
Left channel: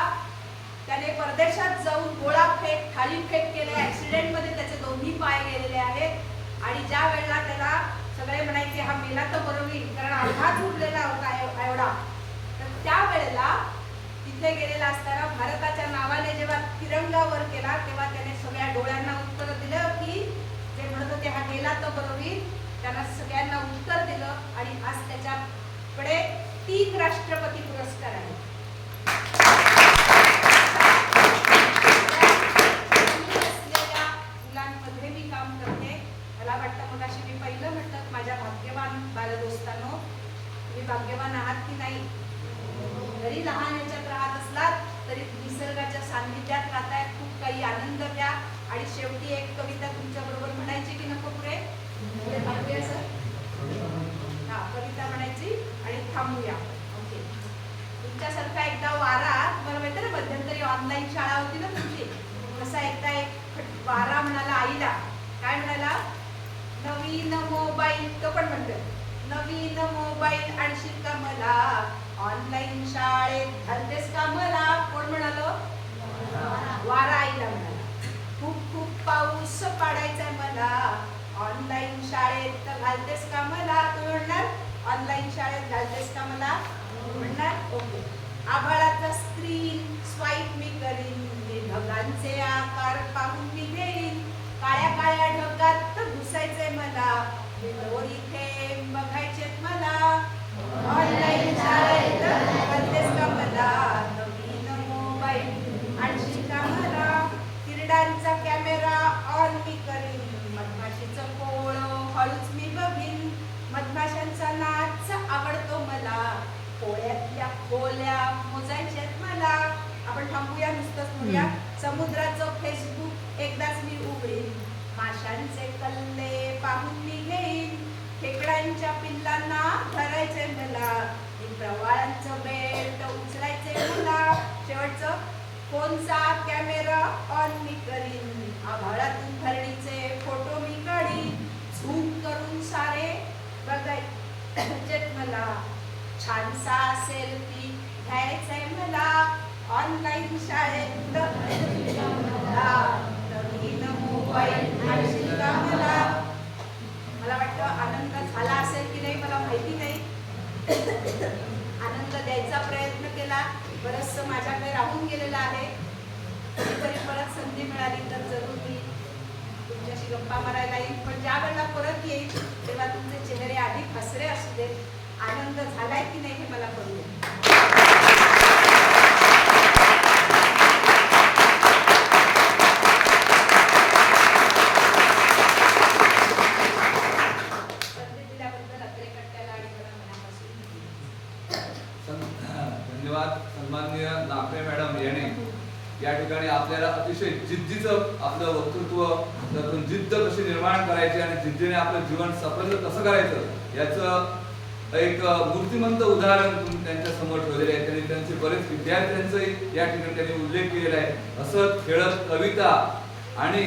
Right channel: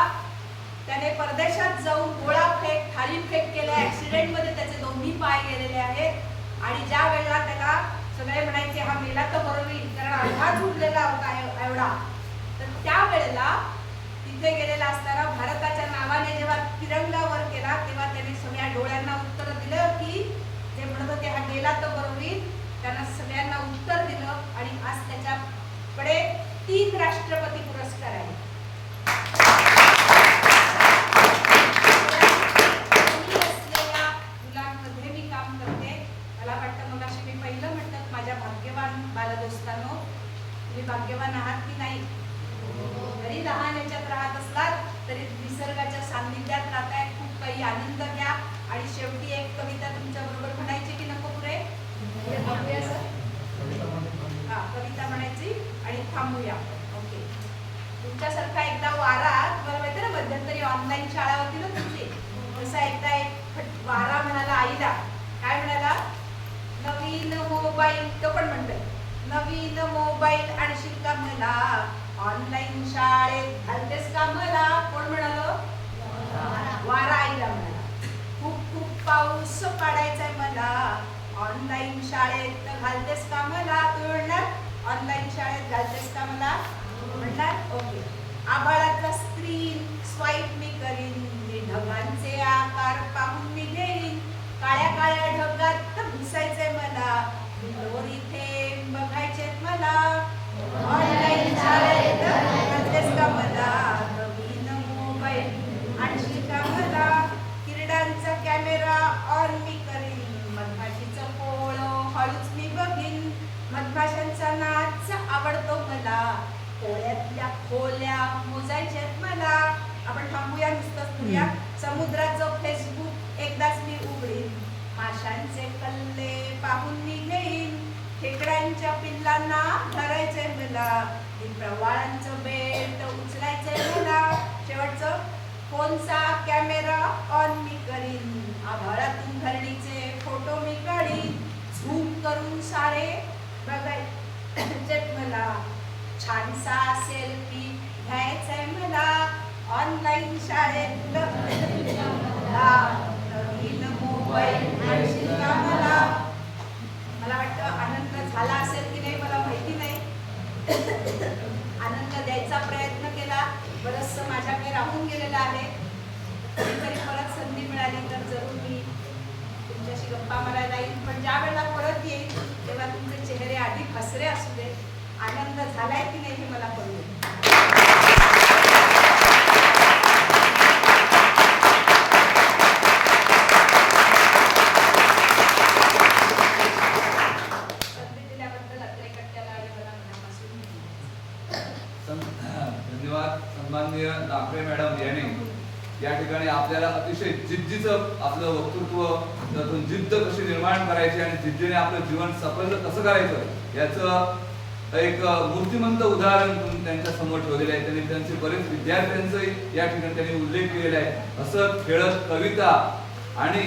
त्याने परदेशात जाऊन गोळा फेक, थाली फेक केले. ऍक्सिडेंट मध्ये त्याचे दोन्ही पाय गेलेले आहेत. आणि ज्या वेळेला त्याला सगळे म्हणायचे हा मेला तर बरं होईल, कारण अर्धा झुडलेला होता एवढा, तर त्या वेळेला तिथे गेलेला असताना भारताच्या नावाने जेव्हा तिरंगा वर केला तेव्हा त्याने सगळ्या डोळ्यांना उत्तर दिलं की जे म्हणत होते हा मेला तर बरं होईल, त्यांना सगळ्यांना उत्तर दिलं. आणि आज त्याच्याकडे 3 राष्ट्रपती पुरस्कार आहेत. असलेल्या मुलांमध्ये मी काम करते. मला वाटतं मग अशी मी पहिलं म्हटलं माझ्या भाग्यवान बालदोस्तांनो, तुम्ही भाग्यवान आहात की नाही? जरी लहान याच्यात राहत असलात तरी निसर्गाच्या सान्निध्यात राहताय, खूप काही आनंद घ्या. आणि शेवटी एक कविता तुमच्या बरोबर म्हणायची की नको? पुढे थांबूया सर? हा, कविता म्हणायची आणि थांबूया. ओके. तुमच्यासारखा एकदा वारा, तुम्हाला माहिती ना मध्यंतरी ऑनलाईन शाळा होती ना तुमची, तसा एकदा एक वारा म्हणाला आईला. काय म्हणाला? नवीन मोबाईल, तो पण म्हणतोय नवीन मोबाईल आणशील का मला, ऑनलाईन शाळेत घालतेस का मला? कोण म्हणालो? वारा आईला म्हणाला. खूप खूप पाऊस पाडायचाय मला, ऑनलाईन शाळेत घालतेस का मला? तू म्हणणार ऑनलाईन शाळेत घालतेस का मला म्हणणार? ओके. आभाळाचा स्क्रीन स्वाईप मी करीन, मी ढगांचे आकार पाहून मी घेईन, काळ्या काळ्या ढगात घुसायचंय मला, दोरी थेंब बघायचेत मला, ऑनलाईन शाळेत घालतेस का मला, नवीन मोबाईल आणशील का मला, किरडांचा कॅमेरा ऑन मी करीन, मधमाशीचं पोळं हळूच मी बघीन, मधमाशांचा नाच आवडतो मला, पोळ्यातल्या खोल्या मोजायच्यात मला. आपण थांबूया, नुसतंच म्हणूया. समुद्राचं फेसबुक एकदाच मी उघडीन, माशांचे कल्ले पाहून मी घेईन, खेकड्यांच्या पिल्लांना धरायचंय मला, प्रवाळांचं बेल्ट उचलायचंय मला. शेवटचं, फोनचा कॅमेरा ऑन मी करीन, आभाळातून धरणीचे फोटो मी काढीन, झूम करून सारे बघायचेत मला, छानसा सेल्फी घ्यायचाय मला, ऑनलाईन शाळेत नवीन मोबाईल आणशील का मला. मला वाटतं आनंद झाला असेल की नाही मला माहिती नाही. आनंद द्यायचा प्रयत्न केला, बरंचसं माझ्याकडे राहून गेलेलं आहे. कधीतरी परत संधी मिळाली तर जरूर मी तुमच्याशी गप्पा मारायला येईल. पण ज्या वेळेला परत येईल तेव्हा तुमचे चेहरे अधिक हसरे असू दे. आनंद झालाय की नाही हे मला कळू दे. धन्यवाद. सन्माननीय नापरे मॅडम यांनी या ठिकाणी आपल्याला अतिशय जिद्दीचं आपलं वक्तृत्व, त्यातून जिद्द कशी निर्माण करायची आणि जिद्दीने आपलं जीवन सफल कसं करायचं याचं एक मूर्तिमंत उदाहरण त्यांच्या समोर ठेवलेलं आहे. त्यांनी त्यांचे बरेच विद्यार्थ्यांचे या ठिकाणी त्यांनी उल्लेख केलेला आहे. हसत खेळत कविता आणि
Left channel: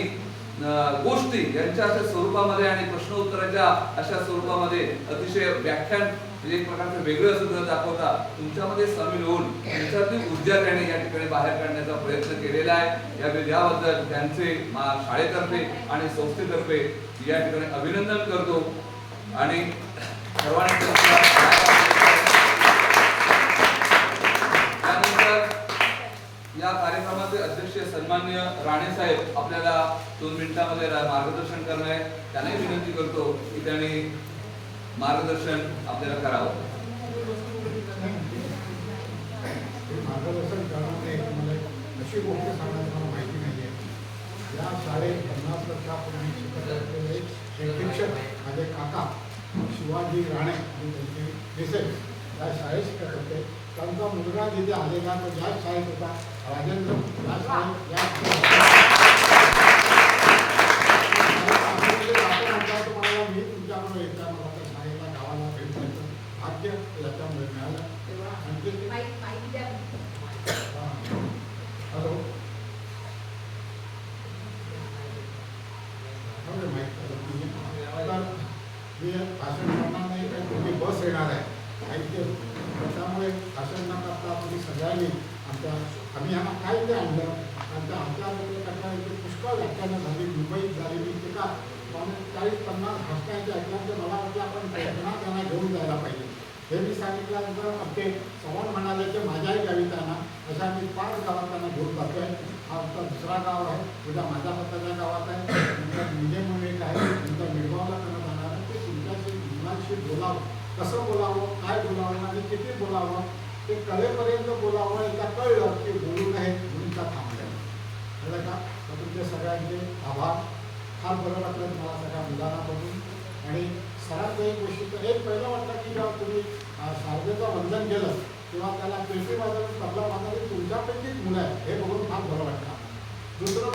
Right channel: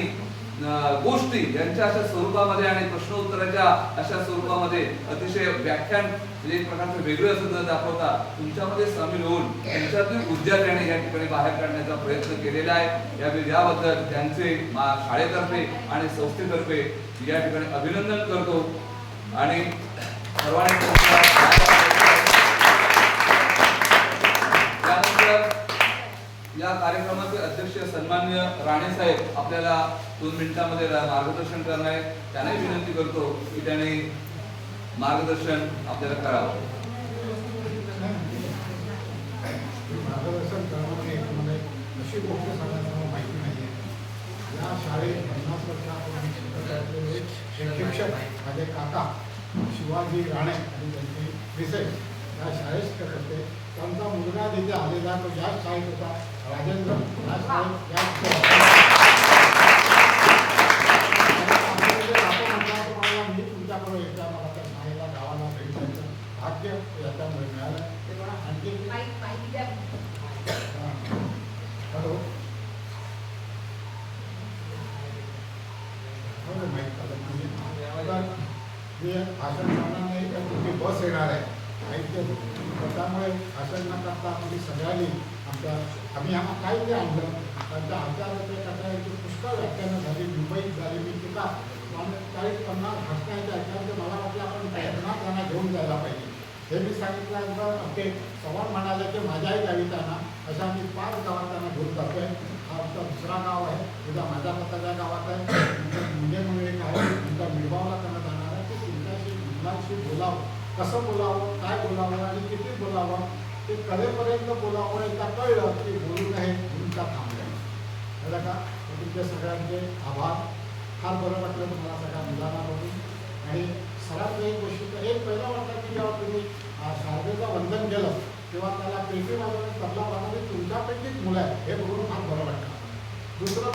गोष्टी यांच्या अशा स्वरूपामध्ये आणि प्रश्न उत्तराच्या अशा स्वरूपामध्ये अतिशय व्याख्यान म्हणजे एक प्रकारचं वेगळं सुद्धा दाखवता तुमच्यामध्ये सामील होऊन त्यांच्यातली ऊर्जा त्याने या ठिकाणी बाहेर काढण्याचा प्रयत्न केलेला आहे. याबद्दल त्यांचे शाळेतर्फे आणि संस्थेतर्फे या ठिकाणी अभिनंदन करतो. आणि सर्वांनी या कार्यक्रमाचे अध्यक्ष सन्माननीय राणे साहेब आपल्याला 2 मिनिटांमध्ये मार्गदर्शन करणार आहे. त्यांनाही विनंती करतो की त्यांनी मार्गदर्शन आपल्याला करावं. मार्गदर्शन करण्यामध्ये मला एक अशी गोष्ट सांगायची मला माहिती नाही आहे. या शाळेत 50 वर्षापूर्वी शिकत असलेले एक शिक्षक माझे काका शिवाजी राणे आणि त्यांचे मिसेस या शाळेत शिकत होते. त्यांचा मुलगा जिथे आलेला तो याच शाळेत होता, राजेंद्र. या मी तुमच्याकडे येत्या मला त्या शाळेला गावाला भेट द्यायचं भाग्य याच्यामुळे मिळालं. तेव्हा आणखी हॅलो माहीत झालं म्हणजे जे भाषण करणार नाही तर तुमची बस येणार आहे ऐकते. त्यामुळे भाषण न करता तुम्ही सगळ्यांनी आम्ही ह्यांना काय ते आणलं. आमच्या आचार्याच्या पुष्कळ व्याख्यानं झाली, मुंबईत झालेली टीका 40-50 भाषणांच्या ऐकल्यानंतर मला वाटलं आपण प्रयत्नात त्यांना घेऊन जायला पाहिजे. हे मी सांगितल्यानंतर आमचे चव्हाण म्हणाले की माझ्याही गावी त्यांना अशा मी 5 गावात त्यांना घेऊन जातो आहे. हा आमचा दुसरा गाव आहे, तुझ्या माझ्या स्वतःच्या गावात आहे. तुमच्या मुले म्हणून एक आहे, तुमच्या मिळवावला त्यांना जाणार आहे. ते तुमच्याशी मुलांशी बोलावं, कसं बोलावं, काय बोलावं आणि किती बोलावं ते कलेपर्यंत बोलावं. एकदा कळलं की बोलू नये म्हणून त्या थांबल्या. कळलं का? तर तुमचे सगळ्यांचे आभार. फार बरं वाटलं तुम्हाला सगळ्या मुलांना बघून. आणि सर्वात एक गोष्टीचं एक पहिलं वाटलं की जेव्हा तुम्ही शारदेचं वंदन केलं तेव्हा त्याला पेटी वाजवून तबला वाजवली तुमच्यापैकीच मुलं आहे हे बघून फार बरं वाटतं. दुसरं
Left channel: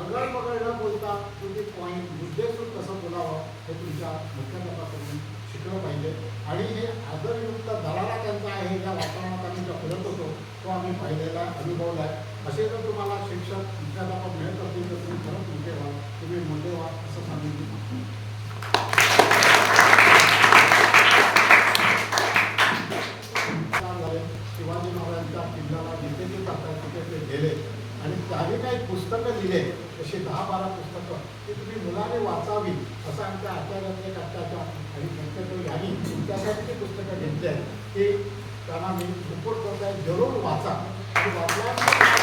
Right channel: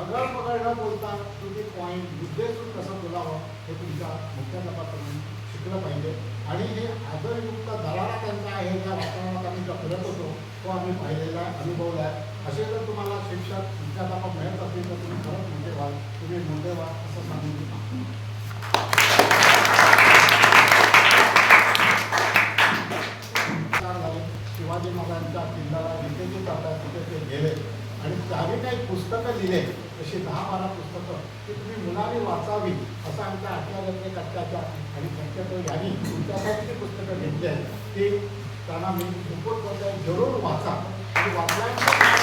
अगळ पगळ न बोलता तुम्ही पॉईंट मुद्देसूद कसं बोलावं हे तुमच्या मुख्याध्यापकांनी शिकलं पाहिजे. आणि हे आदरयुक्त दरारा त्यांचा आहे ज्या वातावरणात आम्ही जो फिरत होतो तो आम्ही पाहिलेला अनुभवला आहे. असे जर तुम्हाला शिक्षक मुख्याध्यापक मिळत असतील तर तुम्ही खरंच मोठे व्हाल, तुम्ही मोठे व्हा असं सांगून झाले. शिवाजी महाराजांच्या किल्ल्याला जिथे जे जातात तिथे ते गेले आणि त्याने काही पुस्तकं लिहिले अशी 10-12 पुस्तकं की तुम्ही मुलांनी वाचावी असं आमच्या आचार्याचे कट्ट्याच्या आणि त्यांच्या यांनी तुमच्यासाठी पुस्तकं घेतली आहेत ते त्यांना मी सपोर्ट करत आहे. जरूर वाचा आणि वाचल्यानंतर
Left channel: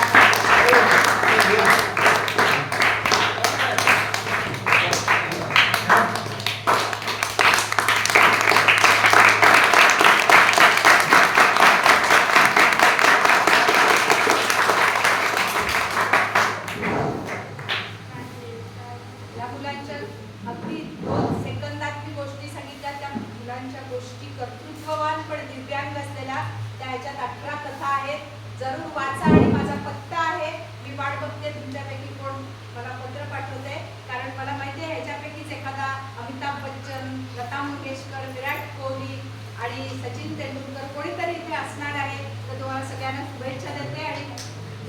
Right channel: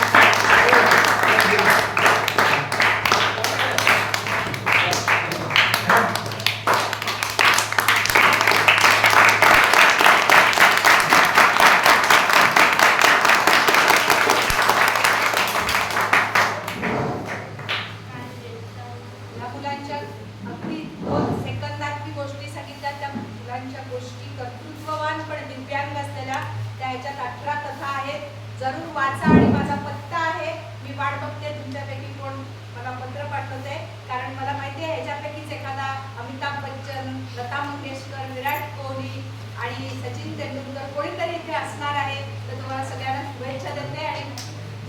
अगदी 2 सेकंदात गोष्टी सांगितल्या. त्या मुलांच्या गोष्टी कर्तृत्ववान पण दिव्यांग असलेल्या त्या ह्याच्यात 18 कथा आहेत. जरूर वाचा. आणि माझा पत्ता आहे, मी वाट बघते तुमच्यापैकी कोण मला पत्र पाठवते. कारण मला माहिती आहे ह्याच्यापैकीच एखादा अमिताभ बच्चन, लता मंगेशकर, विराट कोहली आणि सचिन तेंडुलकर कोणीतरी इथे असणार आहे. तर तुम्हाला सगळ्यांना शुभेच्छा देते. आणि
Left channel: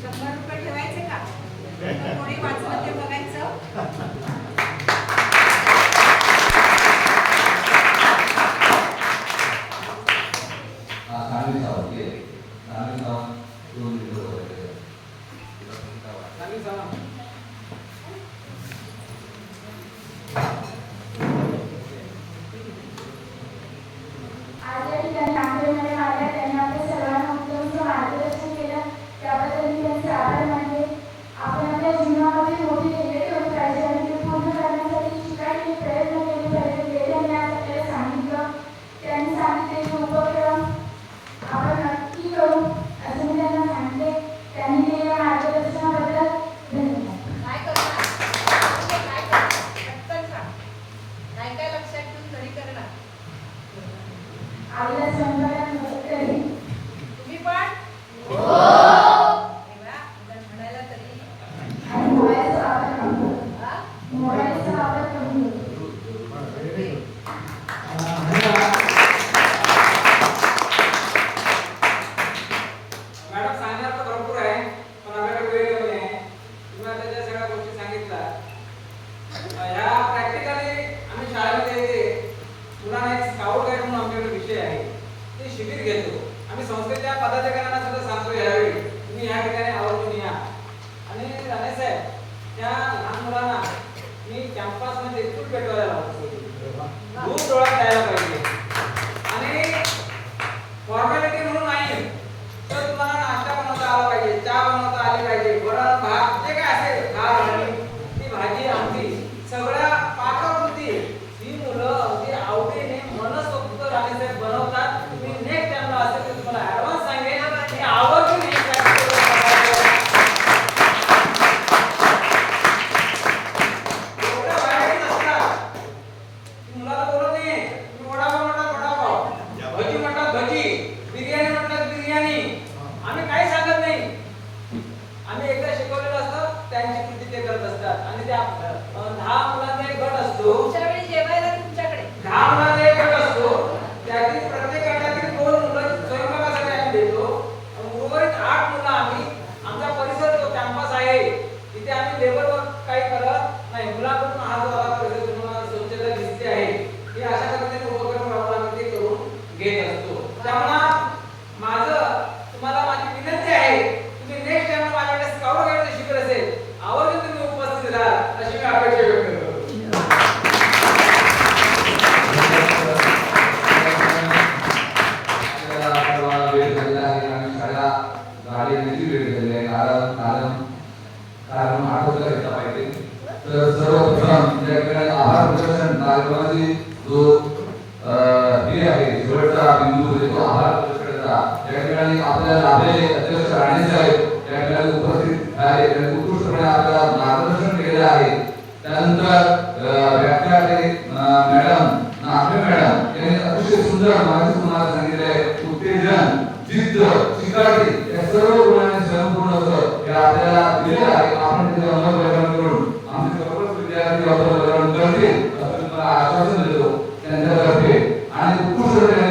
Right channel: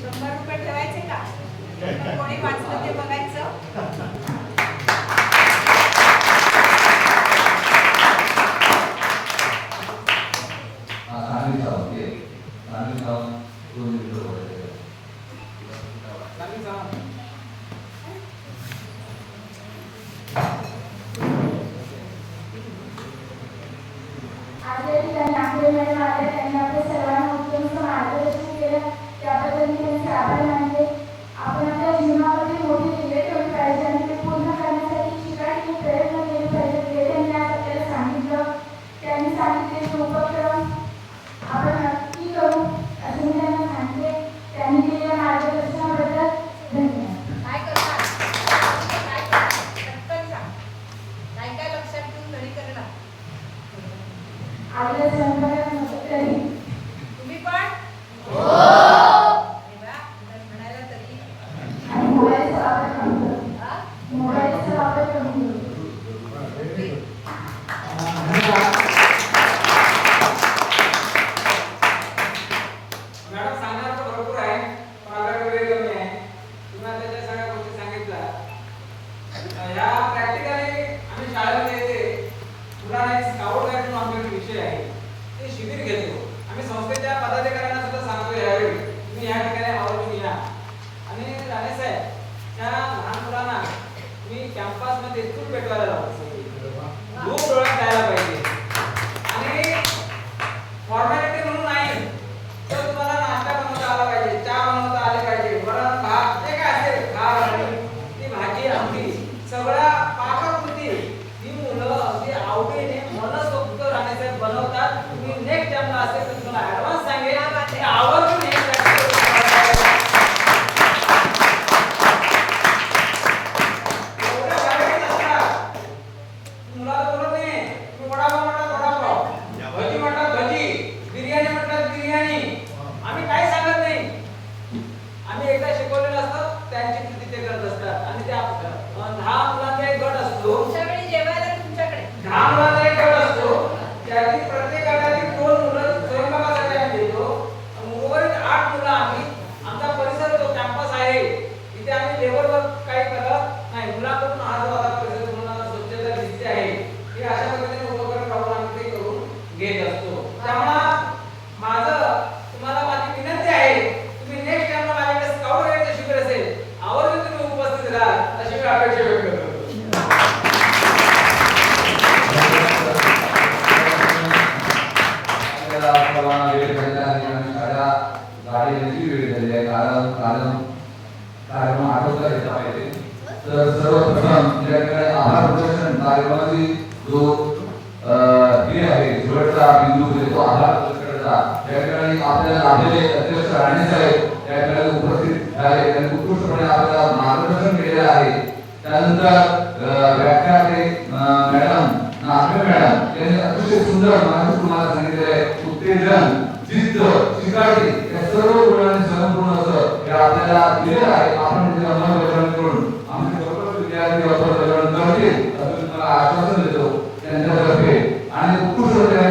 100 रुपये ठेवायचे का? कोणी वाचलं ते बघायचं. जो हे आहे शेवटचा बिंदू म्हणजे तो आधार पुरस्काराचा त्या ठिकाणी आपल्याला लाभलेले अध्यक्ष राणे साहेब त्या ठिकाणी उपस्थित आहे. त्यांनी उत्कृष्टपणे आपल्याला मार्गदर्शन केलेलं आहे. त्यानंतर व्याख्याते मॅडम नागरे मॅडम यांनी अतिशय सुंदर माहिती तुम्हाला सांगितले. उत्तेजन, जिद्द, शिकारी या सर्व गुणांनी संपूर्ण असं हे आपल्याला दिलेलं आहे. आपण त्याची अंमलबजावणी करून आमचे सर्वच विद्यार्थी अंमलबजावणी करतील असं तुम्हाला आश्वासन देतो त्यांच्यातर्फे. आणि उत्कृष्टपणे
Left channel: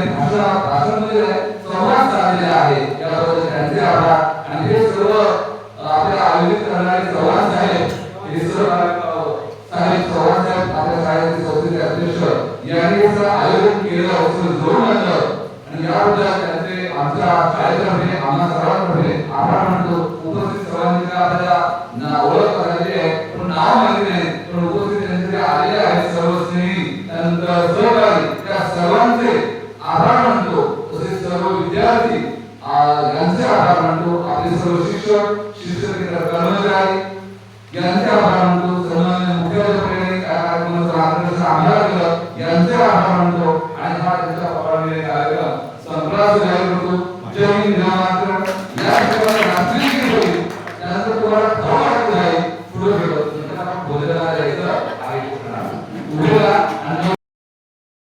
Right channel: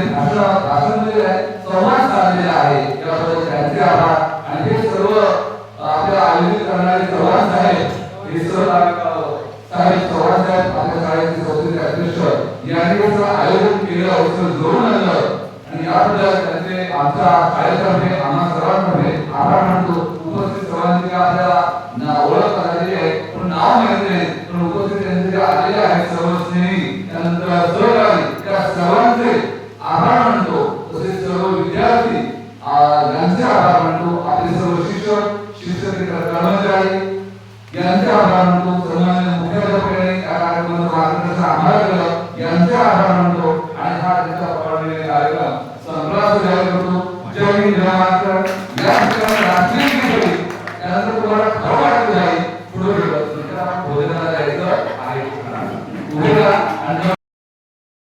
भाषण मध्ये संवाद साधलेले आहे याबद्दल त्यांचे आभार. आणि हे सर्व आपल्या आयोजित करणारे चव्हाण साहेब हे सर्व चव्हाण साहेब आपल्या शाळेचे संस्थेचे अध्यक्ष यांनी हे आयोजन केलं असं जोडून आणलं आणि याबद्दल त्यांचे आमच्या शाळेतर्फे आम्हा सर्वांतर्फे आभार मानतो. उपस्थित सर्वांची आपल्याला ओळख झालेली आहे पण नाव माहिती नाही पण उपस्थित त्यांचे आलेले आहेत सर्व स्नेही त्यानंतर सहकारी त्या सर्वांचे आभार मानतो. तसेच सर्व विद्यार्थी यांचे आभार मानतो. आपले सर्व शिक्षक शिक्षकेतर कर्मचारी यांचे आभार मानतो. सन्माननीय मुख्याध्यापकांनी या कार्यक्रमाचं मार्गदर्शन आम्हाला केलं यांचे आभार मानतो.